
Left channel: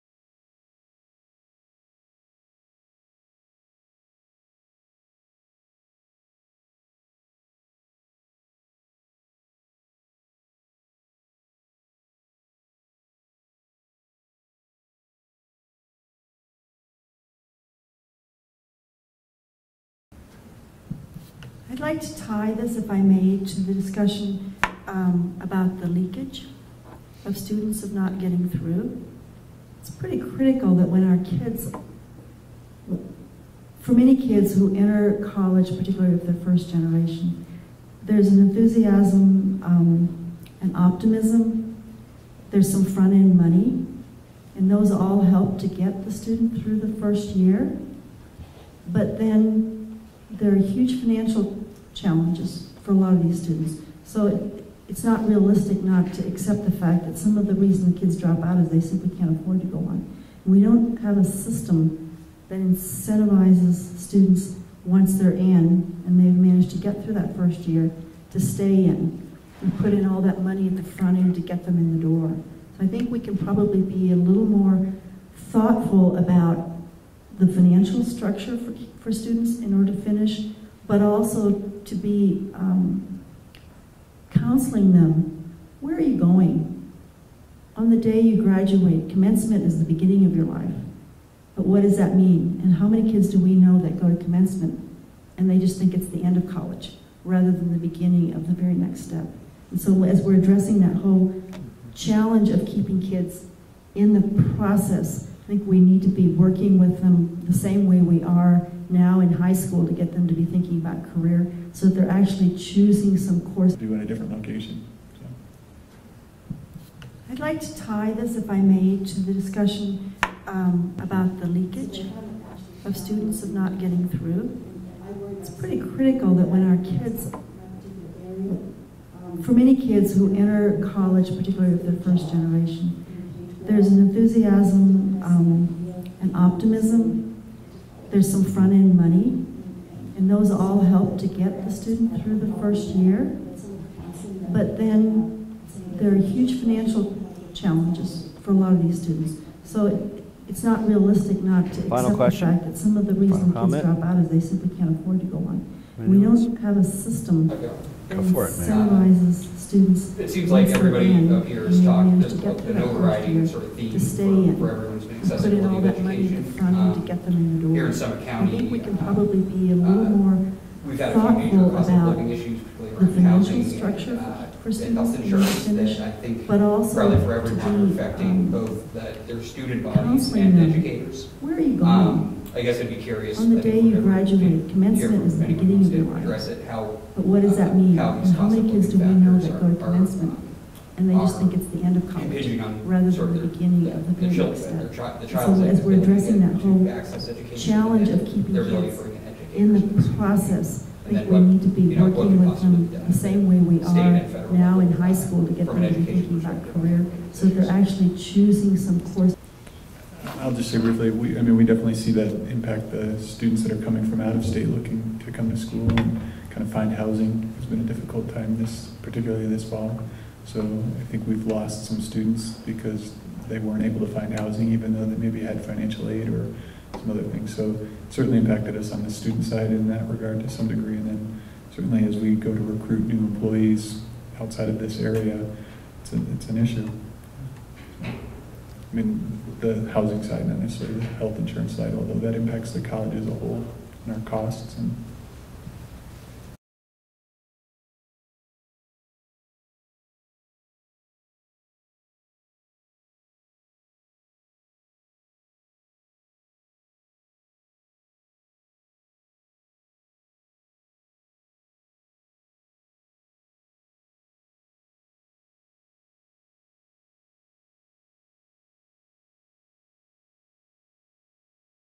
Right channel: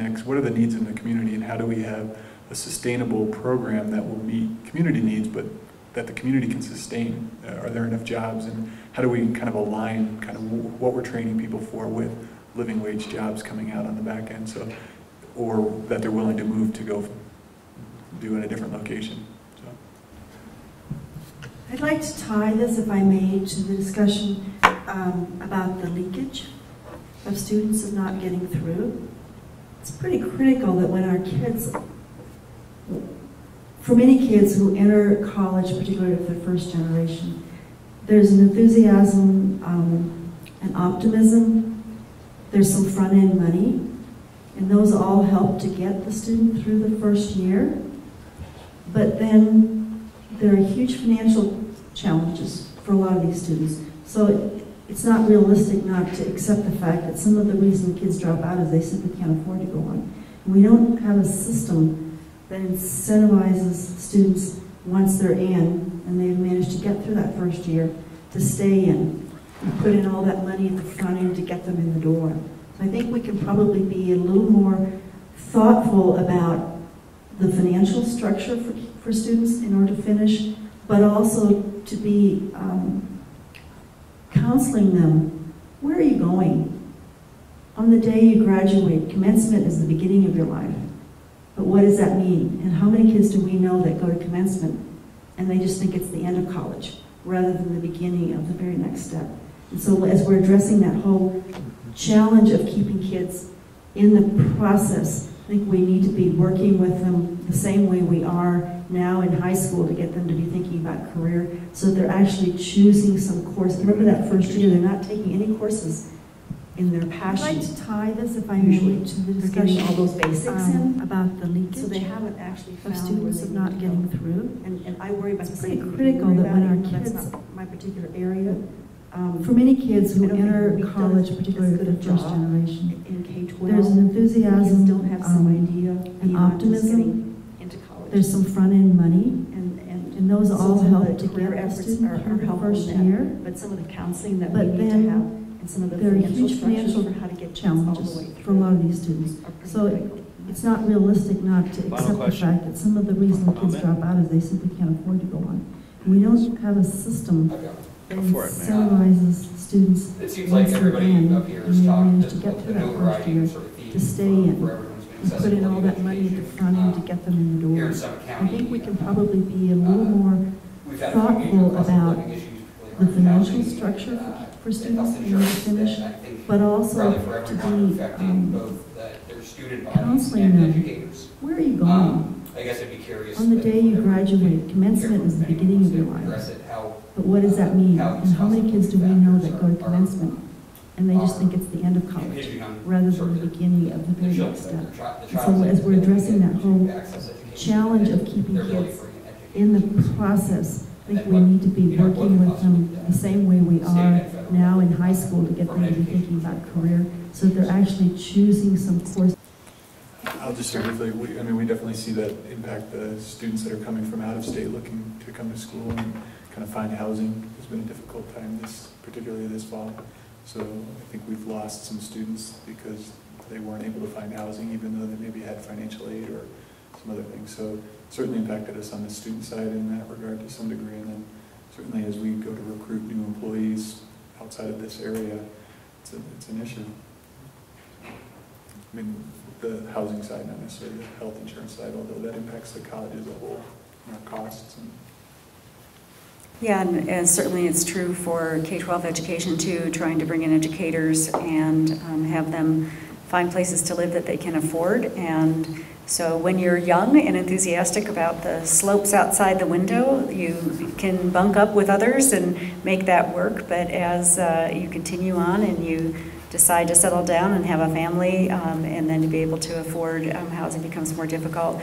needs in the community and how do we have a sustainable program that will meet community needs, but that the community can sustain. Are there enough jobs, and how do we kind of align kind of what we're training people for with living wage jobs coming out on the back end, so, or that they're willing to move to go do in a different location. So. I'd like to tie this, if I may, to the discussion about the leakage of students of not getting through. It's pretty critical that when our kids, for many kids who enter college, particularly if they're first generation, there's an enthusiasm and optimism. There's some front-end money, and those all help to get the student through the first year. But then there are huge financial challenges for a lot of these students. So it's not realistic not to accept the fact that some of the reason the kids drop out is they simply can't afford to go on. And we don't have a system that incentivizes students once they're in and they've managed to get through that first year to stay in and put in all that money at the front end to get them in the door. So I think we can probably be a little more thoughtful about the financial structure for students in order to finish, but also to be counseling them. Where are you going? On the day you graduate, commencement is the beginning of your life. But what does that mean? And how many kids do we know that go to commencement and they just think it's the end of college rather than the beginning of the very next step? And so as we're addressing that whole challenge of keeping kids in the process, I think we need to be working with them the same way we are now in high school to get them to be thinking about career so that they're actually choosing some course. Remember that first year, they're not taking any courses in their passion. I'd like to tie this, if I may, to the discussion all those basics about the leakage of students of not getting through. And I worry about it's pretty critical that when our kids, my particular area, for many kids who enter college, particularly if they're first generation, there's an enthusiasm and optimism. There's some front-end money, and those all help to get the student through the first year. But then there are huge financial challenges for a lot of these students. So it's not realistic not to accept the fact that some of the reason kids drop out is they simply can't afford to go on. We don't have a system that incentivizes students once they're in and they manage to get through that first year to stay in and put in all that money at the front end to get them in the door. I think we can probably be a little more thoughtful about the financial structure for students in order to finish, but also to be counseling them. Where are you going? I guess I'd be curious. On the day you graduate, commencement is the beginning of your life. But what does that mean? And how many kids do we know that go to commencement and they just think it's the end of college rather than the beginning of the very next step? And so as we're addressing that whole challenge of keeping kids in the process, I think we need to be working with them the same way we are now in high school to get them to be thinking about career so that they're actually choosing some course. I'll just say briefly, we definitely see that impact the students that are coming from out of state looking to come to school and kind of find housing. It's been a difficult time, particularly this fall. So I think we've lost some students because they weren't able to find housing even though they maybe had financial aid or some other things. So it certainly impacted us on the student side in that regard to some degree. And then certainly as we go to recruit new employees outside of this area, it's an issue. I mean, the housing side, not necessarily the health insurance side, although that impacts the college as a whole and our costs. And Yeah, and certainly it's true for K-12 education too, trying to bring in educators and have them find places to live that they can afford. And so when you're young and enthusiastic about the slopes outside the window, you can bunk up with others and make that work. But as you continue on and you decide to settle down and have a family, and then to be able to afford housing becomes more difficult.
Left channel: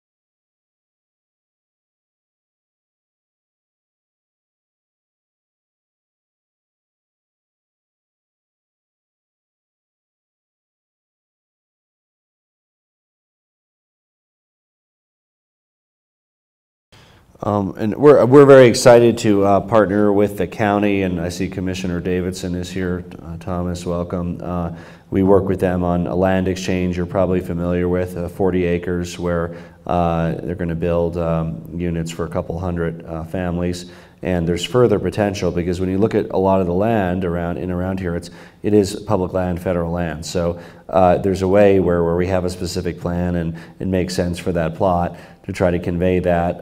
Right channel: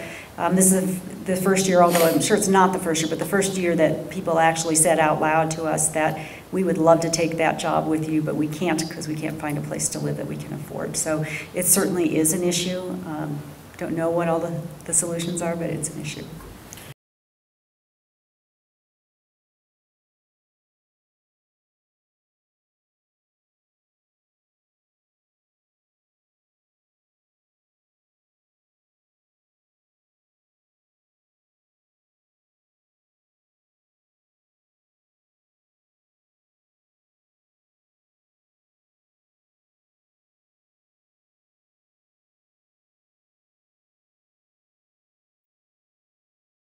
This is the first year, although I'm sure it's not the first year, but the first year that people actually said out loud to us that we would love to take that job with you, but we can't because we can't find a place to live that we can afford. So it certainly is an issue. Don't know what all the solutions are, but it's an issue. And we're very excited to partner with the county, and I see Commissioner Davidson is here. Thomas, welcome. We work with them on a land exchange you're probably familiar with, 40 acres where they're going to build units for a couple hundred families. And there's further potential because when you look at a lot of the land around here, it is public land, federal land. So there's a way where we have a specific plan and it makes sense for that plot to try to convey that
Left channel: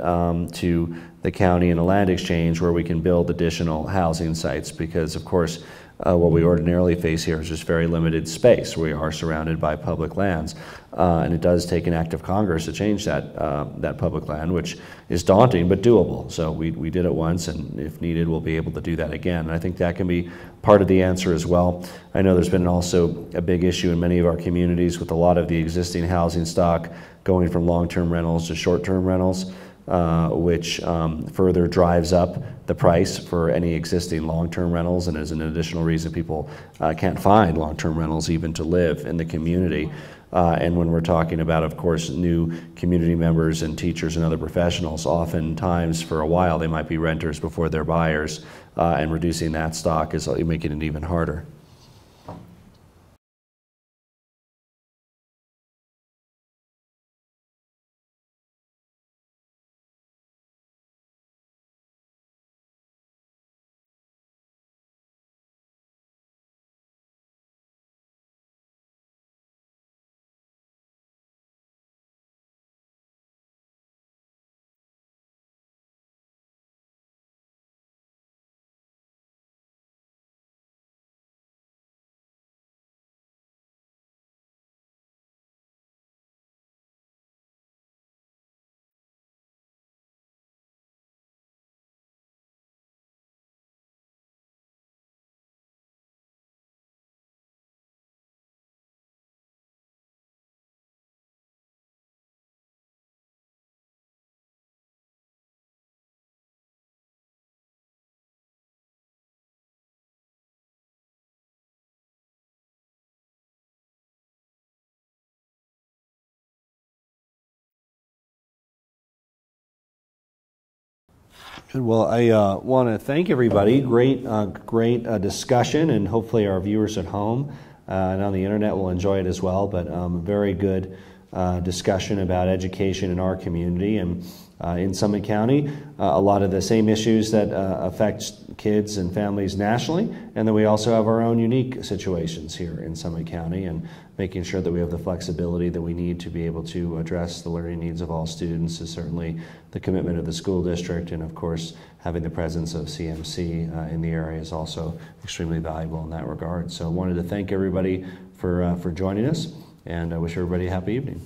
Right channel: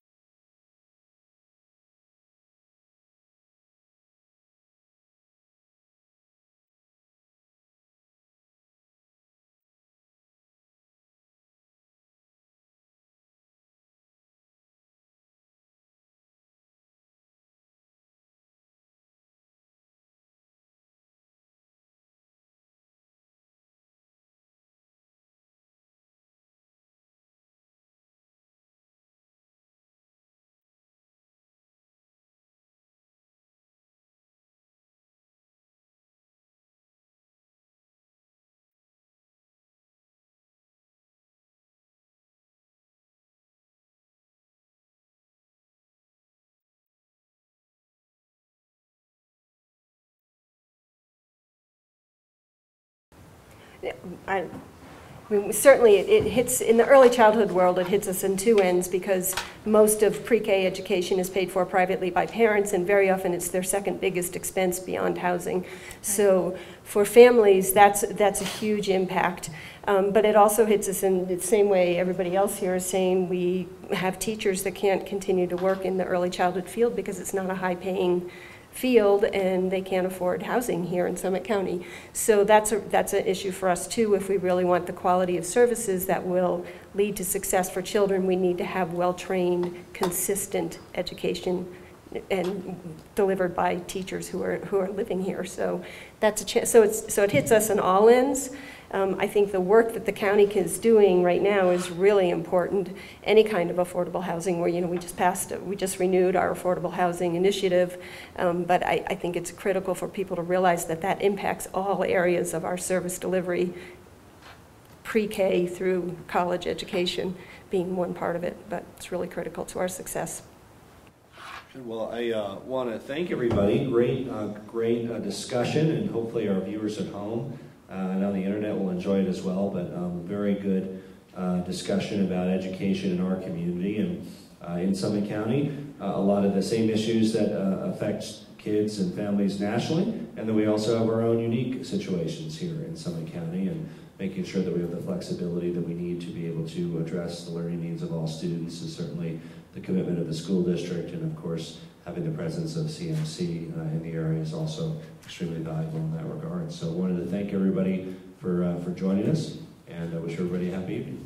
to the county in a land exchange where we can build additional housing sites because, of course, what we ordinarily face here is just very limited space. We are surrounded by public lands, and it does take an act of Congress to change that public land, which is daunting but doable. So we did it once, and if needed, we'll be able to do that again. And I think that can be part of the answer as well. I know there's been also a big issue in many of our communities with a lot of the existing housing stock going from long-term rentals to short-term rentals, which further drives up the price for any existing long-term rentals and is an additional reason people can't find long-term rentals even to live in the community. And when we're talking about, of course, new community members and teachers and other professionals, oftentimes for a while they might be renters before they're buyers, and reducing that stock is making it even harder. I mean, certainly it hits, in the early childhood world, it hits us in two ends because most of pre-K education is paid for privately by parents, and very often it's their second biggest expense beyond housing. So for families, that's a huge impact. But it also hits us in the same way everybody else here is saying. We have teachers that can't continue to work in the early childhood field because it's not a high-paying field and they can't afford housing here in Summit County. So that's an issue for us too. If we really want the quality of services that will lead to success for children, we need to have well-trained, consistent education and delivered by teachers who are living here. So that's so it hits us on all ends. I think the work that the county is doing right now is really important. Any kind of affordable housing, where we just renewed our affordable housing initiative, but I think it's critical for people to realize that impacts all areas of our service delivery, pre-K through college education being one part of it, but it's really critical to our success. Good. Well, I want to thank everybody. Great discussion, and hopefully our viewers at home and on the internet will enjoy it as well, but very good discussion about education in our community and in Summit County. A lot of the same issues that affect kids and families nationally, and then we also have our own unique situations here in Summit County, and making sure that we have the flexibility that we need to be able to address the learning needs of all students is certainly the commitment of the school district, and of course having the presence of CMC in the area is also extremely valuable in that regard. So I wanted to thank everybody for joining us, and I wish everybody a happy evening.